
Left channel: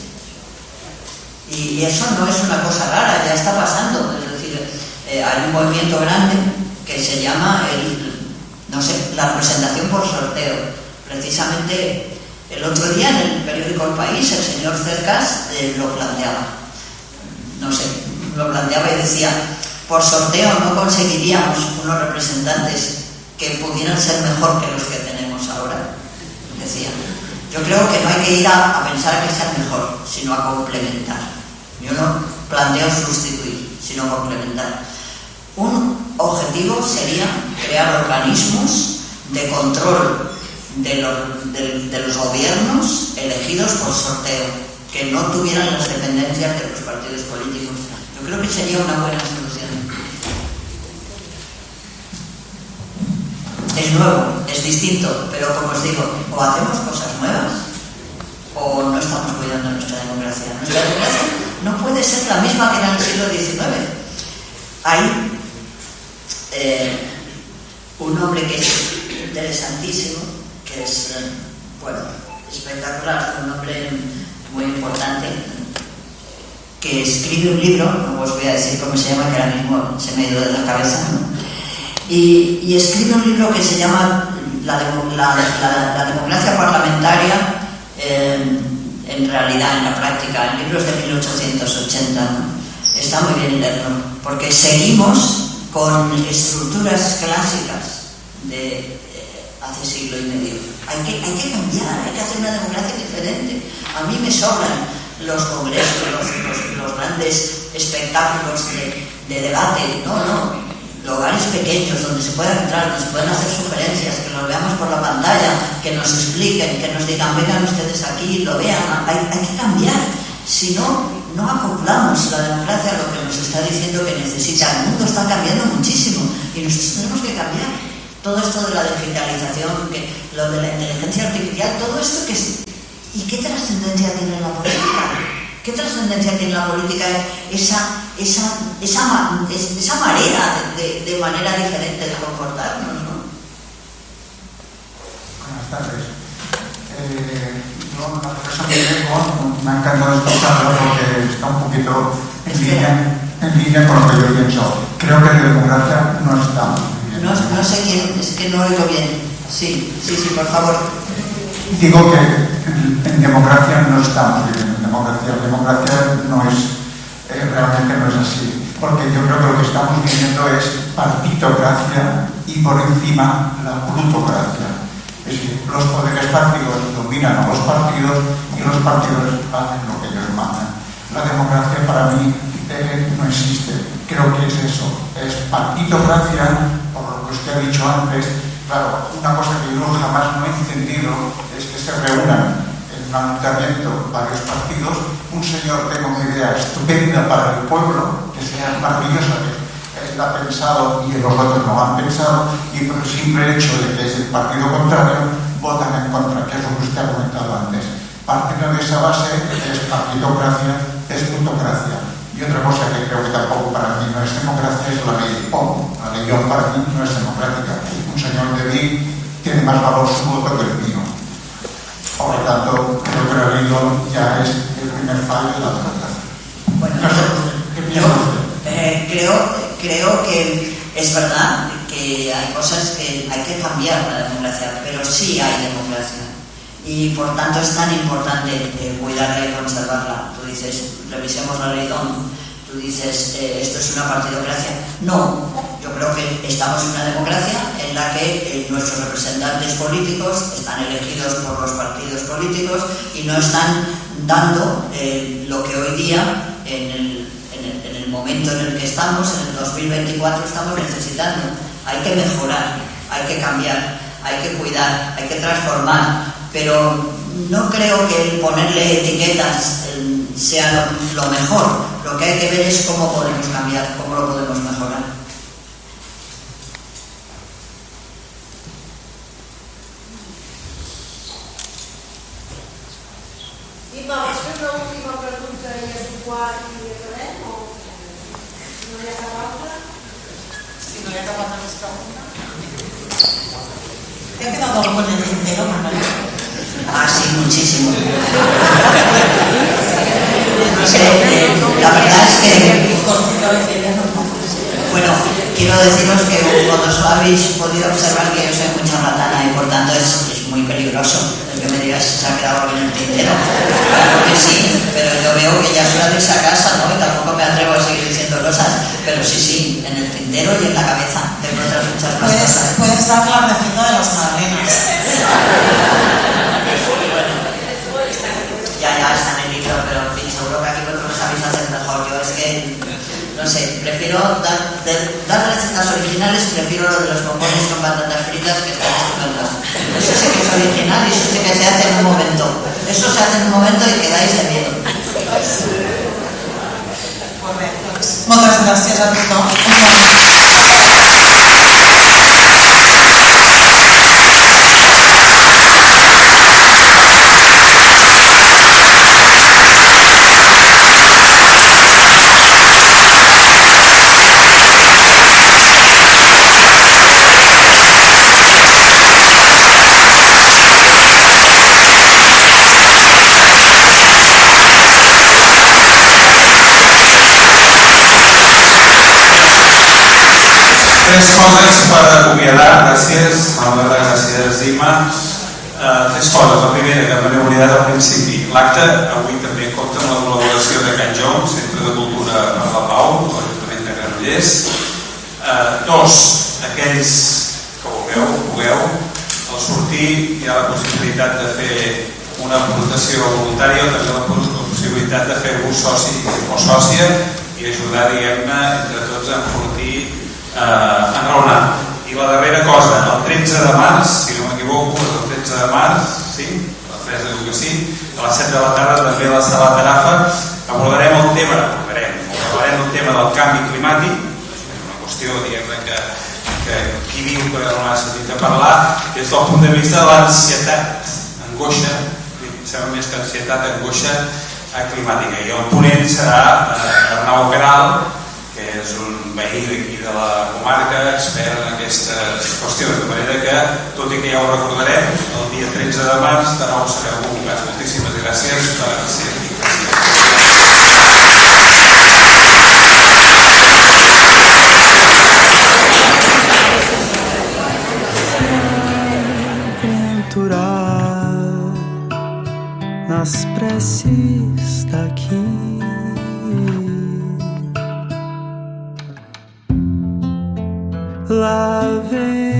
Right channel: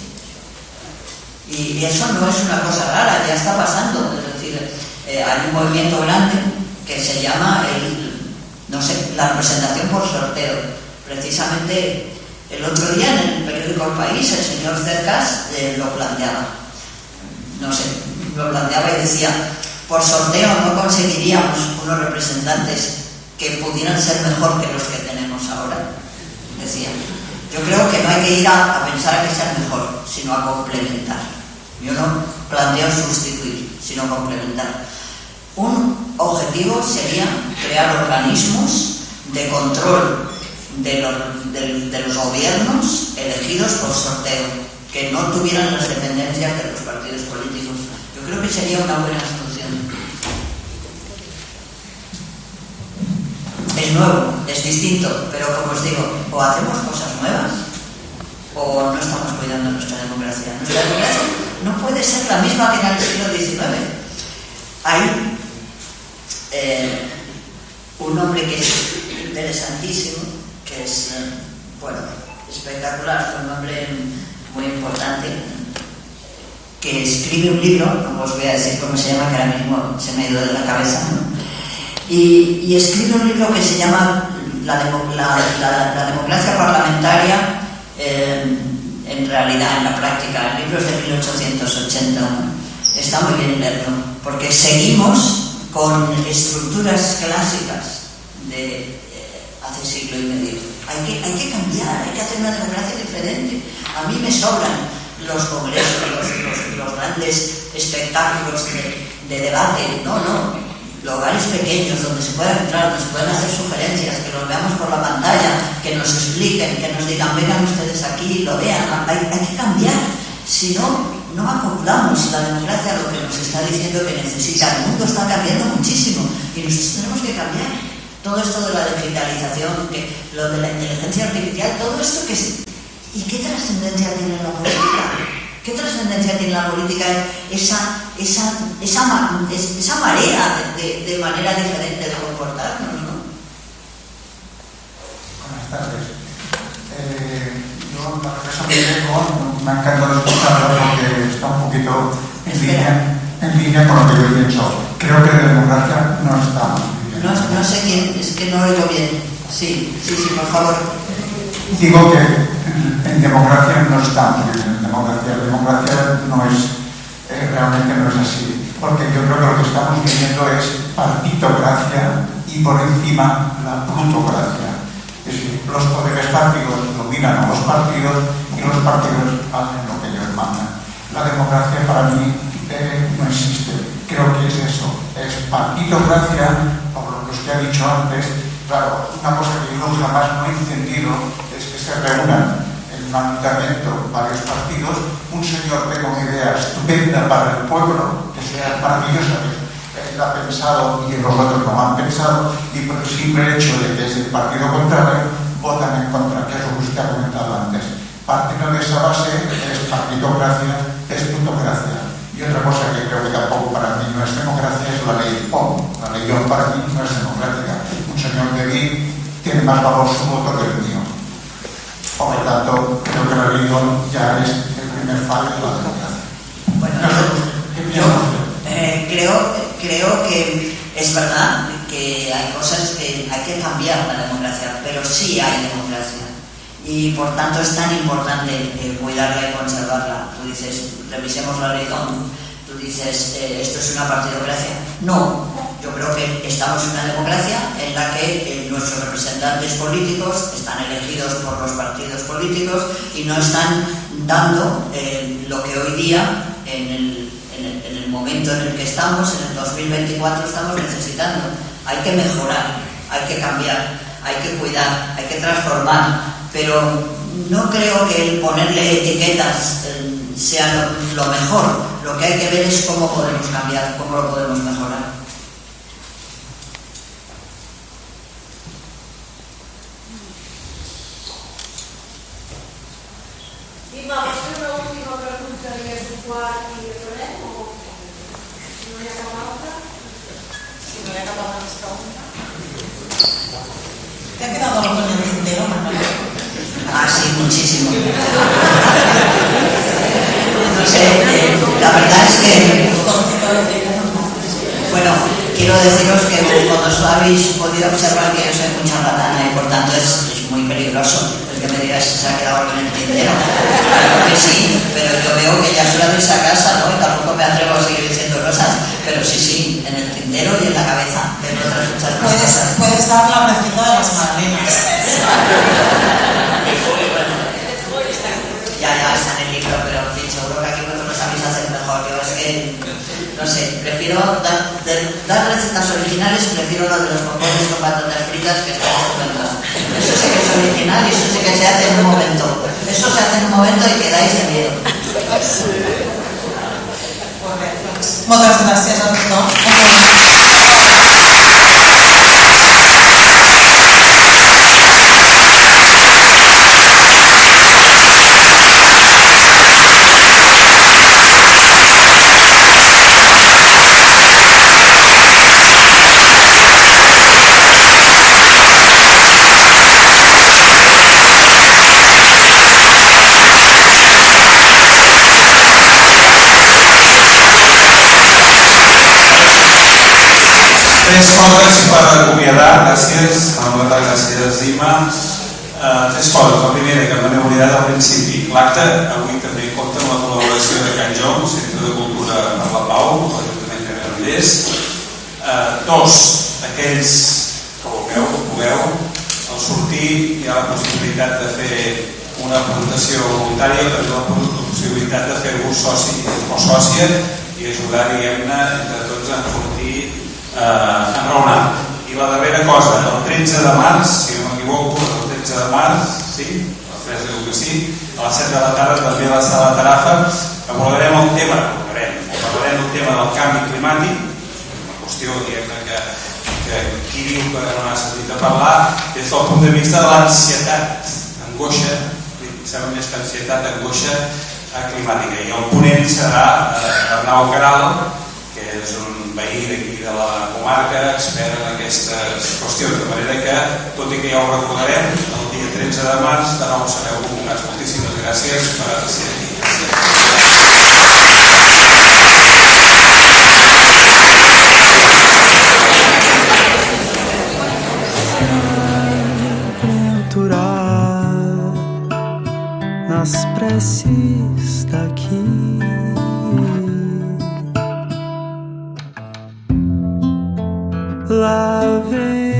Y eso no es una cosa rara, ya está pasando. Es decir, hay un movimiento grande que se llama la representación por sorteo. Precisamente el otro día en el periódico El País el señor Cercas lo planteaba. Lo planteaba y decía, por sorteo no conseguiríamos unos representantes que pudieran ser mejor que los que tenemos ahora. Decía, yo creo que no hay que ir a pensar a que sean mejor, sino a complementar. Yo no planteo sustituir, sino complementar. Un objetivo sería crear organismos de control de los gobiernos elegidos por sorteo, que no tuvieran las dependencias de los partidos políticos. Yo creo que sería una buena solución. Es nuevo, es distinto, pero como os digo, o hacemos cosas nuevas o no estamos cuidando nuestra democracia. Nuestra democracia no puede ser la misma que en el siglo XIX. Hay un hombre que es interesantísimo, que es, espectacular, un hombre muy importante, que escribe un libro, no os voy a decir cómo se llama, que ahora mismo se me ha ido de la cabeza, ¿no? Y escribe un libro que se llama La democracia parlamentaria en realidad, en la práctica. El libro es de 1880, ¿no? Está muy bien leerlo, porque seguimos con estructuras clásicas de hace siglo y medio. Hay que cambiar, hay que hacer una democracia diferente. A mí me sobran los congresos, los grandes espectáculos de debate. No. Lugares pequeños donde se pueda entrar, donde se puedan hacer sugerencias, que los veamos por la pantalla, que nos expliquen, que nos digan, vengan ustedes aquí, lo vean. Hay que cambiar. Si no acoplamos la democracia a lo que nos está diciendo que necesita. El mundo está cambiando muchísimo y nosotros tenemos que cambiar. Todo esto de la digitalización, lo de la inteligencia artificial, todo esto que es... ¿Y qué trascendencia tiene la política? ¿Qué trascendencia tiene la política esa marea de manera diferente de comportarnos, ¿no? Buenas tardes. Yo, la profesora Greco, me ha encantado escucharlo porque está un poquito en línea con lo que yo he pensado. Creo que de democracia no está muy bien. No sé quién, es que no oigo bien. Sí, por favor. Digo que en democracia no estamos bien. Democracia no es, realmente no es así. Porque yo creo que lo que estamos viviendo es partitocracia y por encima la plutocracia. Es decir, los poderes fácticos dominan a los partidos y los partidos hacen lo que ellos mandan. La democracia para mí no existe. Creo que es eso, es partitocracia, por lo que usted ha dicho antes. Claro, una cosa que yo jamás no he entendido es que se reúnan en un ayuntamiento varios partidos, un señor tenga una idea estupenda para el pueblo, que sea maravillosa, que él ha pensado y los otros no han pensado, y por el simple hecho de que es el partido contrario, votan en contra, que es lo que usted ha comentado antes. Partiendo de esa base, es partitocracia, es plutocracia. Y otra cosa que creo que tampoco para mí no es democracia es la ley POM. La ley POM para mí no es democrática. Un señor de mí tiene más valor su voto que el mío. Por lo tanto, creo que la ley POM ya es el primer fallo de la democracia. Bueno, no sé, ¿qué piensa usted? Creo que es verdad que hay cosas que hay que cambiar la democracia, pero sí hay democracia. Y por tanto es tan importante cuidarla y conservarla. Tú dices, revisemos la ley DOM. Tú dices, esto es una partidocracia. No, yo creo que estamos en una democracia en la que nuestros representantes políticos están elegidos por los partidos políticos y no están dando lo que hoy día, en el momento en el que estamos, en el 2024, estamos necesitando. Hay que mejorar, hay que cambiar, hay que cuidar, hay que transformar. Pero no creo que el ponerle etiquetas sea lo mejor. Lo que hay que ver es cómo podemos cambiar, cómo lo podemos mejorar. Ima, esta es la última pregunta de este quart i acabem o no hi ha cap altra? Si no hi ha cap altra més pregunta. ¿Te ha quedado algo en el tintero, Margarita? Ah, sí, muchísimo. No sé, la verdad es que, bueno, quiero deciros que vosotros habéis podido observar que yo soy muy charlatana y por tanto es muy peligroso el que me digas si se ha quedado algo en el tintero. Claro que sí, pero yo veo que ya soy de esa casa, ¿no? Y tampoco me atrevo a seguir diciendo cosas, pero sí, en el tintero y en la cabeza. Tengo otras muchas cosas. Puedes dar la receta de las madrinas. Ya está en el libro, pero en fin, seguro que aquí vosotros sabéis hacer mejor. Yo es que, no sé, prefiero dar recetas originales, prefiero lo de los bombones con patatas fritas, que están estupendas. Eso sí que es original y eso sí que se hace en un momento. Eso se hace en un momento y quedáis de miedo. Moltes gràcies a tothom. Tres coses per acomiadar, gràcies, Manuela, gràcies, Ima. Tres coses. La primera, que me n'he oblidat al principi. L'acte avui també compta amb la col·laboració de Can Joms, Centre de Cultura per la Pau, l'Ajuntament de Granollers. Dos, aquells que vulgueu, al sortir hi ha la possibilitat de fer una aportació voluntària o també la possibilitat de fer-vos soci o sòcia i ajudar, diguem-ne, entre tots a enfortir enraonar. I la darrera cosa, el 13 de març, si no m'equivoco, el 13 de març, sí, la Teresa diu que sí, a les 7 de la tarda també a la Sala Tarafa abordarem el tema del canvi climàtic, una qüestió, diguem-ne, que qui diu que no n'ha sentit a parlar des del punt de vista de l'ansietat, angoixa, sembla més que ansietat, angoixa climàtica. I el ponent serà Arnau Caral, que és un veí d'aquí de la comarca, expert en aquestes qüestions, de manera que, tot i que ja ho recordarem, el dia 13 de març de nou sereu convocats. Moltíssimes gràcies per ser aquí. Nas preces daqui loving